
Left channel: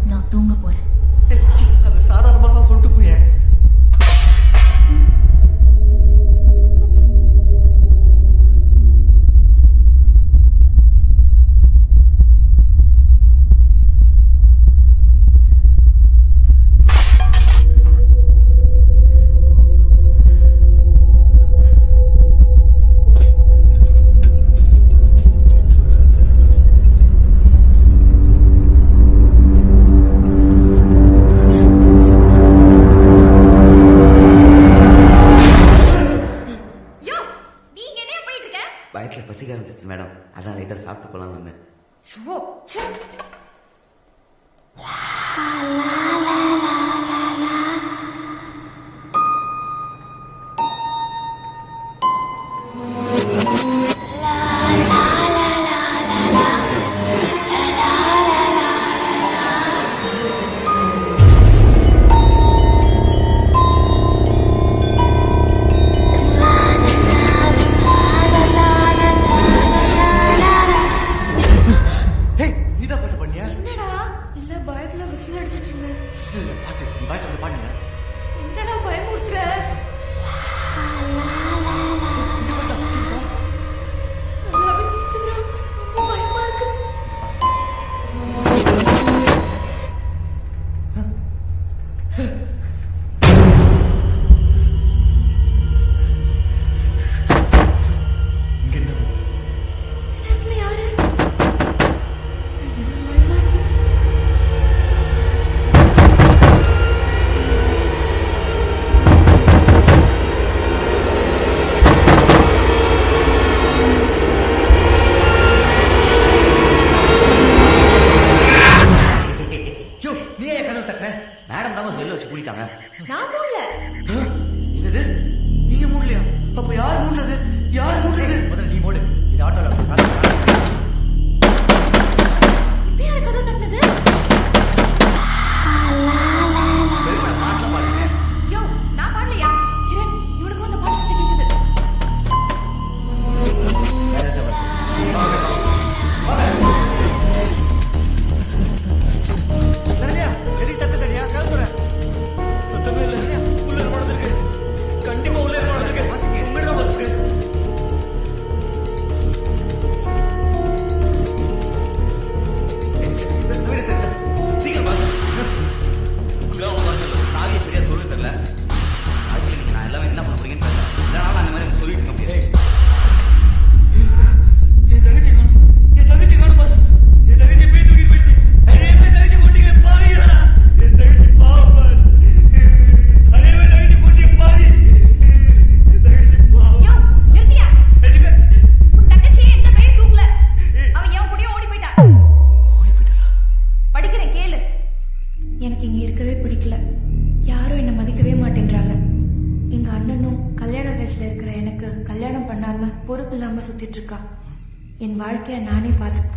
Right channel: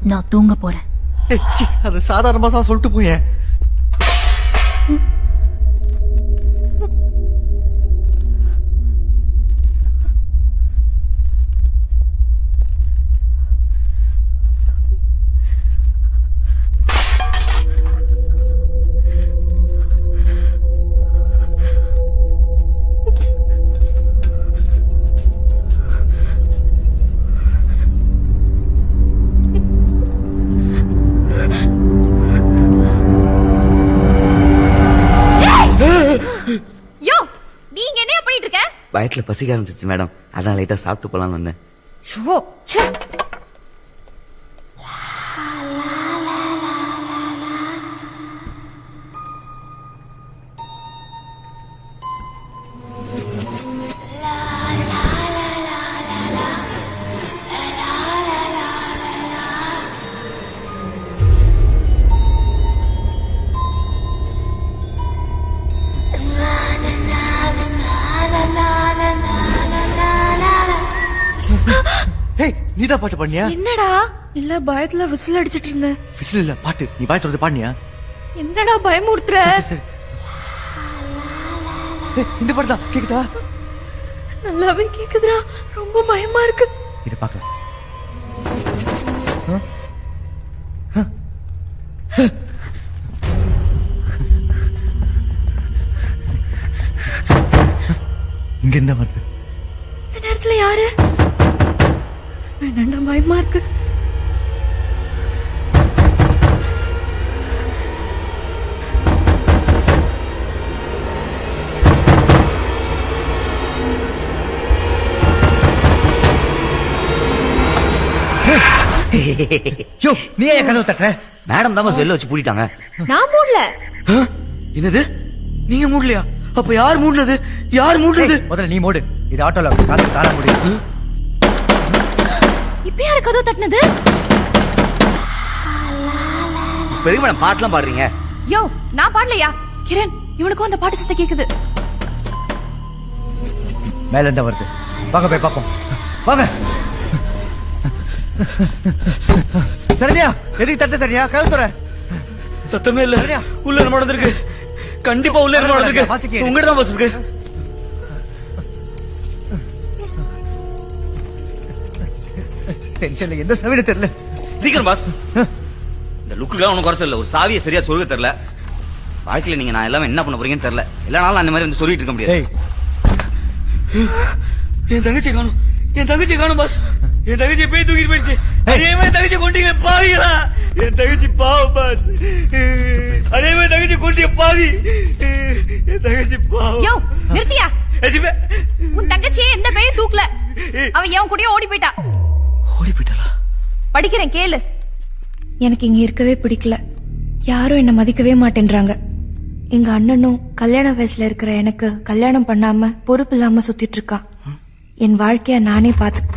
நான் தூங்க போறேன். அது சாதாரணமா தான் சொல்லிட்டு போயேன். வயிற்றுல பசிக்க ஆரம்பிச்சிருச்சு மேடம், அதான் லைட்டா சாப்பிட்டு போலான்னு வந்தேன். நீதான் பாட்டு பாடினியா? என்னடா? இல்ல, பயத்துல விசில் அடிச்சிட்டு இருந்தேன். விசில் இல்ல, பாட்டு. நீ பாட்டு வந்து பாடினியா? என்னடா பயமுறுத்துற? இந்த பாட்டு தான் கேக்குதா? நல்லாவே கேக்குதுடா. ரொம்ப பயமா இருக்கு. இத பாக்க. இங்க என்ன வருது? இந்த நேரத்துல யாரு? என்னடா பயமா இருக்கு. யோ, நீ ஏன் கதவு தட்டுற? மேடம் தான் வெளில வச்சு பூட்டிட்டாங்க. நான் மூடல. என்னது? நீங்க மூடலையா? அப்ப யார் மூடுறது? யார் மூடுறது? முதல்ல நீ மூடு. இது ஆட்டோல கால மூடு. இப்ப யாரு கதவு தட்டினது? பெரிய மேடம் பாட்டுலாம் பாடுறீங்க. யோ, நான் பாடலையா? கிரண், இவனுக்கும் அந்த பாட்டு சத்தம் கேக்குது. மேல இருந்து வருது. வாங்க போய் பாப்போம். வாங்க. சரியா? எதுக்கு தட்ட தெரியா? கதவு தர. சத்தமே இல்ல. உள்ள என்ன நடந்திருக்கு? கண்டிப்பா உள்ள என்ன நடந்திருக்கு? உங்ககிட்ட தான் பஸ் இருக்கு. டென்ஷன் எந்த சமயமே தெரியல. சீக்கிரம் பாஸ். இந்த லுக்குலாம் ஒன்றும் குறைச்சல. ஒரு சாவியை சரியா சொல்ல தெரியல. வாழ்க்கையில நீங்க நான் எல்லாமே என்ன பண்ண போறீங்கன்னு தெரியல. இல்லனாலும் அந்த மாதிரி வந்து சொல்லிட்டு இருக்க முடியாது. என் தங்கச்சி காணும், என் தங்கச்சி காணும் பாஸ். என் தங்கச்சி போய் தூக்கிட்டு போயிடுச்சு. அதே மாதிரி தங்கச்சி கொண்டீங்க பாவிங்களா. என் தங்கச்சி பாவம் பாஸ். அதே மாதிரி தங்கச்சி கொண்டீங்க பாவி. என் தங்கச்சி பாவம். யோ நிறுத்தியா? எஜிபே உன் தங்கச்சியே எந்த பேயும் தூக்கல. அவ என் கூடயே ஓடி போயிட்டா. ஓடி போயிட்டாளா? படிக்கிறேன் கேளு. எனக்கு இங்க இருக்கவே பிடிக்கல. யாரும் என்ன மதிக்கவே மாட்டேன்றாங்க. எங்க அண்ணனும் கல்யாண வயசுல இருக்கிற எனக்கு கல்யாணம் பண்ணாம பொறுப்பு இல்லாம சுத்திட்டு இருக்கான். என் வாழ்க்கைய நானே பார்த்து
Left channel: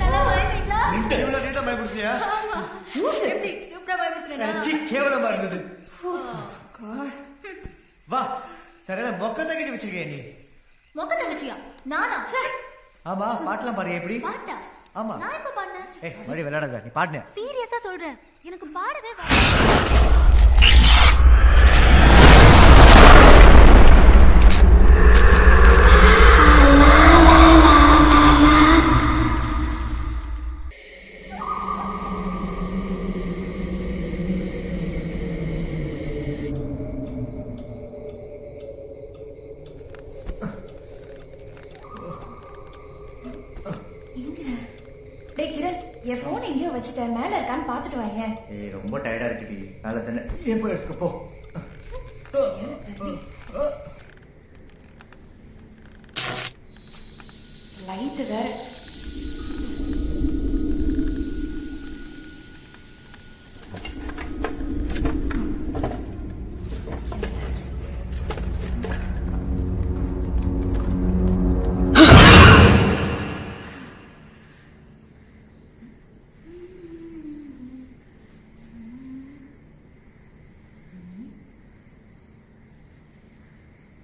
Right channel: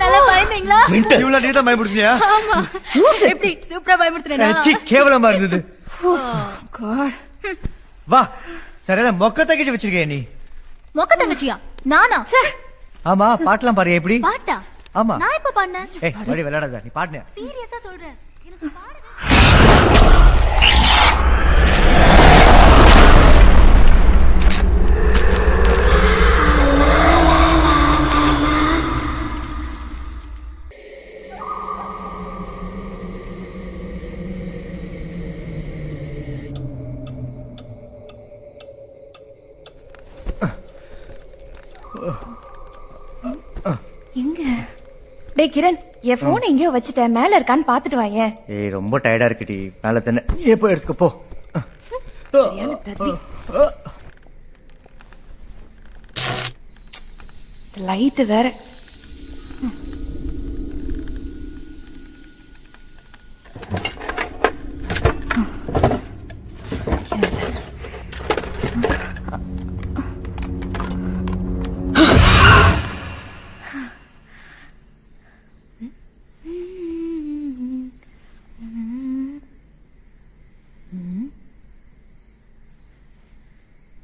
நல்லா பயந்தீங்களா? இவ்வளவு நீ தான் பயப்படுத்தியா? எப்படி சூப்பரா பயப்படுத்துறேனா? கேவலமா இருந்தது. God. வா சரியான மொக்க தங்கச்சி வச்சிருக்கேன் நீ. மொக்க தங்கச்சியா? நானா? ஆமா பாட்டெல்லாம் பாரு எப்படி? பாட்டா? ஆமா. நான் இப்ப பாடுனேன். ஏய் வடி விளையாடாத, நீ பாடுன. சீரியஸா சொல்றேன், எனக்கு பாடவே எங்க? டேய் கிரண், என் போன் எங்கேயோ வச்சுட்டேன். மேல இருக்கான்னு பாத்துட்டு வாயேன். ஏய் ரொம்ப டயர்டா இருக்குடி. மேல தானே எப்போ எடுத்துக்க போ. லைட் வேற.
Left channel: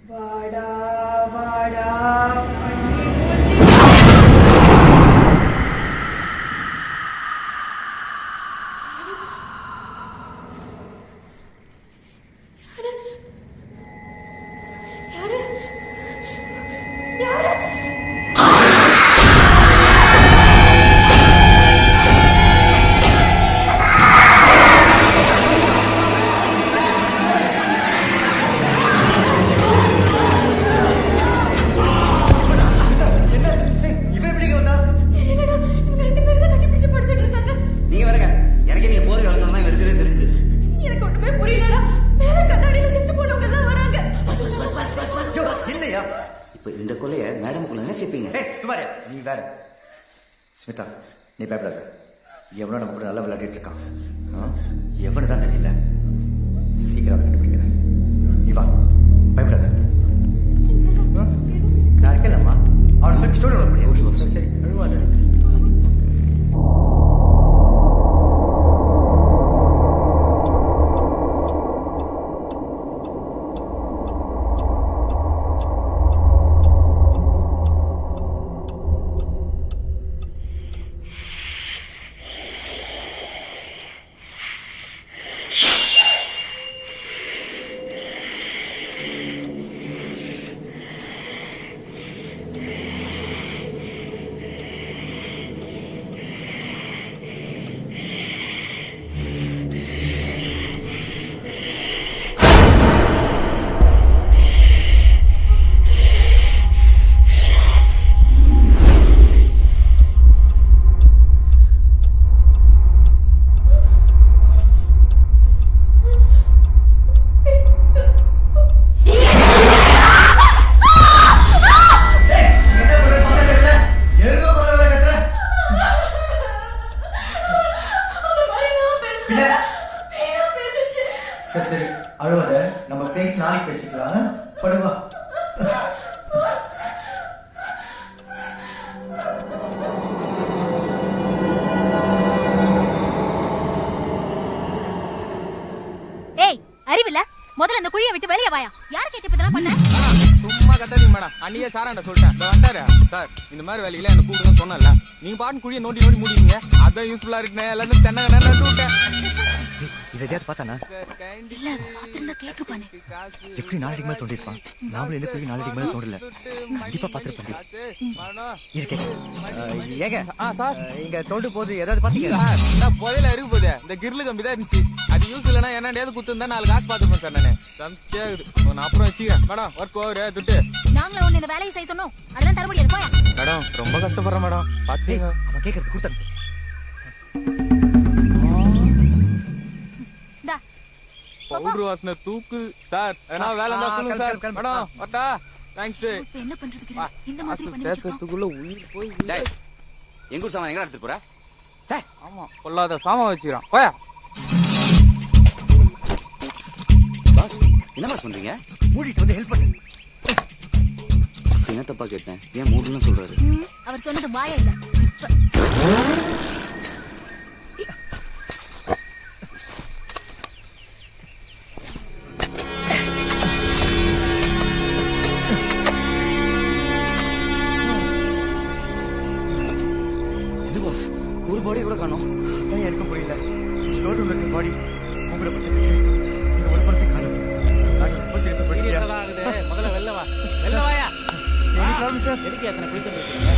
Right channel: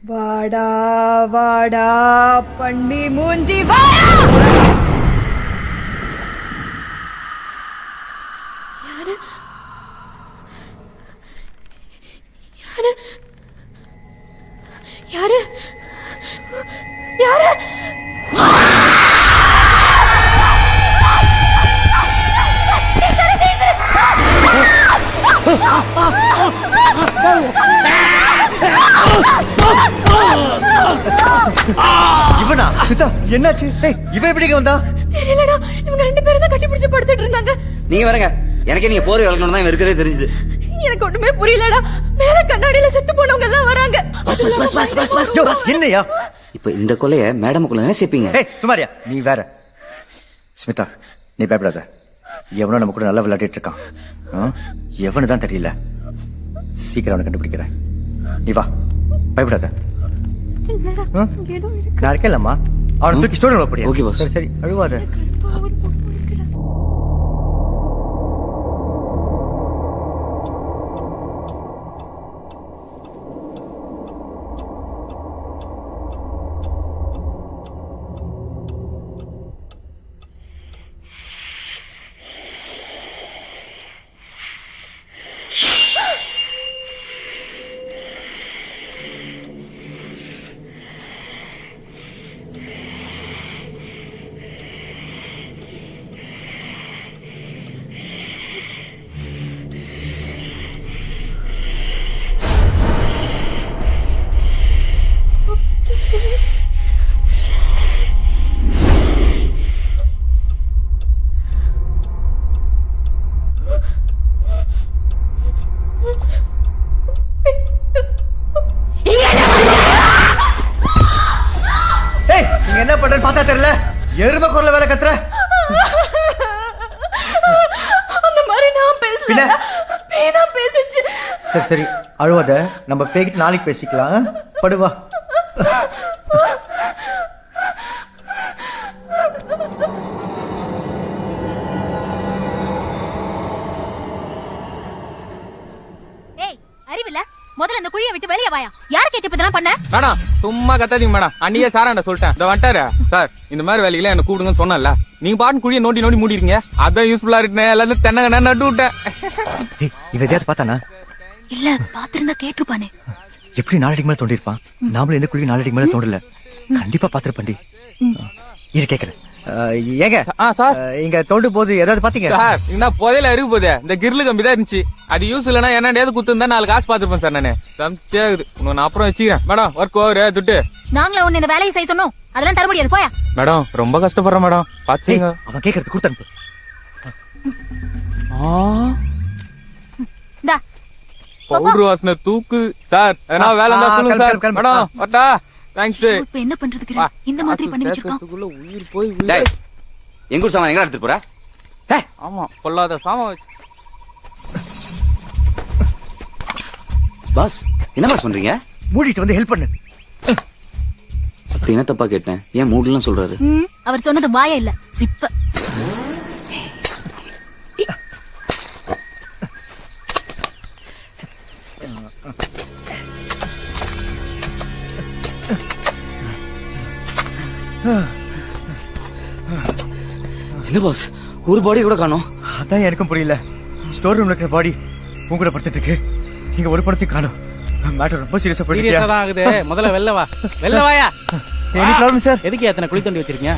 வாடா வாடா பண்ணி மூஞ்சி வாடா. யாரு யாரு யாரு? இவனா? என்னாச்சு? இவன் எப்படி வந்தா? தெரியலடா, இவங்க ரெண்டு பேரும் தான் கட்டி பிடிச்சு படுத்துட்டு இருந்தாங்க. நீங்க வரங்க, எனக்கே நீங்க போற வளர்க்கணும் தான் இருக்கிறதே தெரிஞ்சது. எனக்கு ஒண்ணுமே புரியலடா. மேல கண்ணாடியில செத்து போனவங்க எல்லாம் வராங்க. என்னையா இப்ப இந்த கொலைய மேடமுக்குள்ள தானே சேர்ப்பீங்க? சுமாரியா நீ வேற. ஸ்மிதா நீ பயப்படாத. எவனோ நம்ம கூட நல்லா விளையாடிட்டு இருக்கான். எவனு தான் தெரியல. சீக்கிரம் அவனை கண்டுபிடிக்கிறேன். நீ வா, பயப்படாத. நான் இருக்கேன்லம்மா. அவனை தூக்கி ஸ்டோரி அப்படியே. Okay boss. சரி சரி அழுவாத. எருமை குரல வேற கத்துற. அந்த மாதிரி நான் பேசல. பேனா பேசிச்சு. சரி சரி அழுவாத. நம்ம பேக்கிட்டு நாளைக்கு பேசிக்கலாம். படுவா. ஏய் அறிவில்ல, முதல்ல அந்த குழியை விட்டு வெளியே வாயா. யார கேட்டு இப்ப இதெல்லாம் பண்ண? மேடம் சும்மா கத்தாதீங்க மேடம். அன்னைக்கே சாராண்ட சொல்லிட்டேன். இந்த வந்துட்டாரு சார், இந்த மாதிரி வேலையில என்ன கூடுங்கன்னு சொன்னல. நீங்க பாட்டு குழியை நோண்டி நோண்டி மூடிருக்கீங்க. அதான் யூஸ்ஃபுல்லா இருக்குன்னு எல்லாரும் தென்னங்க நட்டு விட்டேன். இவ எதையாவது பார்த்தானா? இல்ல பாத்திருந்தா கேட்டிருப்பானே. எப்படி 4 அடிக்கு மேல தோண்டிருப்பான்? நாமளும் எந்த குழி 4 அடிக்கு மேல தோண்டல. கண்டிப்பா பாத்திருப்பண்டி. இரு கேக்குறேன். ஏங்க சார் இங்க தோண்டு போது ஏதாவது பாத்தீங்க? சார் என்ன புதையில இருக்கு போதே. இந்த கிரில் கம்பி தான் இருந்துச்சு. அது யூஸ் இல்லைன்னா என்னடையாவது குத்துருந்தா 4 காசு பாத்துருப்பேன் சார். நானு சம்சேகுது. நான் அப்புறம் வச்சுக்கிறேன் மேடம். ஒர்க் ஓவரு துட்டு. நாங்கள உன்னை இந்த வேலையை செய்ய சொன்னோம். அதெல்லாம் தர முடியாது. போயா மேடம். ரொம்ப கஷ்டப்படுறேன் மேடம். பாத்தீங்க அவன் கேக்குறது கொடுத்தனுப்பு. இந்தா பவுடர் வாசனை தூக்கு சார். ஏன்னா வேலை இருந்தா சொல்லுங்க சார். மேடம் வட்டா. தேங்க்ஸ். இப்ப என்ன பண்றதுக்கு இந்த மாதிரி பண்ணி வச்சிருக்கான். உயிர் போய் டேய், எங்க ஊர் சாமான் எங்க எடுத்துட்டு போற? ஆமா பொல்லாத சாமான் வச்சுக்கிறான். போயா. பாஸ் என்ன பாஸ் பண்றீங்க? மூடிட்டு வந்து ஹெல்ப் பண்ணு. அப்படி என்ன தப்பா கேட்டேன்? ஏன் மூடலாம் சொல்றாரு? அவர் சொன்னது வாயா இல்ல ஜிப்ப. என்ன பாஸ் ஒரு பாடி கூட காணோம்? அதான் எனக்கும் புரியல. ஸ்டோர் ரூம்ல இருக்கிற பாடி உங்களோட படுத்துட்டு இருக்கு. இங்க ஒரு படத்தையும் காணோம். மேட்டர் ரொம்ப சீரியஸா போயிட்டு சீரியஸா தான் ஆகுது. முதல்ல வெளில வா. வெளில வாயா. Any problem sir? எதுக்கு எத்தனை குழி தோண்டி வச்சிருக்கீங்க?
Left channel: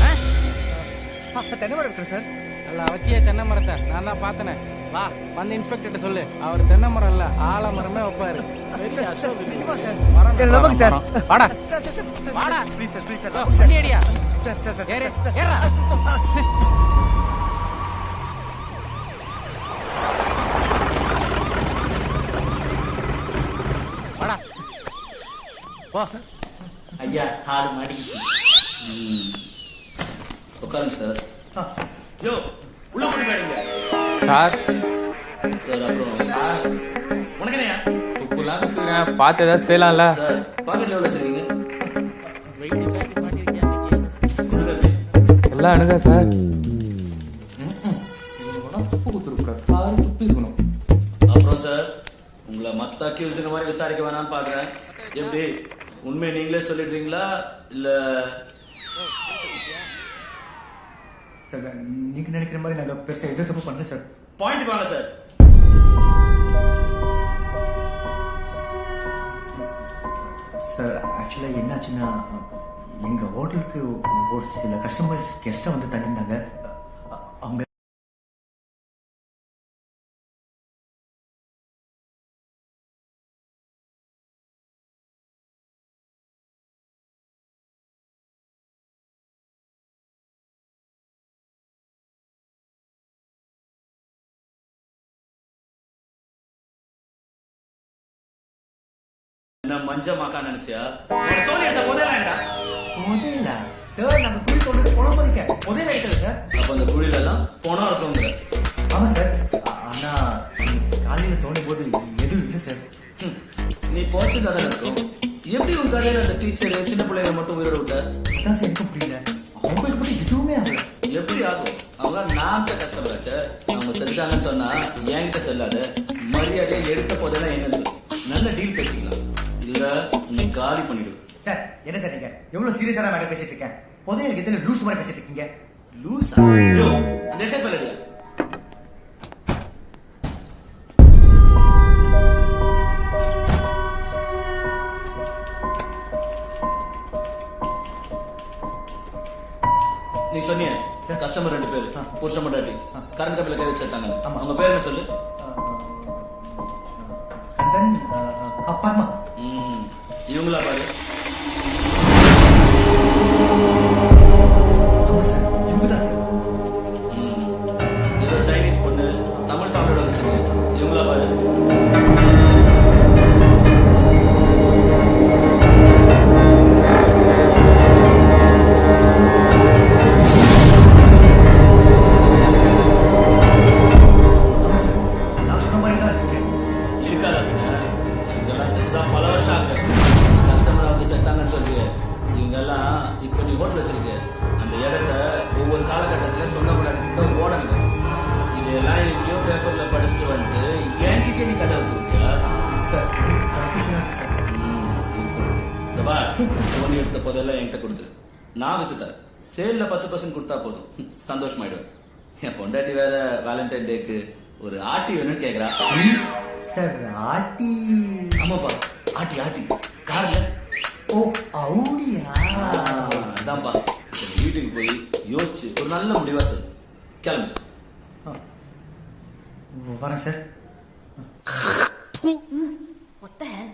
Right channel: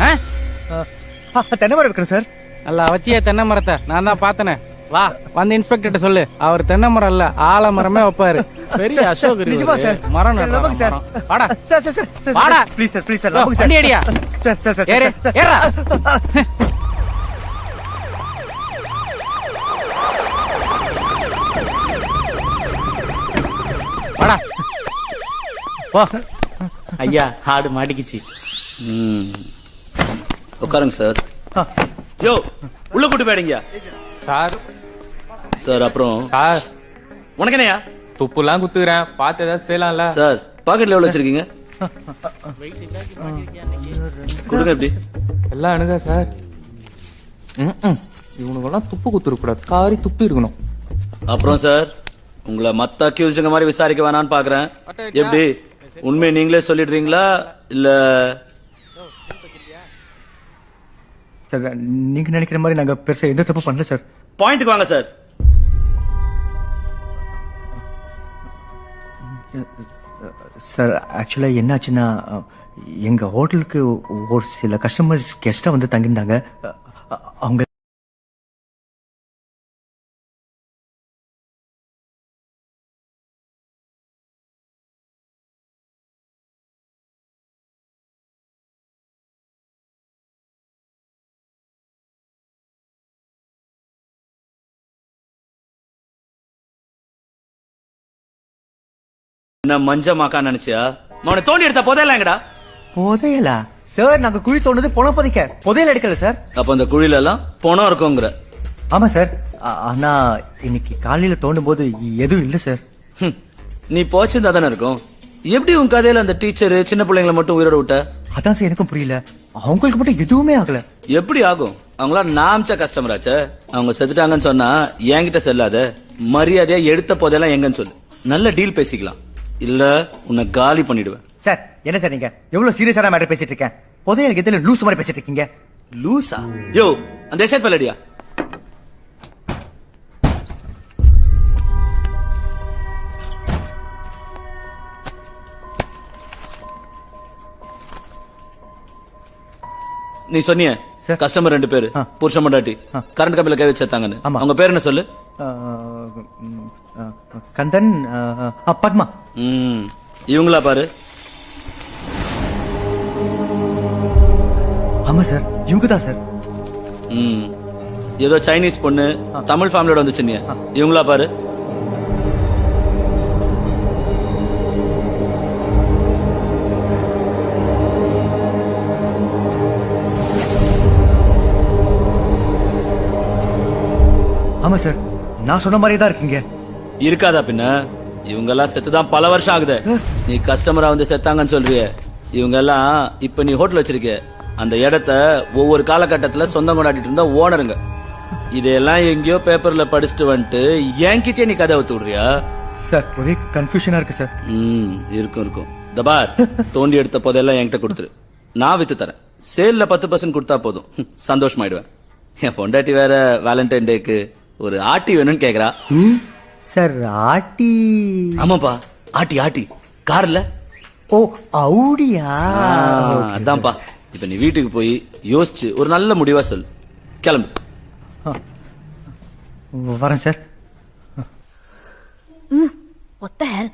தென்னை மரம் இருக்கிறேன் சார். நல்லா வச்சியே தென்னை மரத்தை. நான் தான் பார்த்தனே. வா வந்து இன்ஸ்பெக்டர் சொல்லு. அவர் தென்னை மரம் இல்ல ஆலமரமே வைப்பாரு. பெரிய அசோக் நிஜமா சார்? மரம் நம்புங்க சார். வாடா சார் சார் சார் வாடா. ப்ளீஸ் சார் ப்ளீஸ் சார் நம்புங்க சார். வண்டி அடியா. சார் சார் சார் ஏறு ஏறா. வாடா வா. ஐயா ஆடு மாட்டிக்கிச்சு. உட்காருங்க சார். யோ உள்ள போட்டு போயிடுங்க சார். சார் அப்புறம் சார் உனக்கு என்னையா துப்புலாம் குத்துக்கிறேன். பார்த்து ஏதாவது செய்யலாம்ல சார்? பாக்கெட்ல எவ்வளவு வச்சிருக்கீங்க? கொடுங்க எப்படி எல்லாம் அணுக சார். இவனுக்கெல்லாம் துப்பு குத்துருக்கூடாது. காரி துப்பி இருக்கணும். அப்புறம் சார் உங்களை மத்த அக்யூஸ்டுங்க மாதிரி விசாரிக்க வேணான்னு பாக்குறேன். எப்படி உண்மையை நீங்களே சொல்லிடுறீங்களா இல்ல? சார் நீங்க நினைக்கிற மாதிரி நாங்க பெருசா எந்த தப்பு பண்ணல சார். பாயிண்ட்க்கு வாங்க சார். சார் ஆக்சுவலா என்னாச்சுன்னா எங்க ஹோட்டலுக்கு ஒரு சில கஸ்டமர்ஸ் கெஸ்டா வந்து தங்கியிருந்தாங்க. அவங்க என்ன மஞ்சமாக்கா நினைச்சியா? உன தோண்டி எடுத்த புதையலாங்கடா. புதையலா சார்? நாங்க குழி தோண்டது பணம் பதிக்க, புதையல் எடுக்கல சார். அப்ப அந்த குழியில எல்லாம் பணம் இருக்குங்கிற? ஆமா சார். ஆனா இன்னைக்கு காலையில தோண்டும் போது எதுவும் இல்ல சார். நீ போச்சிருந்தா தானே இருக்கும். எப்படி உன் கதையில அந்த டீச்சர் சின்ன பிள்ளைங்களை மட்டும் உயிரோட விட்ட? அதான் சார் எனக்கும் புரியல. அவங்களுக்கு மட்டும் எதுவுமே ஆகல. எப்படி ஆகும்? அவங்களா நாம்ச்ச கஸ்டமர் ஆச்சே. அவங்க செத்துட்டாங்கன்னு சொன்னா என்கிட்ட செல்லாத. மரியாதையா எடுத்த போதெல்லாம் எங்கன்னு சொல்லு. நல்ல டீல் பேசிக்கலாம். இல்ல உன்னை காலி பண்ணிடுவேன். சார் என்ன சார் நீங்க எவ்வளவு சீரியஸான மேட்டர் பேசிட்டு இருக்கேன்? புதையலுக்கு எதிர லூஸ் மாதிரி பேசிட்டு இருக்கீங்க. லூசா? யோ அந்த எஸ்ஐட் பல்லடியா. நீ சொன்னிய கஸ்டமர் 2 பேரு புருஷ மண்டாட்டி கரண்ட் கம்பில கை வச்சாங்கன்னு. அவங்க பேர் என்ன சொல்லு? கந்தன், பத்மா. இவங்களா பாரு. ஆமா சார் இவங்க தான் சார். ஏதோ சைனீஸ் பொண்ணு தமிழ் ஃபேமிலியோட வந்துச்சு. நீ இவங்களா பாரு. ஆமா சார் நான் சொன்ன மாதிரி தான் இருக்குங்க. இருக்காதா பின்ன? இவங்க எல்லாம் செத்துதான் பல வருஷம் ஆகுது. நீ கஸ்டமரா வந்து செத்தாங்கன்னு சொல்றிய. இவங்க எல்லாம் இப்ப நீ ஹோட்டல் வச்சிருக்க அந்த இடத்த ஒவ்வொரு காலகட்டத்துல சொந்தம் கொண்டாடிட்டு இருந்தா ஓனருங்க. இதையெல்லாம் எங்கேயோ பேப்பர்ல படிச்சுட்டு வந்துட்டு என்கிட்டயே நீ கதை ஊத்து விடுறியா? சார் ஒரே கன்ஃபியூஷனா இருக்கு சார். இருக்கும் தபார் தோண்டி எடுத்த போதெல்லாம் என்கிட்ட கொடுத்துரு, நான் வித்து தரேன். சேல்ல 10% கொடுத்தா போதும், சந்தோஷமாயிடுவேன். என் பொண்டாட்டி வேற வேலண்டைன் டேக்கு ஒரு ஆட்டி வேணும்னு கேக்குறா. சார் ஆட்டி? ஆமாப்பா, ஆட்டி ஆட்டி கார்ல. ஓ அவுடியா? அதான்ப்பா. இப்ப நீ வீட்டுக்கு போய் யோசிச்சு ஒரு நல்ல முடிவா சொல்லு. கிளம்பு. வரேன் சார். What the hell?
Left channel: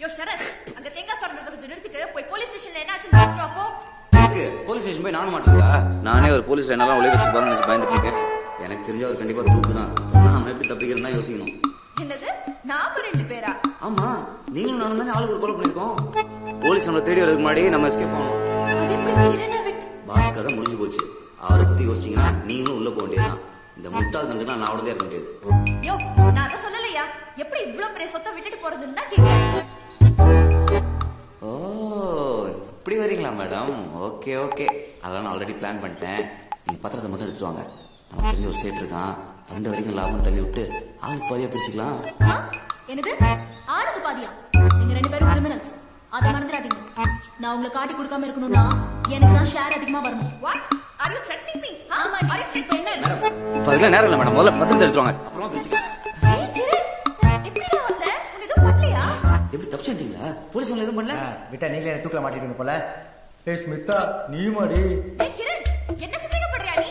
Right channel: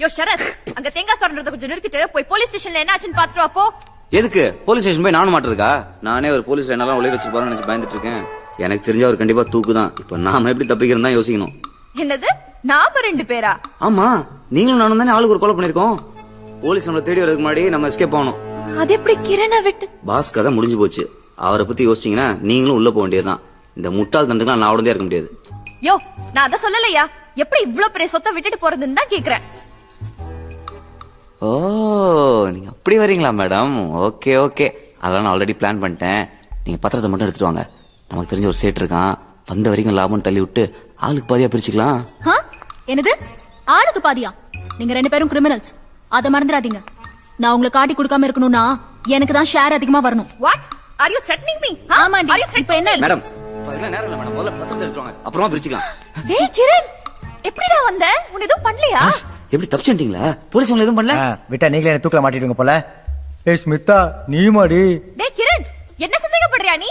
யோ சரத், அங்க தேங்காய் சொல்றத கொஞ்சம் நிறுத்திட்டு போய் போலீஸ் ஸ்டேஷன்ல என்ன ஆச்சுன்னு பாத்துட்டு வா போ. எதுக்கு போலீஸ் ஸ்டேஷன் போய் நானும் மாட்டிருக்கா? நானே ஒரு போலீஸ் என்னெல்லாம் உழைய வச்சு பாருன்னு நினைச்சு பயந்துட்டு இருக்கேன். எனக்கு தெரிஞ்ச அவர் கண்டிப்பா தூக்கு தான். இப்போ நாம எப்படி தப்பிக்கிறதா யோசிக்கணும். என்னது, நாம 2 பேரா? ஆமா, நீங்களும் நானும் தானே ஆளுக்கு ஒரு கொலை பண்ணிருக்கோம். போலீஸ் நம்மளை தேடி வரதுக்கு முன்னாடி நம்ம எஸ்கேப் ஆகணும். அது எப்படி கிரணை விட்டு? பாஸ் கதை முடிஞ்சு போச்சு. அவரை பத்தி யோசிச்சீங்கன்னா நீங்களும் உள்ள போக வேண்டியதுதான். இந்த முட்டாள் தண்டுக்கெல்லாம் நான் உடனே இருக்க முடியாது. யோ, நான் அத சொல்லலையா. எப்படி இவ்ளோ பெரிய சொத்தை விட்டுட்டு போறதுன்னு தான் கேக்குறேன். ஓ, நீங்க அப்படி வரீங்களா மேடம்? ஓகே ஓகே, அதெல்லாம் நான் ஆல்ரெடி பிளான் பண்ணிட்டேன். நீங்க பத்திரத்தை மட்டும் எடுத்துட்டு வாங்க. நமக்கு தெரிஞ்ச ஒரு சேட் இருக்கான், வந்த வரைக்கும் லாபம் தள்ளி விட்டு ஆளுக்கு பாதியா பிரிச்சுக்கலாம். என்னது, ஆளுக்கு பாதியா? நீங்க 2 பேரும் கிரிமினல்ஸ், அத மறந்துடாதீங்க. நான் உங்களுக்கு காட்டி கொடுக்காம இருக்கணும்னா எனக்கு தான் ஷேர் அதிகமா வரணும். What are you threatening me? ஆமாண்டி. இப்போ என்ன மேடம், இப்போ அதெல்லாம் நேரம் இல்லை மேடம். முதல்ல பத்திரத்தை எடுத்துட்டு வாங்க, அப்புறமா பிரிச்சுக்கலாம். டேய் கிரண், எப்படிடா வந்த? உன்னை எதுவும் பண்ணலையா? எப்படி தப்பிச்சிட்டீங்களா? போலீஸ் உங்களை எதுவும் பண்ணல? விட்டா நீங்களே என்ன தூக்கல மாட்டிடுங்க போல. ஏய் ஸ்மிதா, நீ மாடி. டேய் கிரண், என்ன சந்தேகப்படுறியா நீ?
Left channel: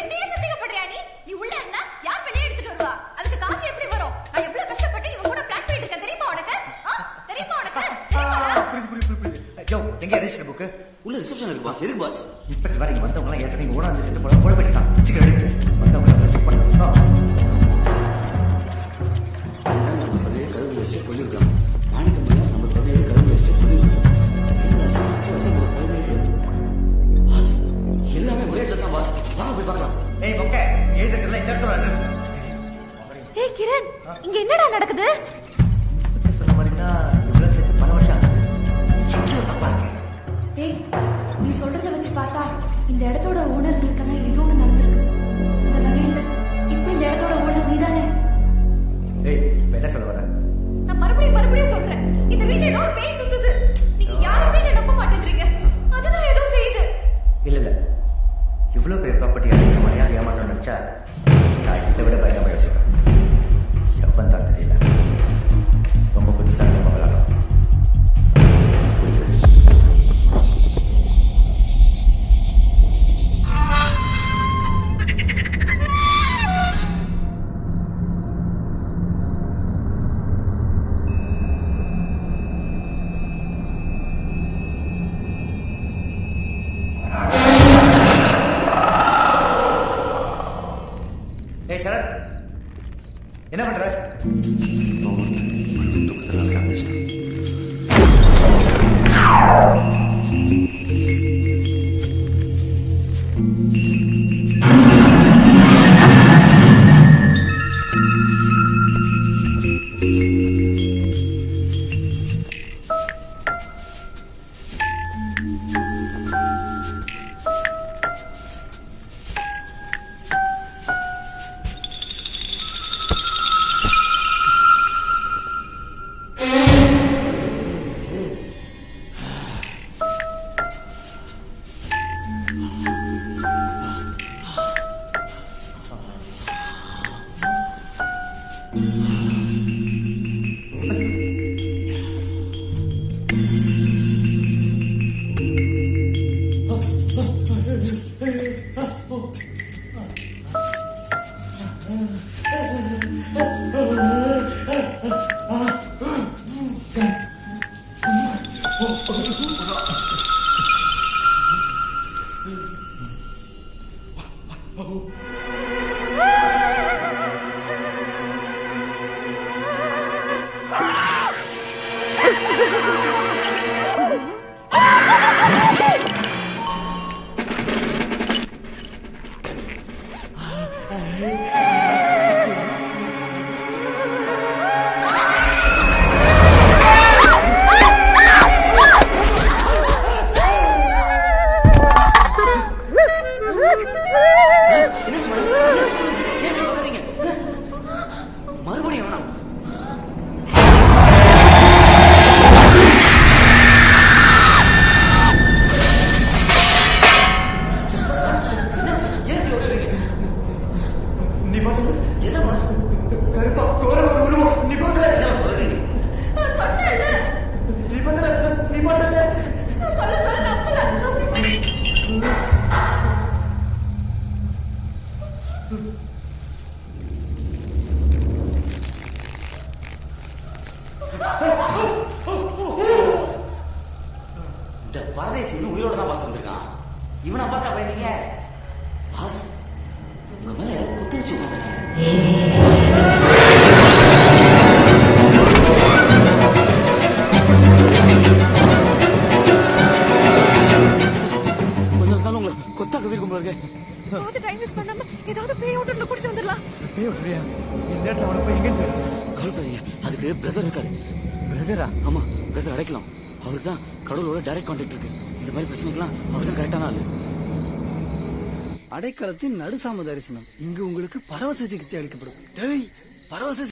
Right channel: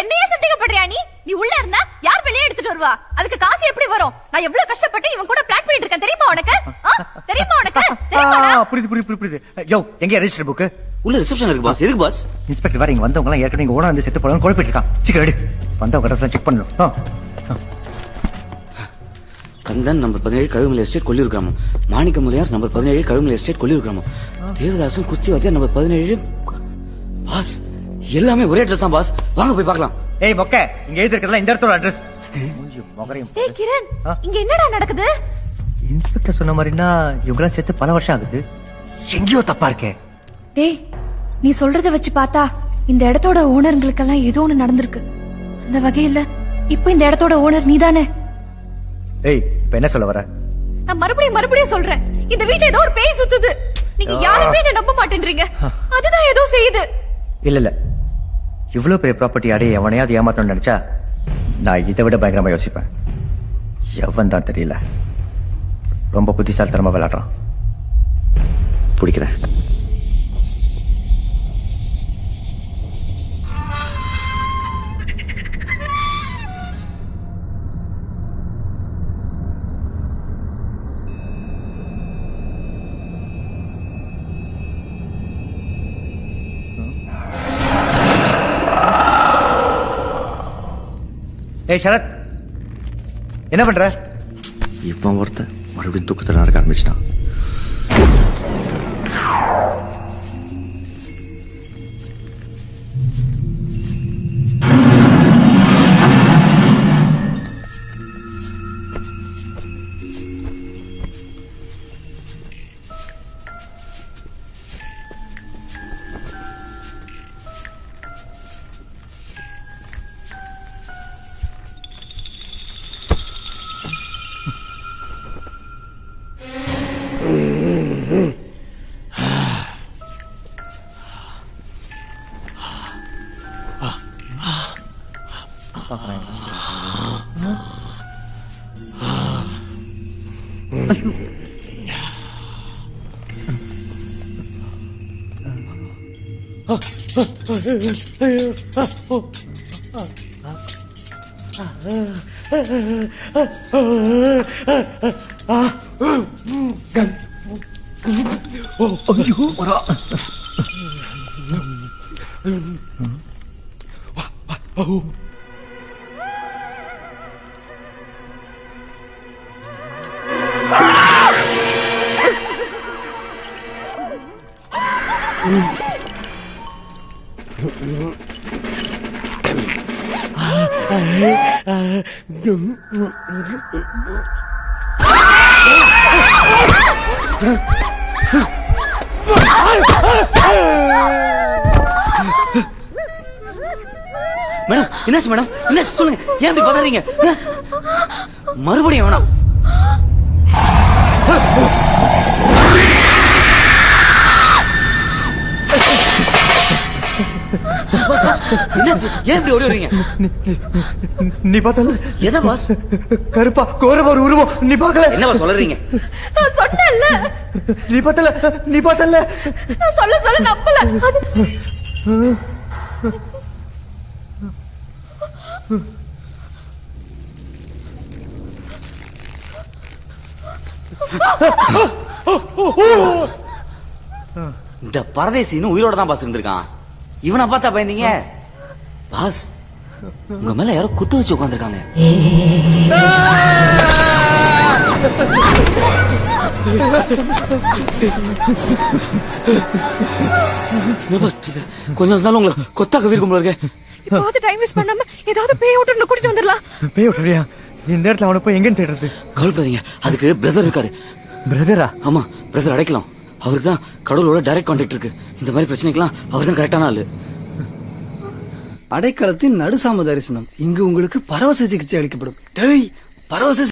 என்னையே சந்தேகப்படுறியா நீ? நீ உள்ள இருந்தா யார் வெளியே எடுத்துட்டு வருவா? அதுக்கு காசு எப்படி வரும்? நான் எவ்வளவு கஷ்டப்பட்டு இவன் கூட பிளான் பண்ணிட்டு இருக்கேன் தெரியுமா உனக்கு? தெரியுமா உனக்கு? புரியுது. யோ, எங்க ரெஜிஸ்டர் புக்? உள்ள ரிசப்ஷன் இருக்கு பாஸ். எதுக்கு பாஸ்? இன்ஸ்பெக்டர் வேற இங்க வந்தவங்க எல்லாம் ஏற்கனவே இங்க ஓனர் வந்து செத்து போறாங்க, குழப்பிட்டு இருக்கான். சீக்கிரம் எடு, வந்தவங்க ட்ரெஸ் செக் பண்ணணும். கந்தன் நம்பர் 17 கழுகுமலை எஸ்டேட் கொல்லியூர் கிராமம். மாணிக்க முனியார் நம்பர் 17 கழுகுமலை எஸ்டேட் கொல்லியூர் கிராமம். தேவதாசன் குஸ்திவாத்தியார் நம்பர் 17. பாஸ், எல்லாமே ஒரே அட்ரஸ் தான் பாஸ். வாங்க போய் பார்க்கலாம். ஏய் மொக்க, இங்க எழுதி இருக்கிறதுல இந்த இடத்தோட அட்ரஸ். ஏய் கிரண், இங்க என்னடா நடக்குது? இன்ஸ்பெக்டர் சொன்ன மாதிரினா இவங்கள சேர்த்து பல வருஷம் ஆகுது. எங்கேயோ தப்பா இருக்கே. டேய், நீ சொல்றத வச்சு பார்த்தா இந்த இடத்தோட ஓனர்களுக்கெல்லாம் ஏதோ ஒன்று நடந்திருக்கு. அந்த வகையில் இப்போ இந்த இடத்தோட ஓனர் நீதானே? ஏய், இப்போ என்ன சொல்ல வர? நான் மறுபடியும் சொல்றேன், இந்த வீட்ல ஏதோ ஒரு பேய் சுத்துது. நீங்க யாருமே என்ன நம்ப மாட்டேன்றீங்க. அதுதான் ஏதோ செய்யுது. இல்ல இவ்வளவு பெரிய ப்ராப்பர்ட்டி அடைய எவனையாவது ஏமாத்தணும்னு நினைச்சா நான் இதை விட பயங்கரமா யோசிப்பேன். எவன் தான் தெரியல, ரொம்ப புத்திசாலித்தனமா விளையாடுறான். பிடிக்கிறேன். ஏய் சரத், என்ன பண்ற? இப்போ ஒருத்தன் மறுபடியும் தூக்கத்தில் நடக்க ஆரம்பிச்சிட்டான். மேடம் என்னாச்சு மேடம்? என்ன சொல்லுங்க, ஏன் இப்படி பண்ணாதீங்க? மறுபடியும் வேணாம். என்னாச்சு? ஏன் இப்படி ஓடி வரீங்க? நீ பார்த்தல? எதை பாஸ்? கருப்பா கோரமா ஒரு உருவம், நீ பார்க்கல? என்னவா சொல்றீங்க? நான் சொன்னேன்ல, நீ பார்த்தல? நீ பார்த்தல? நான் சொல்ல நம்பல. இந்த பரதேசி இன்னும் உயிரோட தான் பாஸ் இருந்திருக்கான். இவனை பார்த்தா பயந்தீங்க? பாஸ், உங்க மேல யாரோ குத்து வச்சு உட்காந்துருக்காங்க. கொஞ்சம் நாள் உங்களை கொத்தாக்க வீர்க்கும் இருக்கு. இப்போ டைம் வேஸ்ட் பண்ணாம ஏதாவது பேய் ஓட்டர்ல கூட்டிட்டு வந்துடலாம். பேய் ஓட்டறியா? இந்த நேரத்துல அவனை போய் எங்கன்னு தேடுறது? கவலைப்படாதீங்க, அதுக்கு பிரதர் இருக்காரு. பிரதரா? ஆமா, பிரதர் அடைக்கலாம். அவருக்கு தான் கடவுளோட டைரக்ட் கான்டாக்ட் இருக்கு. இந்த மாதிரி பிரச்சனைக்கெல்லாம் அவர் தான் கரெக்டான ஆளு. அடைக்கலத்தின் நடுசாம தரிசனம். இங்கு உங்களுக்கு பரவச சிகிச்சை அளிக்கப்படும். டேய், பரவச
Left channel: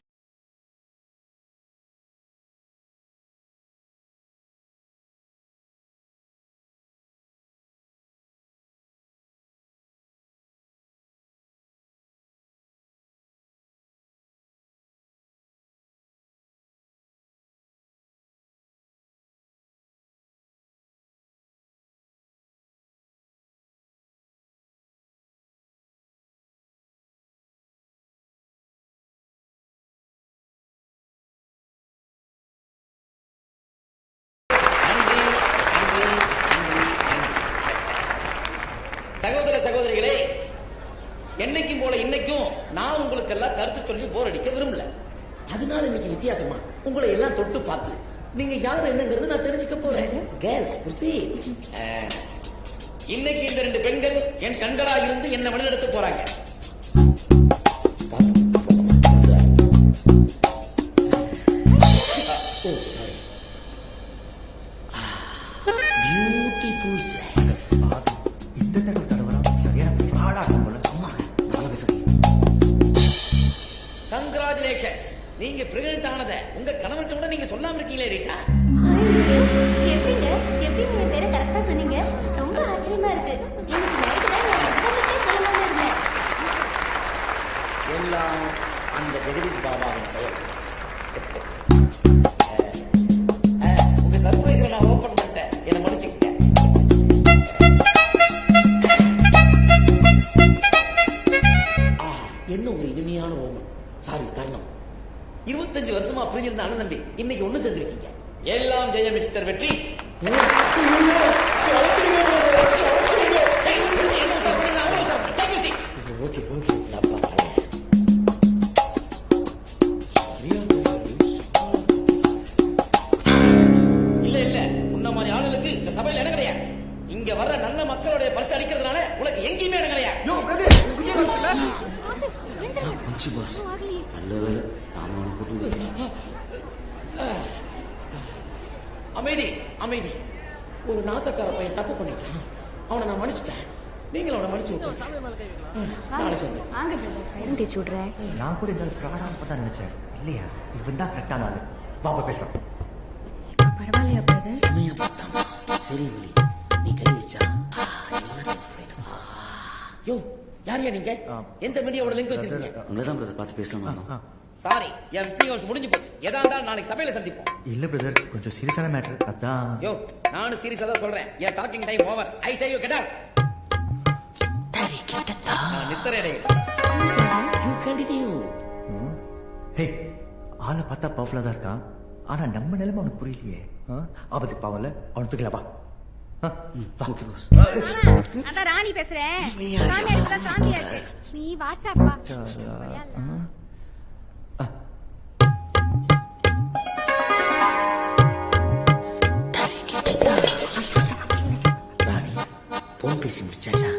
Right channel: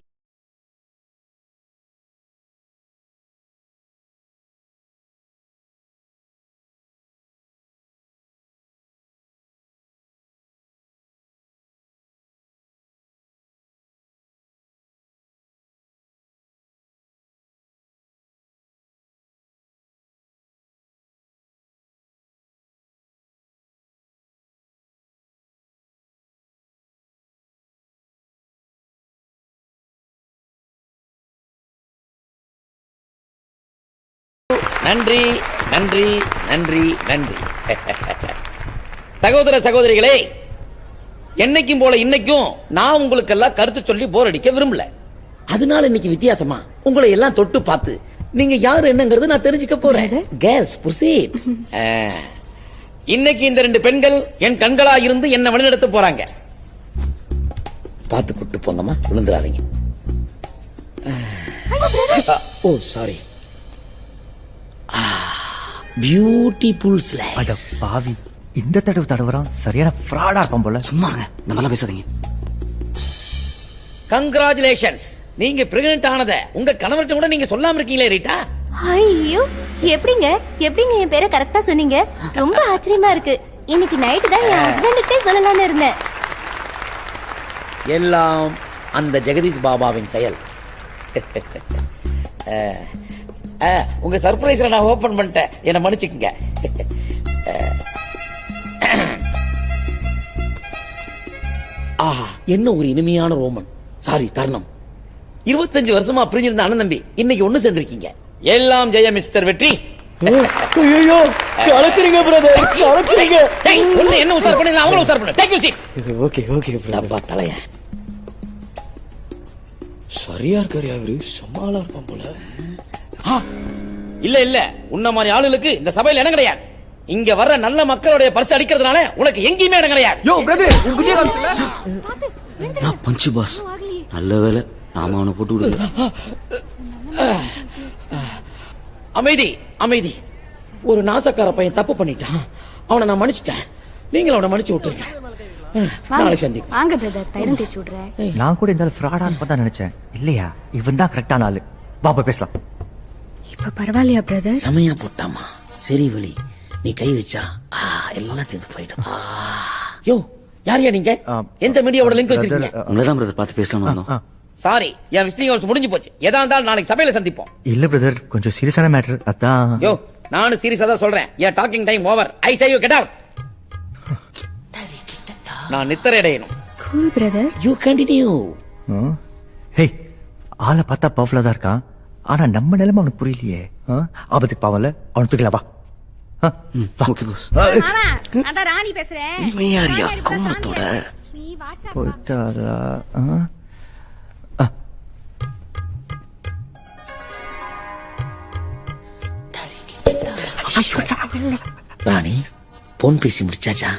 நன்றி நன்றி நன்றி நன்றி. சகோதர சகோதரிகளே, என்னைக்கும் போல இன்னைக்கும் நான் உங்களுக்கெல்லாம் கருத்து சொல்லி போர் அடிக்க விரும்பல. அதனால இன்னைக்கு வித்தியாசமா உங்களை எல்லாம் தொட்டு பார்த்து நீங்க யாரு என்னங்கிறது நான் தெரிஞ்சுக்க போறேன். Case proceed. இன்னைக்கு இந்த 2 பெண்கள் என் கண்களா இருந்து என்ன வழிநடத்த போறாங்க. பார்த்து கூட்டு போங்கம்மா, விழுந்துடாதீங்க. ஓ சாரி. Beautiful slice. பாவி, இந்த தடவை தடவறான். சரியான ஃப்ராடா இருக்கும் போல. சும்மாங்க, நல்லா பேசாதீங்க. கங்க்ராச்சுலேஷன்ஸ், நீங்க பிரெக்னன்ட் ஆனத உங்க கணவர்கிட்ட கூட நீங்க சொல்லாம இருக்கீங்களே ரீட்டா. ஐயோ, எப்படிங்க என் பேரை கரெக்டா சொன்னீங்க? ரொம்ப ஆச்சரியமா இருக்கு. இன்னைக்கு நைட்டு தான் என் ஹஸ்பண்டுக்கே சொல்லலாம்னு இருந்தேன். எல்லாம் அந்த ஜெகதீஷ் பாபாவின் செயல். உங்க சர்ப்ரைஸ்ல நான் ஓபன் பண்ணிட்டேன், என்ன மன்னிச்சுக்கங்க. ஆஹா, என்ன ஒரு இனிமையான ரோமன், சாரி தருணம். 25 வருஷமா பிரிஞ்சிருந்த அண்ணன் தம்பி இன்னைக்கு ஒண்ணு சேர்ந்திருக்கீங்க. எல்லாம் ஜெய மிஸ்டர் வெற்றி. ஐயோ, கலக்குறீங்க பிரதர், கலக்குறீங்க. என்ன உசார் பண்ணி அவங்கள உசார் பண்ண. Take you seat. Okay okay. டப்பா தலையா சரியா இருக்காரு, அவரு சமாளா இருக்கும் போல. இல்ல இல்ல, உன்ன மாதிரி ஆளுகளுக்கு இந்த சபையில இடம் கிடையாது. இங்க வர்ற நல்ல மக்களுடைய பரிசு அடிக்கிறதுனால உனக்கு எங்கேயுமே இடம் கிடையாது. யோ பிரதர், உங்க குதிய காலத்துல நான் பஞ்சு பாஸ், நல்ல வேலை நாம அவனை போட்டு விடுங்க. அமைதி அமைதி. ஒரு நாசக்கார பையன் தப்பு பண்ணிட்டான், அவனை நான் மன்னிச்சிட்டேன். நீங்களும் அவனை மன்னிச்சு விட்டுருங்க. நாளைக்கு சந்தி. வாங்க பிரதர், தைரம் தேய்ச்சி விடுறேன். நான் கூட இந்த ஃப்ராடான்னு பார்த்தா நினைச்சேன். இல்லையா, இவன் தான் கரெக்டான ஆளு. பாப்பா பேசலாம். இப்ப பரவாயில்லையா பிரதர்? சமயம் போட்டாமா, சரி வழி. நீ கை வச்சா எல்லாம் சேர்ந்து போயிடும். யோ, யாரையா நீங்க? எந்த மீடியாவோட லிங்க் வச்சிருக்கீங்க? உங்களதான் பிரதர் பார்த்து பேசலாம் வந்தோம். சாரி, என் விசிட்டிங் ஹவர்ஸ் முடிஞ்சு போச்சு. எதா இருந்தாலும் நாளைக்கு சபையில சந்திப்போம். இல்ல பிரதர், கொஞ்சம் சீரியஸான மேட்டர். அதான். யோ, நானும் சீரியஸா தான் சொல்றேன். என் talking time over. I say you get out. நான் நித்திரை அடையணும். Brother, you continue. ஹே, ஆளை பார்த்தா பவர்ஃபுல்லா தான் இருக்கான். ஆனா நம்ம நிலைமை அவனுக்கு புரியலையே. ஆபத்துக்கு பாவம்ல, அவன் தூக்கல. வா. Okay boss. அதான் ராணி பேசுறேன். நீ வாட்ஸ்அப் வா. ராணி, போன் பேசி முடிச்சாச்சா?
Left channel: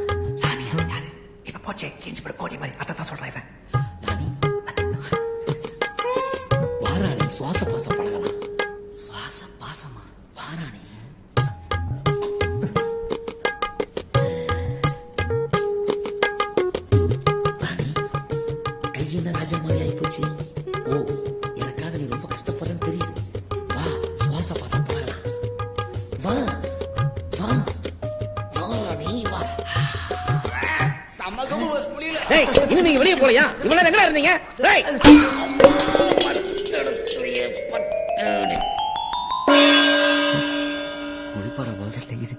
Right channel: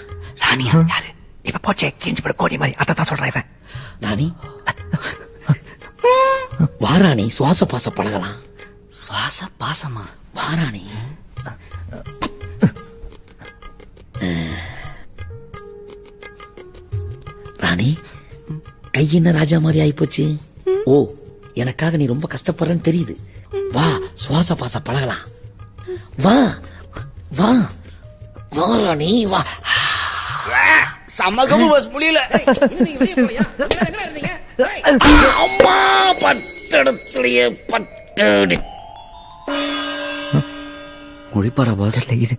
ராணியா யாரு? இப்ப போச்சே, கேஞ்சி பட கோடி மாதிரி. அதான் சொல்றேன் இவன். ராணி வாராணி, சுவாச பாச பழகலாம். சுவாச பாசமா? வாராணி. கை என்ன ராஜா மாதிரி ஆயிப்போச்சு. ஓ, எனக்காக நீ ரொம்ப கஷ்டப்படுறன்னு தெரியுது. வா, சுவாச பாச பழகலாம். வா வா வா ராணி வா. சமகமு பஸ் புரியல. இன்னும் நீங்க வெளியே போலையா? இவ்வளவு நேரம் எங்க இருந்தீங்க? ஏய், அம்மா பட்டடத்துலயே பட்டடி. முடிப்பாரா பாஸ்? இரு.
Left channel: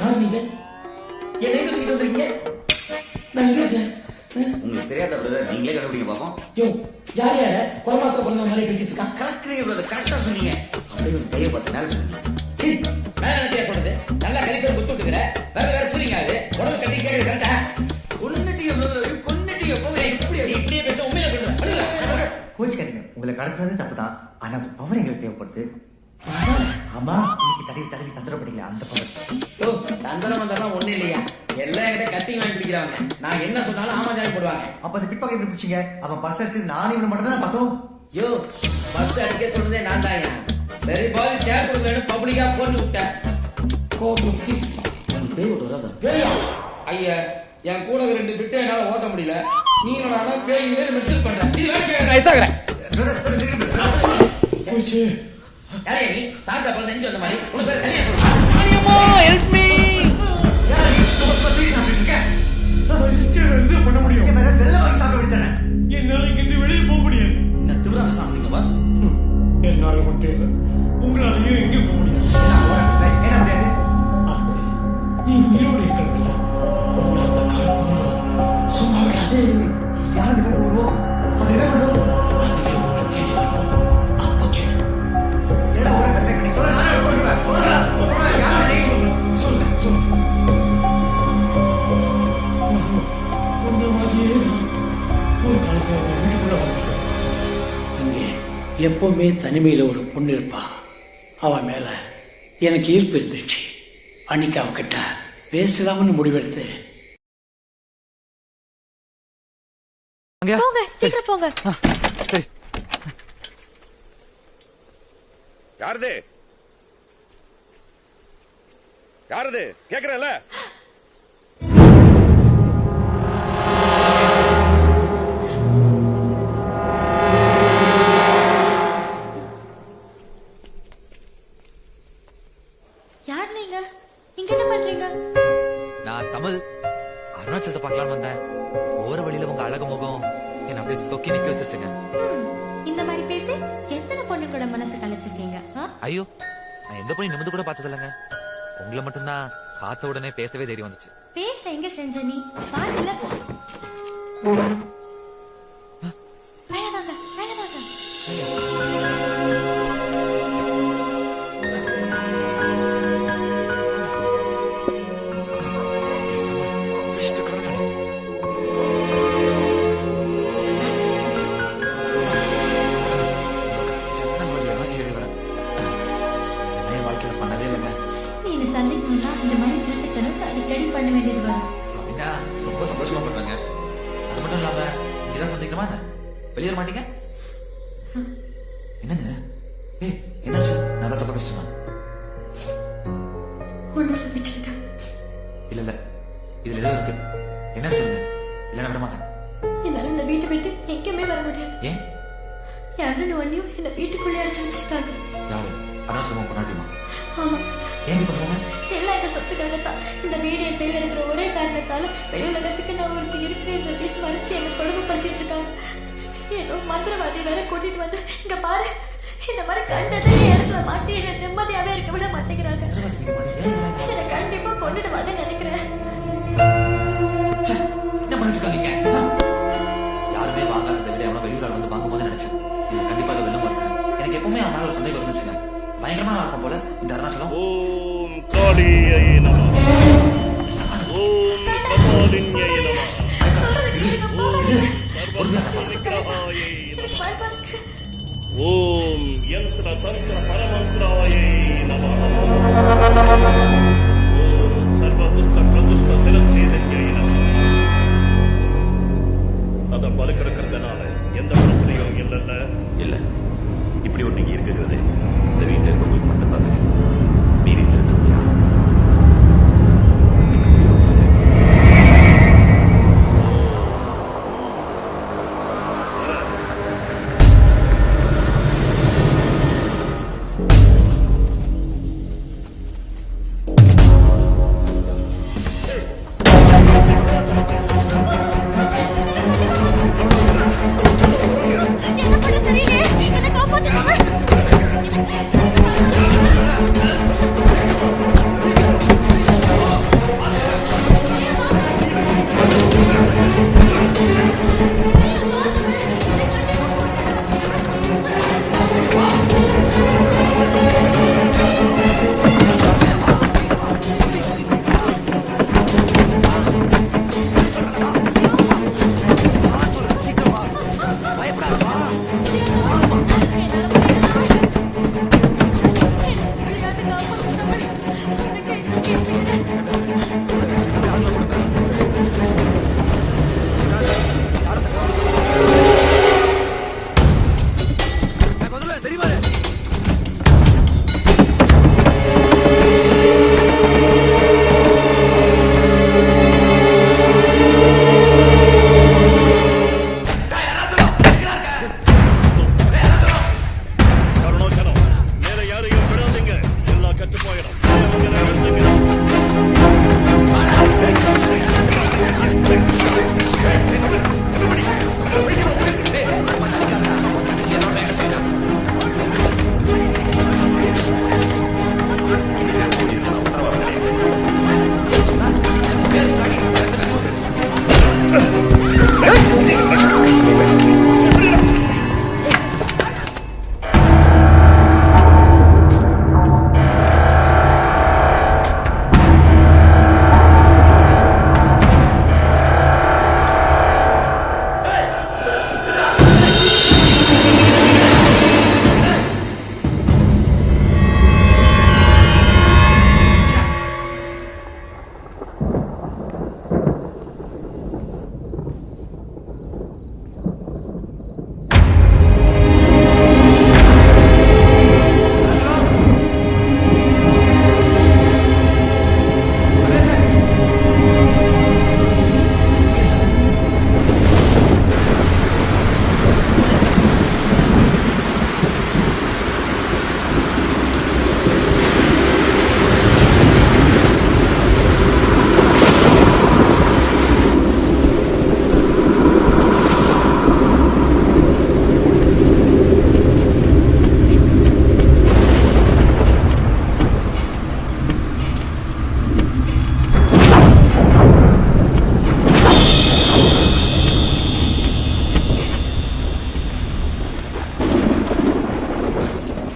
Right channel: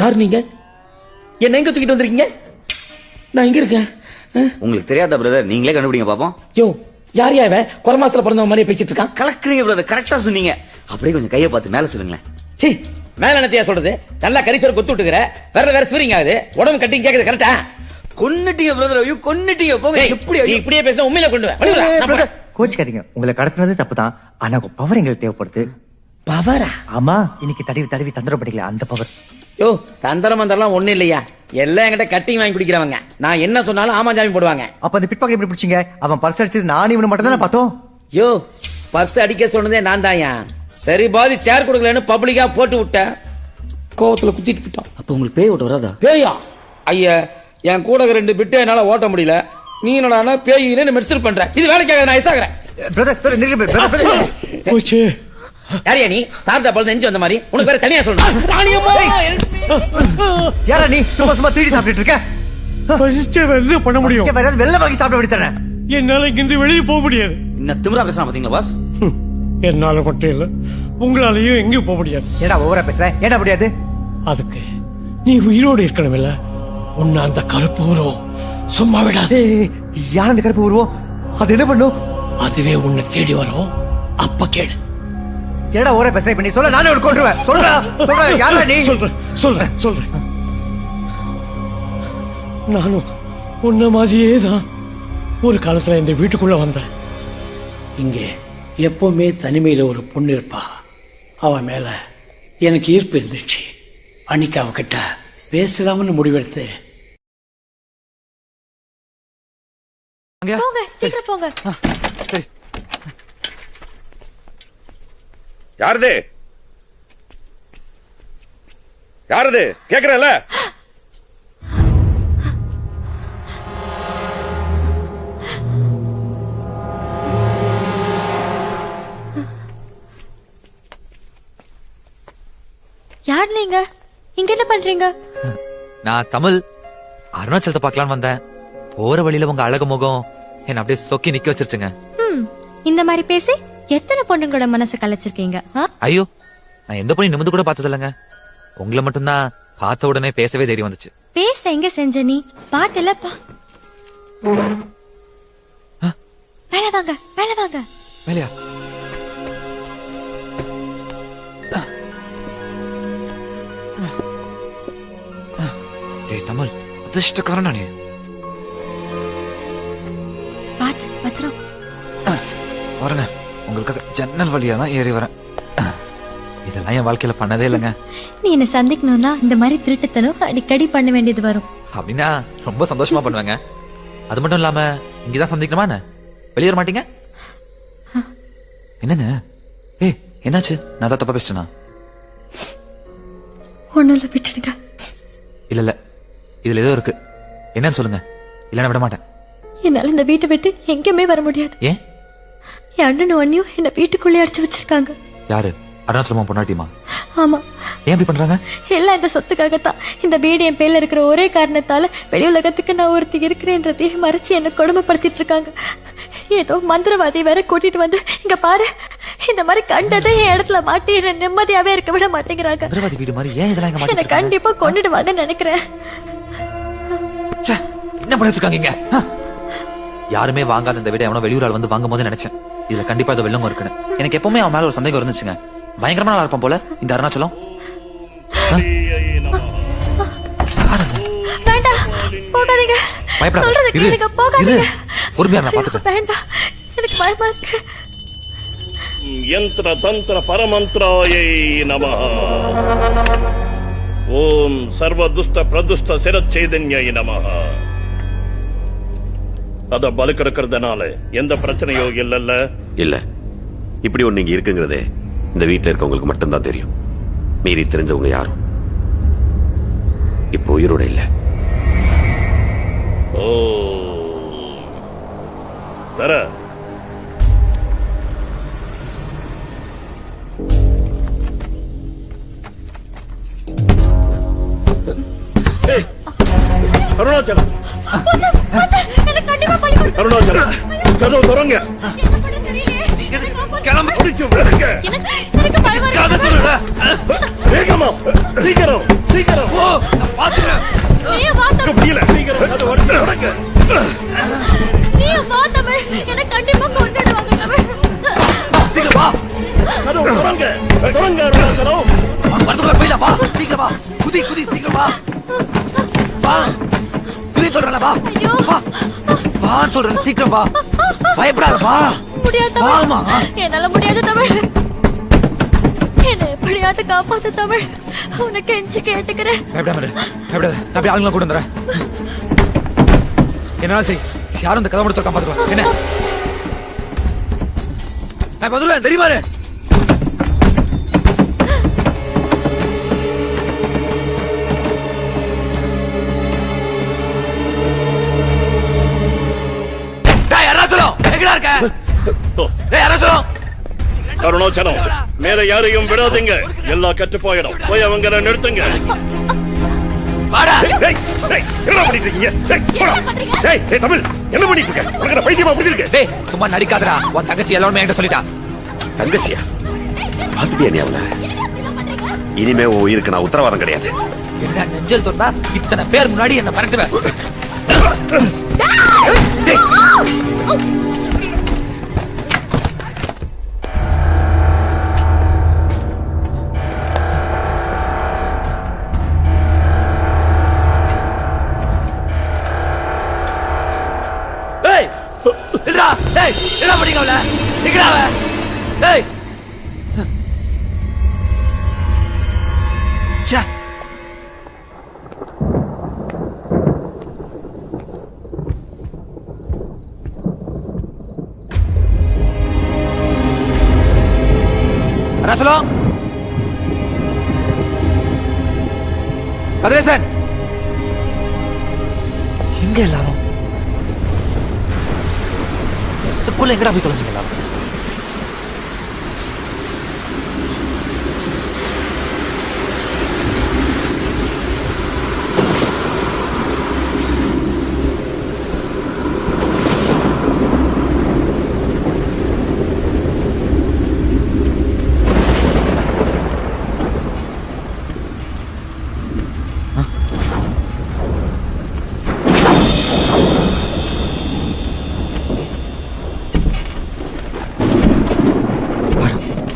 யார் நீங்க? என்ன எங்க தூக்கிட்டு வந்திருக்கீங்க? நான் எங்க இருக்கேன்? உங்களுக்கு தெரியாத பிரதர், நீங்களே கண்டுபிடிங்க பாப்போம். யோ, யார் யாவ குறை மாசத்துல பிறந்தவங்க மாதிரியே பேசிட்டு இருக்கான்? கலக்குறீங்க பிரதர், கரெக்டா சொன்னீங்க. அப்படியே கொஞ்சம் கையை பார்த்து மேல சொல்லுங்களேன். மேல என்னத்தையா சொல்றது? நல்லா கரிசோர் கொத்து விட்டுக்கிற, வேற ஸ்வீரிங் ஆகுது, உடம்பு கட்டி கேக்குது கரெக்டா? கொன்னுட்டீங்க பிரதர், ஐயோ கொன்னுட்டீங்க. போங்க, இப்படியே பேசினா உண்மையில கொண்டு வா. கோச்சுக்காதீங்க, உங்களை கடத்துனது தப்பு தான். ஆனா உங்க பவர் எங்களுக்கு தேவைப்படுது. பவரா? ஆமா, இன்னைக்கு தடவி தடவி தந்திரம் படிக்கல அந்த பவர். யோ, தந்திரம் மந்திரம்லாம் ஒண்ணு இல்லையா, எல்லாம் என்கிட்ட கட்டிங் வாங்கி குடிக்கிறவங்க. நான் என்ன சொன்னாலும் ஆமா ஜாமி போடுவாங்க. அப்ப அந்த பிட் பாக்கெட் எப்படி பிடிச்சீங்க? அவன் பர்ஸ் அடிச்சது நானும் இவனு மட்டும் தானே பார்த்தோம். யோ, பர்ஸ் அடிக்க சொன்னதே நான் தாயா. சரி பாதி சேர் கொடுக்கலன்னு பப்ளிக்கா போட்டு விட்டேன். கோவத்துல குச்சிட்டு. அப்ப உங்களுக்கு பேய் ஓட்ட வராதா? பேயா? ஐயா, என் கூட 2 பிட்டு என்னால ஓட்ட முடியல. நீ என்னடா பேயின்னு மெர்சல் பண்ற? இது வேலைக்காக நான் ஐசாகிறேன். போச்சு. யாரியா நீ? தாத்தா பழுது நெஞ்சு வந்த மாதிரி உனக்கு வேற தனியா சொல்றேன். யாரா நீ? சும்மா சும்மா தீடி சாப்பிட்டு இருக்க? என்ன பண்ண முடியும்? வெள்ள வாங்கி சாப்பிட விடுத்தானே. என்னால இங்கிருந்து வெளியே போக முடியாது. இன்னும் திமிரா பேசலாம் பாத்தீங்களா பாஸ்? என்னால மட்டும் இல்ல, உங்களாலையும் எங்கேயும் போக முடியாது. ஏன்னா ஓவரா பேசுறேன். ஏன்னா முடியாது? அதுக்கு நீ உயிரோடு இருக்கணும் இல்ல. உன்னை அந்த கருப்பு உருவம் சும்மா விடாது. யார் அந்த கருப்பு உருவம்? அது என்ன பண்ணும்? அதுவே உன்னை தேடி வரும். அப்ப கேளு. ஏடா ஓவரா பேசுறேன். இப்ப நீ சொல்ல நானே ஒரு கொன்றுவேன். சொல்றா யாரா நீ? சொல்றேன். நானும் உன்ன மாதிரியே தான் ஒரு காலத்துல இந்த வீட்டுக்குள்ள வந்தேன். இங்கே எப்பவுமே தனிமையில ஒரு பொண்ணு இருப்பா. அவ மேல எனக்கு ஈர்ப்பு இருந்துச்சு. அன்னைக்கு அவகிட்ட பேசலாம்னு முடிவெடுத்து. போங்க, சீக்கிரம் போங்க. யாரது கேக்குறல? யார் நீங்க? இங்க என்ன பண்றீங்க? நான் தமிழ், அருணாச்சலத்தை பார்க்கலான்னு வந்தேன். போற வழியில உங்க அழகு முகம் என்ன அப்படியே சொக்கி நிக்க வச்சிருச்சுங்க. இந்த மாதிரி பேசி எத்தனை பொண்ணுங்களோட மனசை கலைச்சிருக்கீங்க? ஐயோ, நான் எந்த பொண்ணு நிமிந்து கூட பார்த்தது இல்லைங்க. உங்களை மட்டும்தான் பார்த்த உடனே பேசவே தைரியம் வந்துச்சு. பேச எங்க செஞ்ச நீ? பாட்டுல மேல வாங்க. வேலையா? தமிழ் அதிர்ஷ்டக்காரன் நீ. வரங்க, உங்களுக்காக ஜன்னல் வழியா தான் ஏறி வரேன். இதெல்லாம் என் வாழ்க்கையில பண்ணதே இல்லைங்க. நீ என்ன சந்திக்கணும்னா இந்த மாதிரி திருட்டுத்தனம் அடிக்கடி பண்ண வேண்டியது வரும். அப்படின்னா ரொம்ப சந்தோஷமா பண்ணுவாங்க. அது மட்டும் இல்லாம இங்கதான் சந்திக்கணுமா என்ன? வெளியேற மாட்டீங்க? என்னங்க? ஏய், என்னாச்சு? நான் தான் தப்பா பேசிட்டேனா? ஒண்ணும் இல்ல, விட்டுடுங்க. இல்ல இதுல ஏதோ இருக்கு. என்னன்னு சொல்லுங்க, இல்லைன்னா விட மாட்டேன். என்னால இந்த வீட்டை விட்டு எங்கேயுமே வர முடியாது. ஏன்? என் அண்ணனும் அண்ணியும் என்ன வீட்டுக்குள்ளே அடிச்சு வச்சிருக்காங்க. யாரு? அருணாச்சலமா பொண்டாட்டியுமா? ஆமா. ஏன் இப்படி பண்றாங்க? எல்லாம் இந்த சொத்துக்காகத்தான். இந்த வீடு என் பேர்ல இருக்கிற ஒரே காரணத்தால வெளி உலகத்துக்கு நான் ஒருத்தி இருக்கிறேன்றதையும் மறைச்சு என்ன கொடுமைப்படுத்திட்டு இருக்காங்க. ஏதோ மந்திரவாதி வேற கூட்டிட்டு வந்து இங்க பாரு, இந்த மாதிரி கண்டதை என் இடத்துல மாட்டி என்ன நிம்மதியாவே இருக்க விட மாட்டேங்கிறாங்க. மந்திரவாதி வீடு மாதிரி ஏன் இதெல்லாம் என்ன கண்டிப்பா கொண்டுடுவாங்கன்னு நினைக்கிறேன். என்ன பண்ணிருக்காங்க? யாருமே வாங்காத இந்த வீட எவனோ வெளியூரால் வந்து வாங்கும் போது நினைச்சேன் இதுல கண்டிப்பா ஏதோ வெள்ளம் இருக்கணும். எனக்கு எப்பவுமே அவன் மேல ஒரு சந்தேகம் இருந்துச்சுங்க. பயங்கரமா நல்லா இருப்பான் போல இந்த அருணாச்சலம். ஓம் யந்திர தந்திர பரமந்திராயை நமஹ. ஓம் சர்வதுஷ்ட பிரதுஷ்ட சிரச்சைதன்யை நமஹ. அத பலுக்கு இருக்கிறதுனால எந்த பிரச்சனையும் இல்லைல்ல? இல்ல, இப்படி ஒண்ணு இங்க இருக்குங்கிறதே இந்த வீட்டுல இருக்கவங்களுக்கு மட்டும்தான் தெரியும். மீறி தெரிஞ்சவங்க யாரும் இப்போ உயிரோட இல்ல. ஓ வர அருணாச்சலம், அருணாச்சலம், கதவு திறங்க. வேகமா, சீக்கிரம், சீக்கிரம். முடியல, சீக்கிரம் திறங்க. சீக்கிரம் வா, பயப்படாத வா. என்னால முடியாது தமிழ். என்ன எப்படியாவது காப்பாத்து தமிழ். உனக்கு எஞ்சி கேட்டுக்கிறேன். ஆளுங்களை கொண்டு வந்துறேன். என்னால சரி, யாரும் இந்த கதை முடிச்சு காப்பாற்ற என்ன நான் வந்துடுவேன் தெரியுமா? அருணாச்சலம், மேல யாரையும் விடாதீங்க. எல்லாம் கட்டு போயிடும். போய் அவங்களை நிறுத்துங்க. தமிழ் என்ன பண்ணிட்டு வைத்தியமா புரியுது? சும்மா நடிக்காதடா. உன் தங்கச்சி எல்லாமே என்கிட்ட சொல்லிட்டா. தங்கச்சி இனிமே உன் உயிருக்கு நான் உத்தரவாதம் கிடையாது. நெஞ்சல் சொன்னா இத்தனை பேர் முன்னாடி என்ன மிரட்டுவேன். அதே சார் இங்க எல்லாரும் போல எங்கடா போயிட்டு வந்து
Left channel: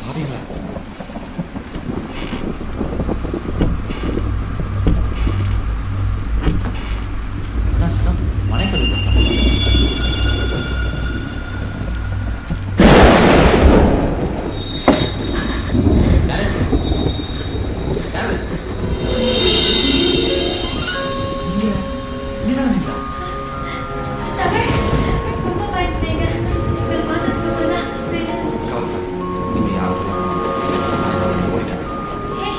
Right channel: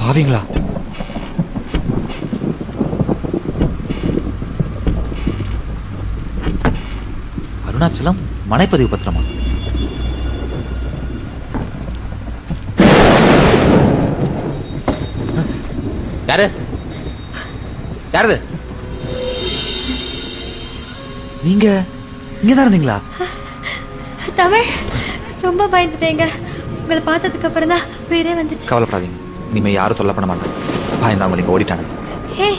பாவீங்களா? அருணாச்சலம் மனைப்பதிவு பத்திரமா? யாரு யாரு நீங்க இங்கதான் இருந்தீங்களா? தமிழ் ரொம்ப பயந்துட்டேங்க. உங்களை பார்த்ததுக்கு அப்புறம் தான் வீடே வந்துச்சு. கவலைப்படாதீங்க, இனிமே யாரும் சொல்ல பண்ண மாட்டேன். பயந்தவங்க நீங்க ஓடிட்டாங்க. ஏன்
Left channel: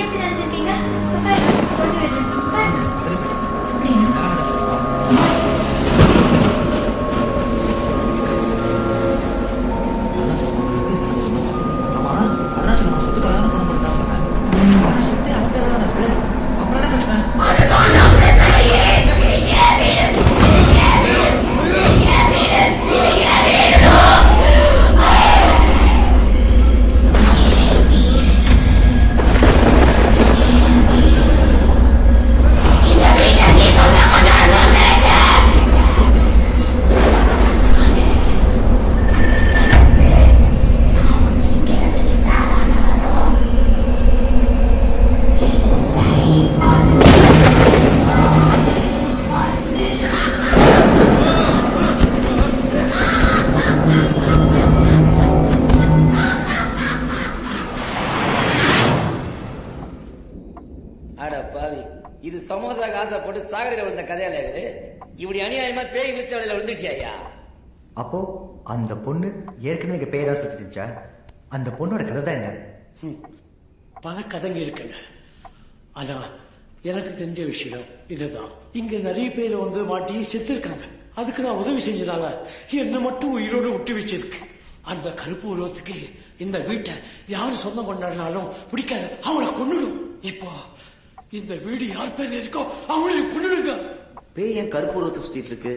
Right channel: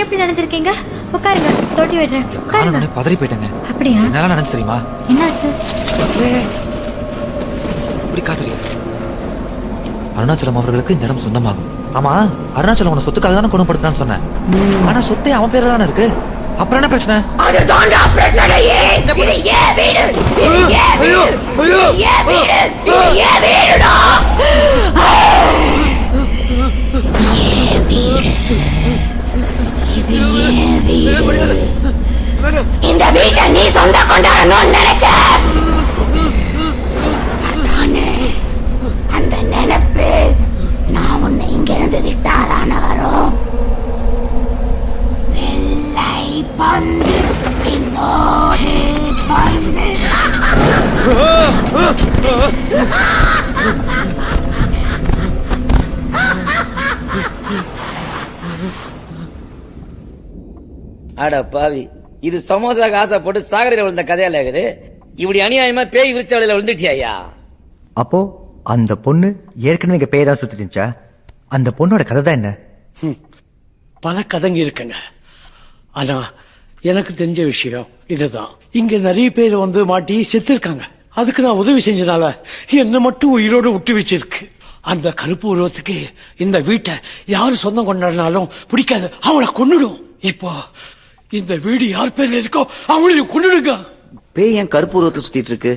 எப்படி நினைச்சிருக்கீங்க? உட்காருங்க, தொட்டி விடுறேன். உட்காருங்க. பதறி போயிட்டேங்க. அப்படியா? என்னால நினைச்சு தெரியுமா? என்னாச்சு? அருணாச்சலம் அவர்களுக்கு இந்த இடம் சொந்தமாகும். ஆமா, அருணாச்சலம் அவனை சொத்துக்காக தானே குணப்படுத்தான்னு சொன்னேன். ஆனா சொத்தே அவன் பேர்ல தானே இருக்கு. அப்புறம் என்ன பிரச்சனை? இந்த வீட்டை நீ சொந்த கொண்டாடணும்னு நினைச்ச. அந்த நினைப்பு நான் உன்னை இங்க இருந்து விட்டாதான வரும். அட பாவி, இது சமோசா காசை போட்டு சாகடையில் விழுந்த கதையால இருக்குது. இப்படி அநியாயமா பேய் விரிச்சவளையில விழுந்துட்டியா? அப்போ அந்த பொண்ணு ஏற்கனவே இங்க பேய் தான் சுத்திட்டு இருந்துச்சா? அந்த பொண்ணோட கதை தான் என்ன? பல கதைங்க இருக்குங்க. ஆனா எனக்கு தெரிஞ்ச விஷயம் இதுதான். இங்க நிறைய பேர் வந்து மாட்டி செத்து இருக்காங்க. அதுக்கு நான் உதவி செஞ்சதால என்ன மட்டும் உயிரோடு விட்டு வச்சிருக்கு. அந்த கருப்பு உருவத்துக்கு இந்த வீட்டை யாரு சொந்தம் கொண்டாடினாலும் பிடிக்காது, அவளை கொன்னுடும். இப்போ இந்த வீடு யார் பேர்ல இருக்கோ அவளையும் கொன்னுடுங்க. பேய் ஏன் கருப்பு உருவத்தை சுத்திட்டு இருக்கு?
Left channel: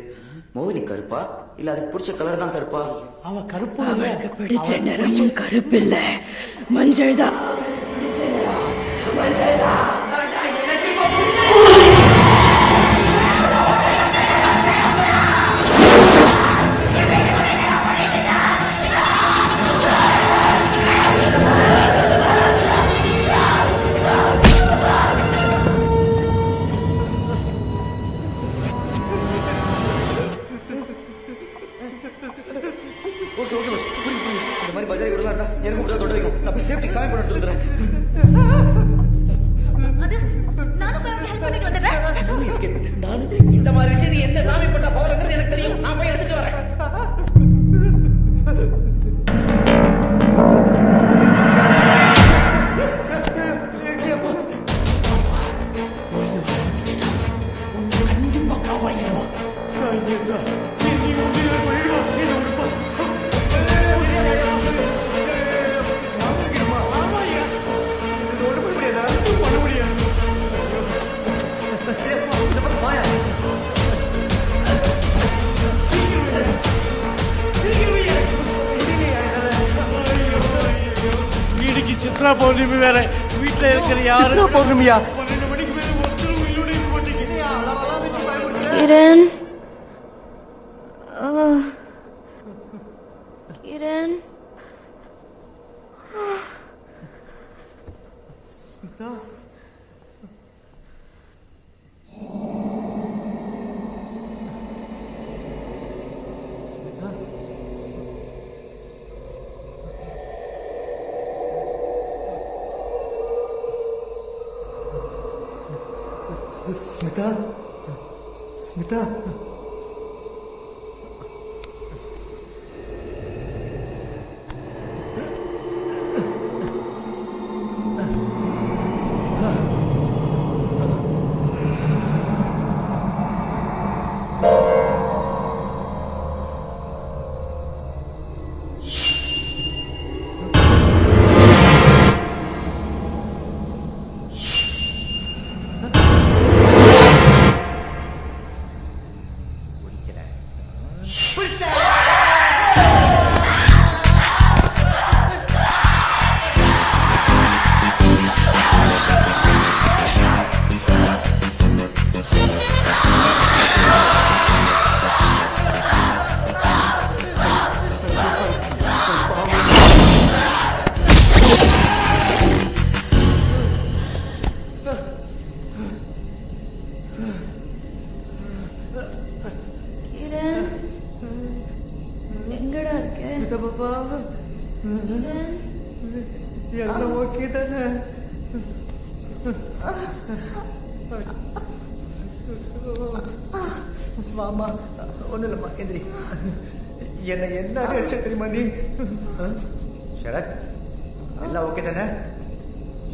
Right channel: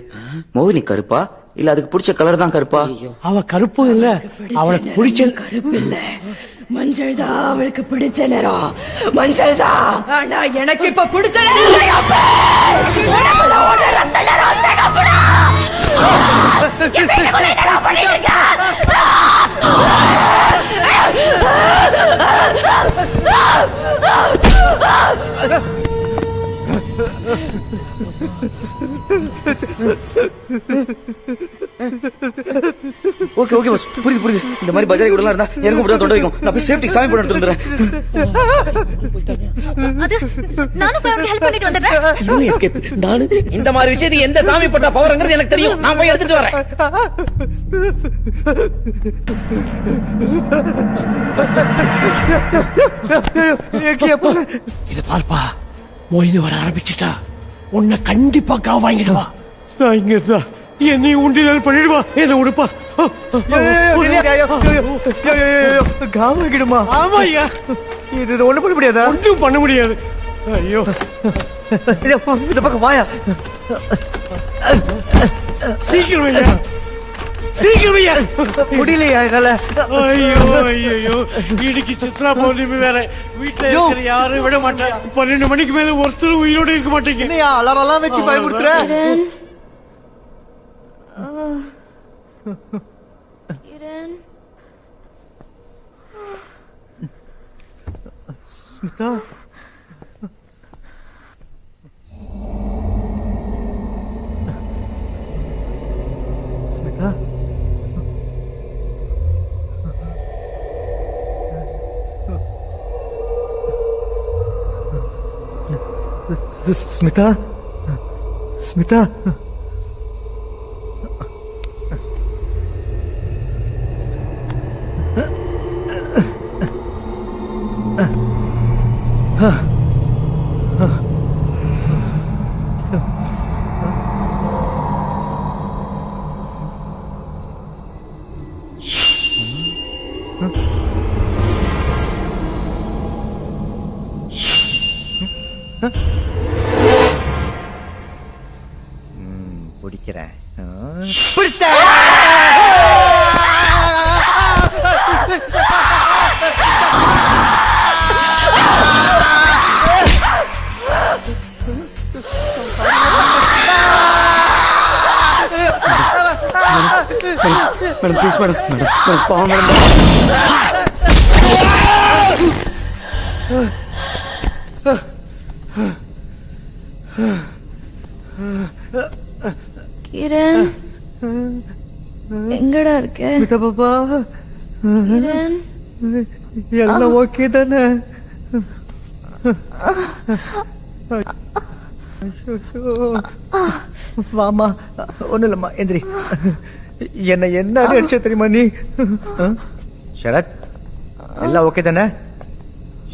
மோகினி கருப்பா இல்ல அதுக்கு பிடிச்ச கலர் தான் கருப்பா? அவ கருப்பு இல்ல, அவளுக்கு பிடிச்ச கருப்பு இல்ல, மஞ்சள் தான் அவளுக்கு பிடிச்ச நிறம். மஞ்சள் தான். ஆனா எனக்கு இப்ப பிடிச்ச ஓகே ஓகே பஸ், புரியுது புரியுது. இந்த மாதிரி பஜாரி கூட இருந்தா எனக்கு கூட தொண்டை வைக்கும். நான் போய் சேஃப்டி சாமி பண்ணி எடுத்து வந்துடுறேன். அது நானும் போய் அவனுக்கு ஹெல்ப் பண்ணிட்டு வந்துடுறேன். நானு இந்த மாதிரி விஷயத்துக்கு எந்த சாமி பட்ட பவர்ங்கிறது எனக்கு தெரியும். நான் போய் எடுத்துட்டு வரேன். பார்ப்பா, மொய்னு வர ஆரம்பிச்சுட்டா உன்னை கண்டிப்பா காவாங்கிடுவா. நான் இங்க இருந்தா என்னை உண்டினால் பண்ணிடுவா. என்ன உடுப்பா. காவாங்கிடுமா? ஆமா ஐயா, இது ஒண்ணு பண்ண முடியாதா? ஒன்றும் பண்ண முடியாது. ஐயோ, இந்த பக்கம் வாயா. சீக்கிரம் ஐயா, சீக்கிரம் ஐயா. முடியலையா என்னால? ஐயோ ஐயோ, இன்னைக்கு சித்ரா பௌர்ணமி வேற. வீட்டுல இருக்கிற யாரும் விட மாட்டியா? 12 மணிக்கு மேல ஒருத்தர் உயிரோட இருக்க மாட்டீங்க. என்னையா அலாரம் வச்சு பயமுறுத்துற? கிரண், கிரண், ஸ்மிதா, ஸ்மிதா, ஸ்மிதா, ஸ்மிதா, பிடிக்கிறேன். மேடம் ப்ளீஸ் மேடம், மேடம் பாவம் கிரண், எங்கடா இருக்க? ஸ்மிதா பாப்பா, கிரண், எல்லாம் ஓகே தானே? வாமா, ஒன்றும் இல்லைம்மா, எந்திரி. என்ன என்ன அடிச்ச தெரியுமா நீ? ஷரத், எல்லாம் ஓகே தானே?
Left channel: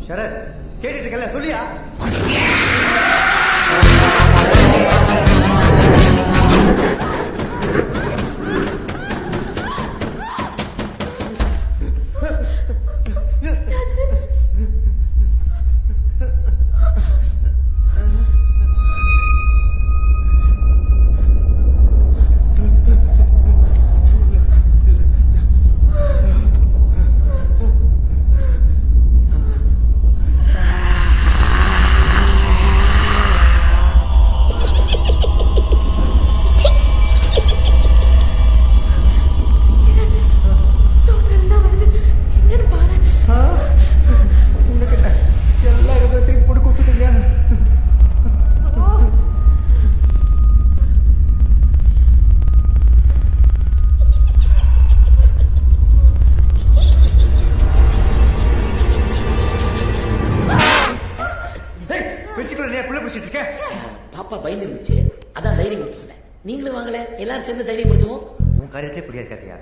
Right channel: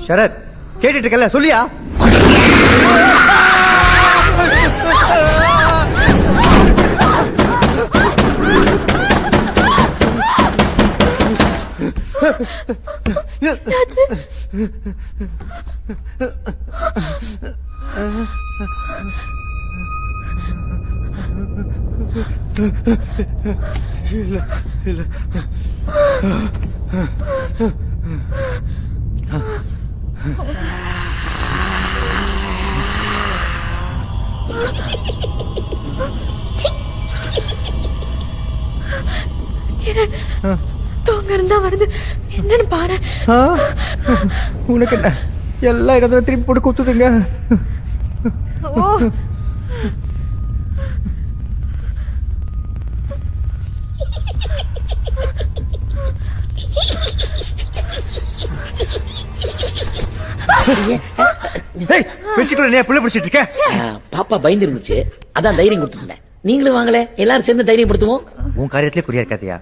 ஷரத், கேட்டுட்டு இருக்கல, சொல்லியா? என்னன்னு பாரு. உனக்கு என்ன எல்லா இடத்துல திருப்பி போட்டு குத்துதுங்க. வச்சுக்கல நீ புள்ள பிடிச்சிட்டு இருக்க? பாப்பா பயந்து இருந்துச்சு, அதான் தைரியம் கொடுத்துருந்தேன். நீங்களும் வாங்கல, எல்லாரும் சேர்ந்து தைரியப்படுத்துவோம். உன் காரியத்திலே குறியா இருக்காதியா?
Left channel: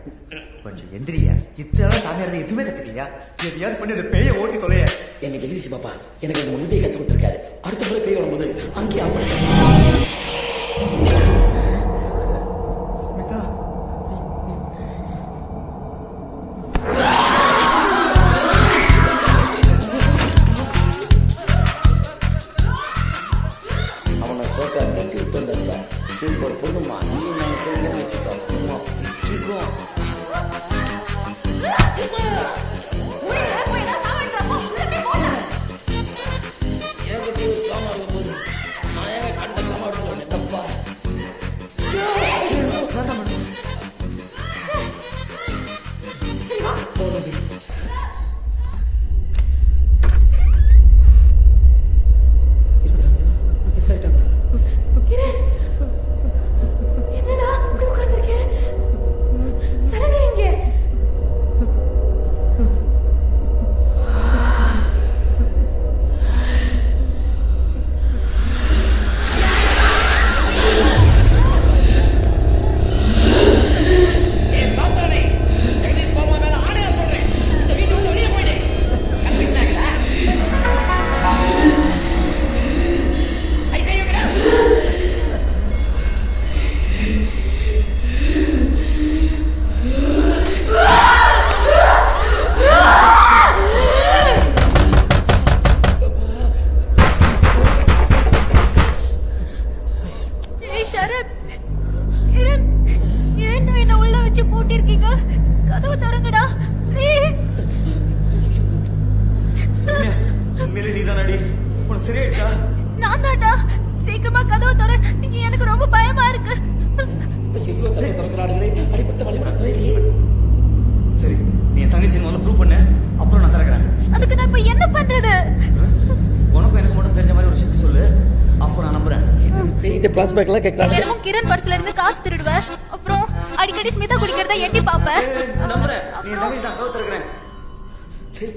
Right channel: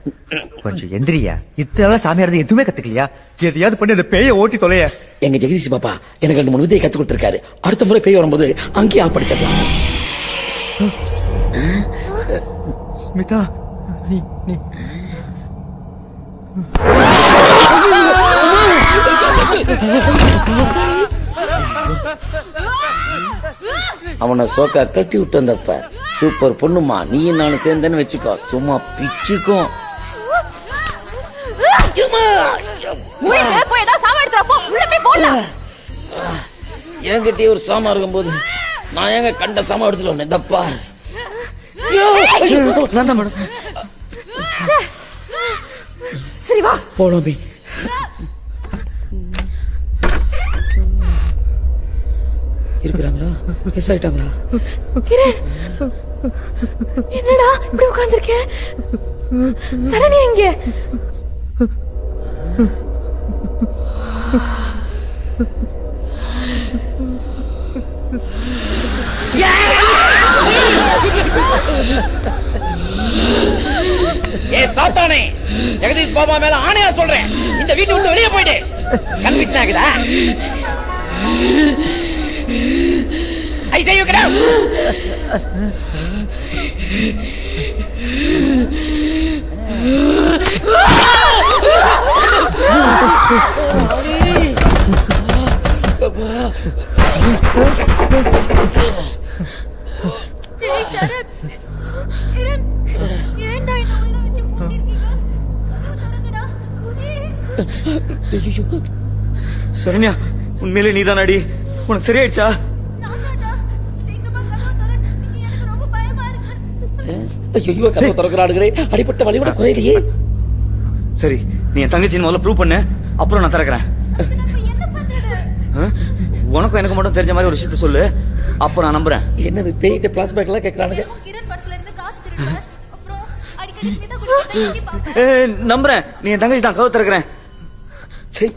கொஞ்சம் எந்திரியா. இத்தனை சாமியார் எதுவுமே கத்துக்கலையா? எதையாவது பண்ணி அந்த பேயை ஓட்டி தொலைய. எங்க ஜெகதீஷ் பாப்பா எனக்கு 2 3 விதையை கத்து கொடுத்துருக்காரு. அடுத்த முறை பேய் வரும்போது அங்கேயே படிச்சிடலாம். ஸ்மிதா, நீ அவனை சோக்கா கட்டி விட்டு வந்தப்ப சூப்பர் பொண்ணுமா, நீயும் நானும் சேர்ந்தேன்னு வச்சுக்கோ, சும்மா பிச்சுக்கும். என்கிட்டயே ஒரு சாமா இருக்கும்போது நான் ஏங்க கண்ட சாமா எடுத்துல ஒண்ணு தப்பா சரி வா போனோம். இருக்கிறாங்களா? மிஸ் ஆயிட்டாங்களா? கிரண், என்னடா இப்படி உட்கார்ந்திருக்க? சரண்யா எங்க? ஏ சாத்தானே, ஜெகதீஷ் பாபா மேல ஆணையா சொல்றேன், இந்த வீட்டை விட்டு வெளியே போயிடு. கன்ஃபியூஷன் ஆகுதா? I say you get out. Sarath, Kiran, ஏன்டா என்ன உள்ள வச்சு பூட்டிருக்கீங்க? கதவு திறங்கடா ப்ளீஸ். சரண்யா, உண்மையிலே நீதானாடி? உனக்கு சரியாயிடுச்சா? நான் தான்டா. சீக்கிரமா கதவு திற, நீங்க எனக்கு ரொம்ப பயமா இருக்கு. ஐயோ, கதவு திறக்கறாடுங்களே, அடிபட்ட வலி கூட குறையலையே. சரி, நீ என் தங்கச்சி முதல்ல ப்ரூவ் பண்ணு, அப்புறம் நான் திறக்கிறேன். அதுக்கு நான் இப்ப என்ன பண்றது? உனக்கும் எனக்கு மட்டும் தெரிஞ்ச மாதிரி ஒரு விஷயத்த சொல்லு, அப்ப நான் நம்புறேன். என்னது பேய்கிட்ட பிளாஸ்பேக் எல்லாம் கேக்குறாங்க? என்னமோ கிரண் பர்ஸ்ல இருந்து காசு திருடுவ, அப்புறம் அடிக்கடி ஸ்மிதா குடிக்கிறத எண்ணி பாப்ப. நம்புறேன், நீ என் தங்கச்சி தான். கதவு திறக்கிறேன். சரி,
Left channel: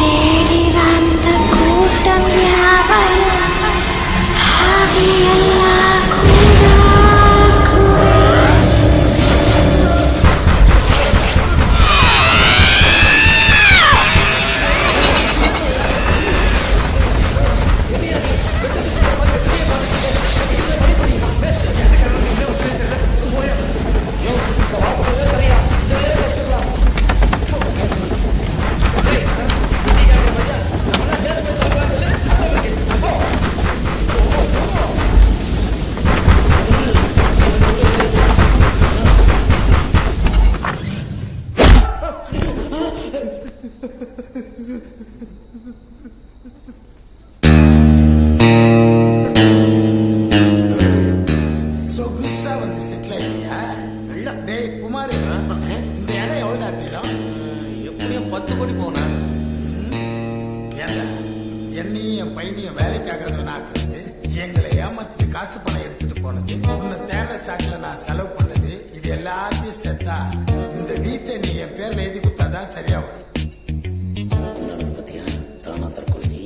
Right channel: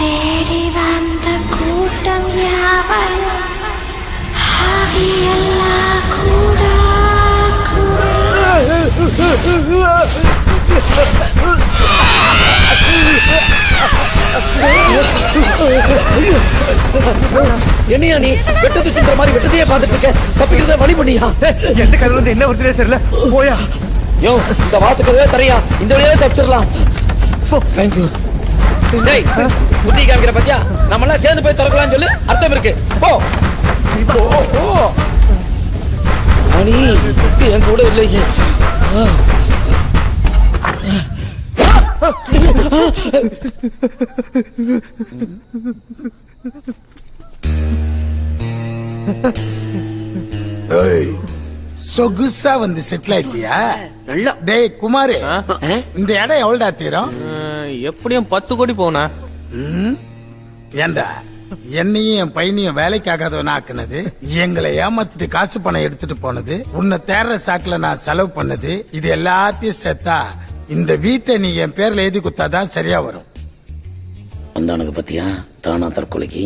தேடி வந்த கூட்டம் யாவையும் ஆவியெல்லாம் கூட என்னையா நீ வெட்டத்து சிந்துற மாதிரி வெட்டத்தையே பார்த்துட்டு இருக்க? தப்பிக்கிறத வழி பண்ணியா? எந்த கதவு வந்து என்ன விட்டுறே தெரியல. போயா. யோ, இந்த வாசக்கதவே தரையா, இந்த வழியாவே தப்பிச்சிடலாம். தேங்க்யூ. டேய், புத்தி காமிக்கிற பத்தியா? நம்ம எல்லாம் சேர்ந்து போய் திறக்கலாம்னு சொல்லி அர்த்தம் இருக்கு. போ போ. மணி என் கூட இல்லையே. சொகுசா வந்து செட்டில் ஆயிட்டியா? நல்லா. டேய் குமாரு, இந்த இடம் எவ்வளோடா தீரும்? எப்படியும் 10 கோடி போனா. ஏண்டா என்னையும் என் பையனையும் வேலைக்காகாதவனா ஆக்குனது, எங்களை ஏமாத்திட்டு காசு பணம் எடுத்துட்டு போனது, உன்னை தேர்ற சாக்குல நான் செலவு பண்ணது, இது எல்லாத்தையும் சேர்த்தா இந்த வீட்டை நீ என் பேர்ல எழுதி குத்தாதான் சரியா வரும். அந்தானுக்கு பத்தியா தானா தற்கொலைக்கு?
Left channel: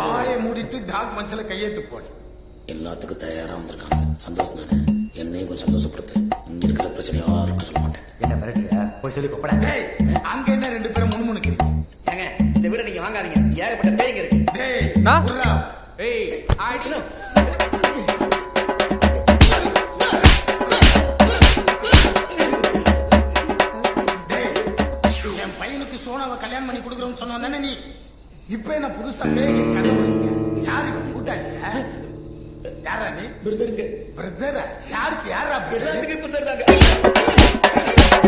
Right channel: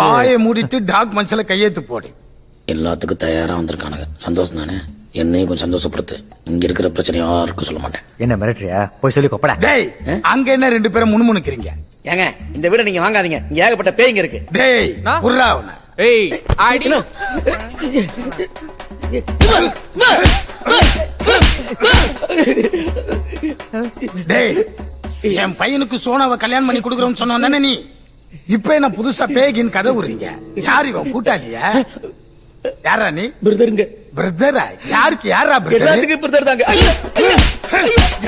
வாயை மூடிட்டு டாக்குமெண்ட்ஸ்ல கையெழுத்து போடு. எல்லாத்துக்கும் தயாரா வந்திருக்கானுங்க. சந்தோஷம் தானே? என்னையும் கொஞ்சம் சந்தோஷப்படுத்து. இங்க இருக்கிற பிரச்சனை யாருக்கும் சொல்ல மாட்டேன். என்ன மிரட்டுறியா? போய் சொல்லி கொப்படா. டேய், அங்க என்ன 2 பேரும் முணுமுணுக்கிறீங்க? ஏங்க, இந்த வீட நீங்க வாங்காதீங்க, இங்க ஏகப்பட்ட பேய்ங்க இருக்கு. டேய், புர்ரா. ஏய், ஆடி. டேய், என் பையனுக்கு சோனாவை கல்யாணம் பண்ணி கொடுக்குறோம்னு சொன்னோம் தானே நீ? இப்ப என்ன புதுசா பேகின் கதை விடுறீங்க? யார் இவன்? கூட்டாளியா? யாரா நீ? பிரதருங்க. பிரதரா? யாருக்கு யாரா பிரதர்? எல்லாத்துக்கும் பிரதர் தாங்க.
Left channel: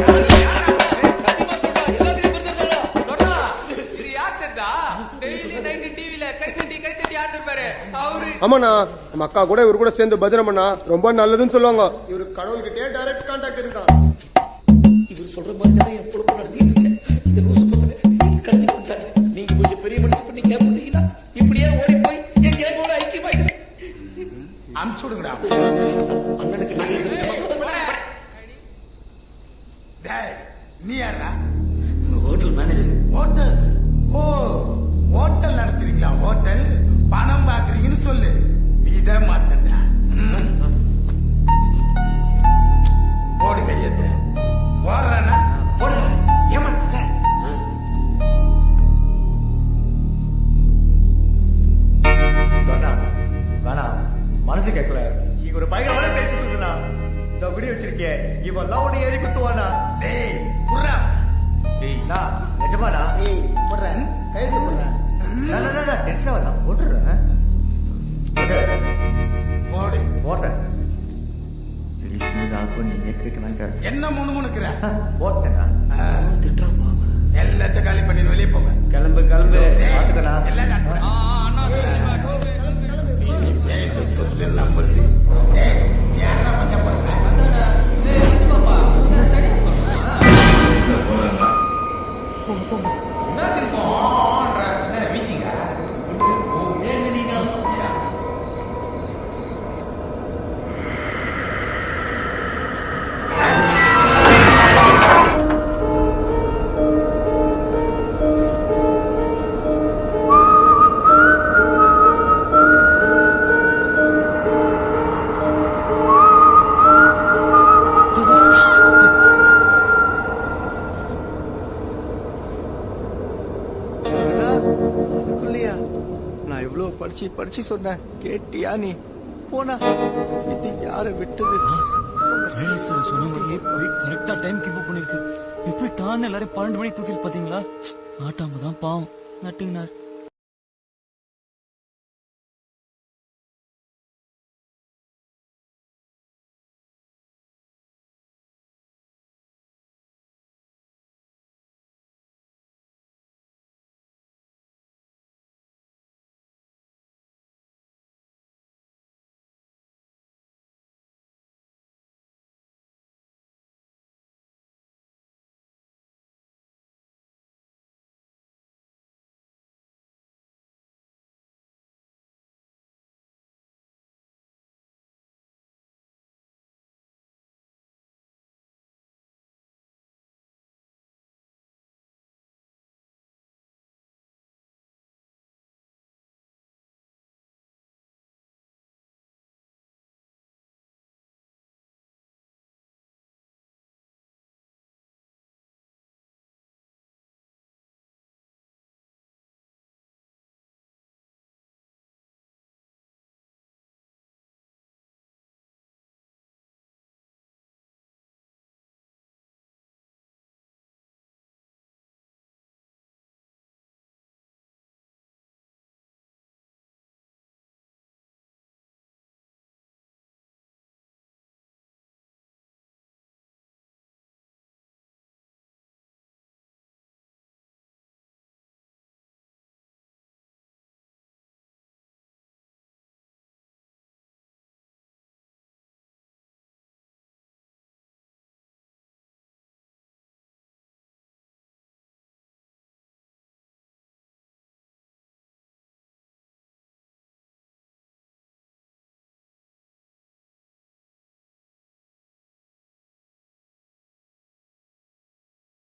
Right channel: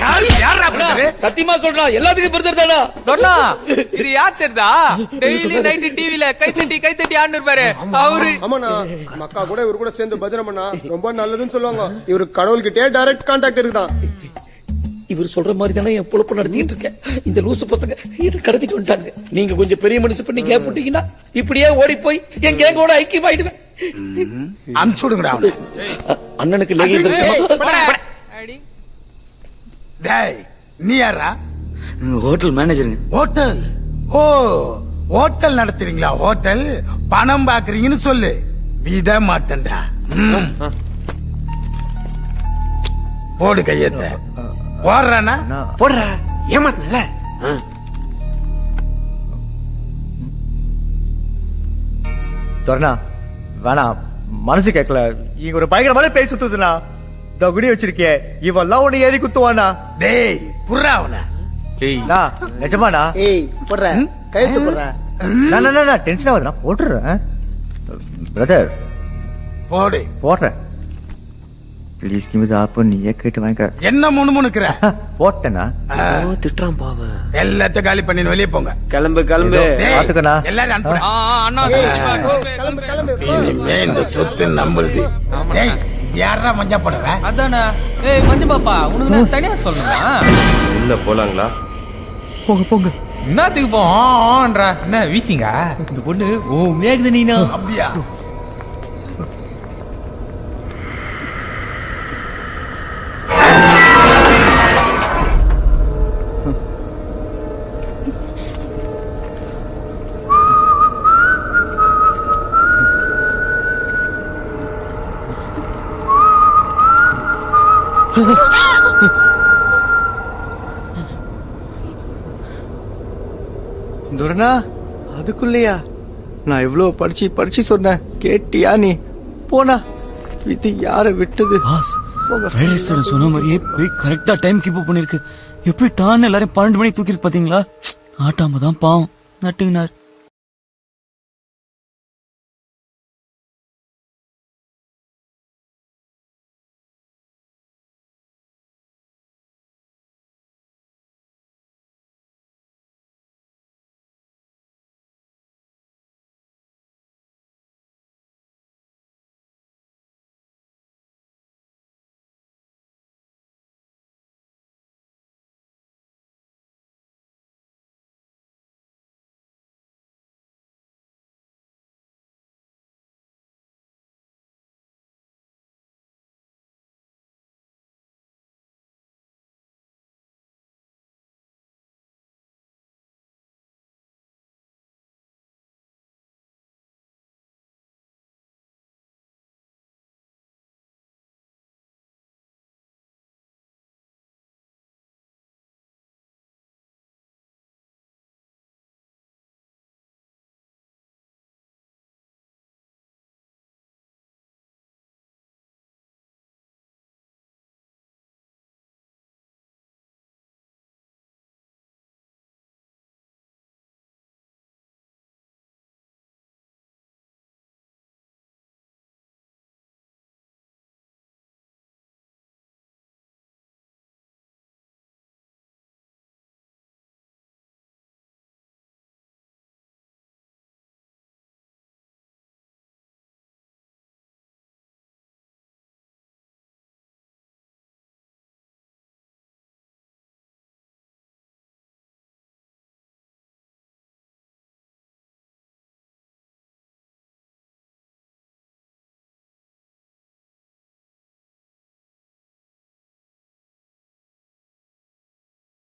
யாருக்கு யாரா பிரதர்? சத்தியமா சொல்றா எல்லாத்துக்கும் பிரதர் தானா சொன்னா இது யார் தெரியுதா? டெய்லி நைட் டிவில கைத்தட்டி ஆடுன்னு இருப்பாரு அவரு. ஆமாண்ணா மக்கா கூட இவரு கூட சேர்ந்து பஜனை பண்ணா ரொம்ப நல்லதுன்னு சொல்லுவாங்க. இவரு கடவுள்கிட்டே டைரக்ட் கான்டாக்ட் இருக்குதான். இவர் சொல்ற மாதிரி தானே என் பொழப்பு நடத்திட்டு இருக்கேன். இந்த லூசு பசங்க கடத்திட்டு வந்துட்டாங்க. நீங்க கொஞ்சம் பெரிய மனசு பண்ணி கேப் போட்டீங்கன்னா இப்படியே ஓடி போய் என் கேங்கோட ஐக்கியமாயிடுவேன். அனுப்பிச்சு விடுங்கடா. அண்ணனுக்கு லேகியம் டேய் நீ யாரா? ஹோட்டல் மேனேஜருங்க. ஹோட்டல்? ஓ ஹோட்டல் நடத்துறீங்களா? ஹோட்டல் பணம் பாக்குறீங்கன்னு சொல்லு, விட மாட்டேன்டா. போடு கையத்த. போடுறானா? போடுற ஏமாத்தல. சொன்னா வேணாம், மனசு கேட்கல. இங்க ஒரு பயங்கரமான பேய் சுத்துதுண்ணா. இந்த குடி வச்சிருக்கே இவெல்லாம் உன்னை ஏறி குத்துவானா? டேய் புர்ரா அவன. டேய்ண்ணா நிஜமாண்ணா? ஏய் போடுறேன் கையெழுத்து போடுறேன். நான் டென்ஷன் ஆகுதுண்ணா. போட்டுறேன் பிரதர். போடு. போடுறேன் ப்ளீஸ். கிமிதாப்பு நீயே கேட்டு வாங்கிக்க. என்ன முணுமுணுக்கிற? போட்டேண்ணா. திட்டுறான் பாவ. எல்லாத்தையும் காலி பண்ணி வெளியே போங்க. கிளம்பு கிளம்பு. பாத்துக்கண்ணா. எல்லாரும் அண்ணா இனிமே இந்த சொத்து நம்புது. டேய் யாரா மஞ்சா போடுவேன்? அதானே. ஏய் மஞ்சு பாப்பா, உனக்கு நான் தனியா சொல்லணுமா? இல்ல போலாங்களா? போங்க போங்க. என்னத்துக்கு போன்ற என்ன வீசிங்க? இந்த பொண்ணு ஓ மேகுது நீனா. அப்படியா? துர்னா அதுக்குள்ளயா? நான் இவ்வளவு படிச்சு சொன்னேன், கேட்டியா நீ? போனா இது யார விட்டது? பாஸ் ஃப்ரைடே சொன்ன மாதிரியே போய் கரெக்டா டைம் கீப் அப் பண்ணிருக்கு. எப்படி டான் எல்லாரும் 12 மணிக்கு தூக்கிட்டு பாத்தீங்களா? ஆட்டாம தான் பாவம் நட்டுங்கினார்.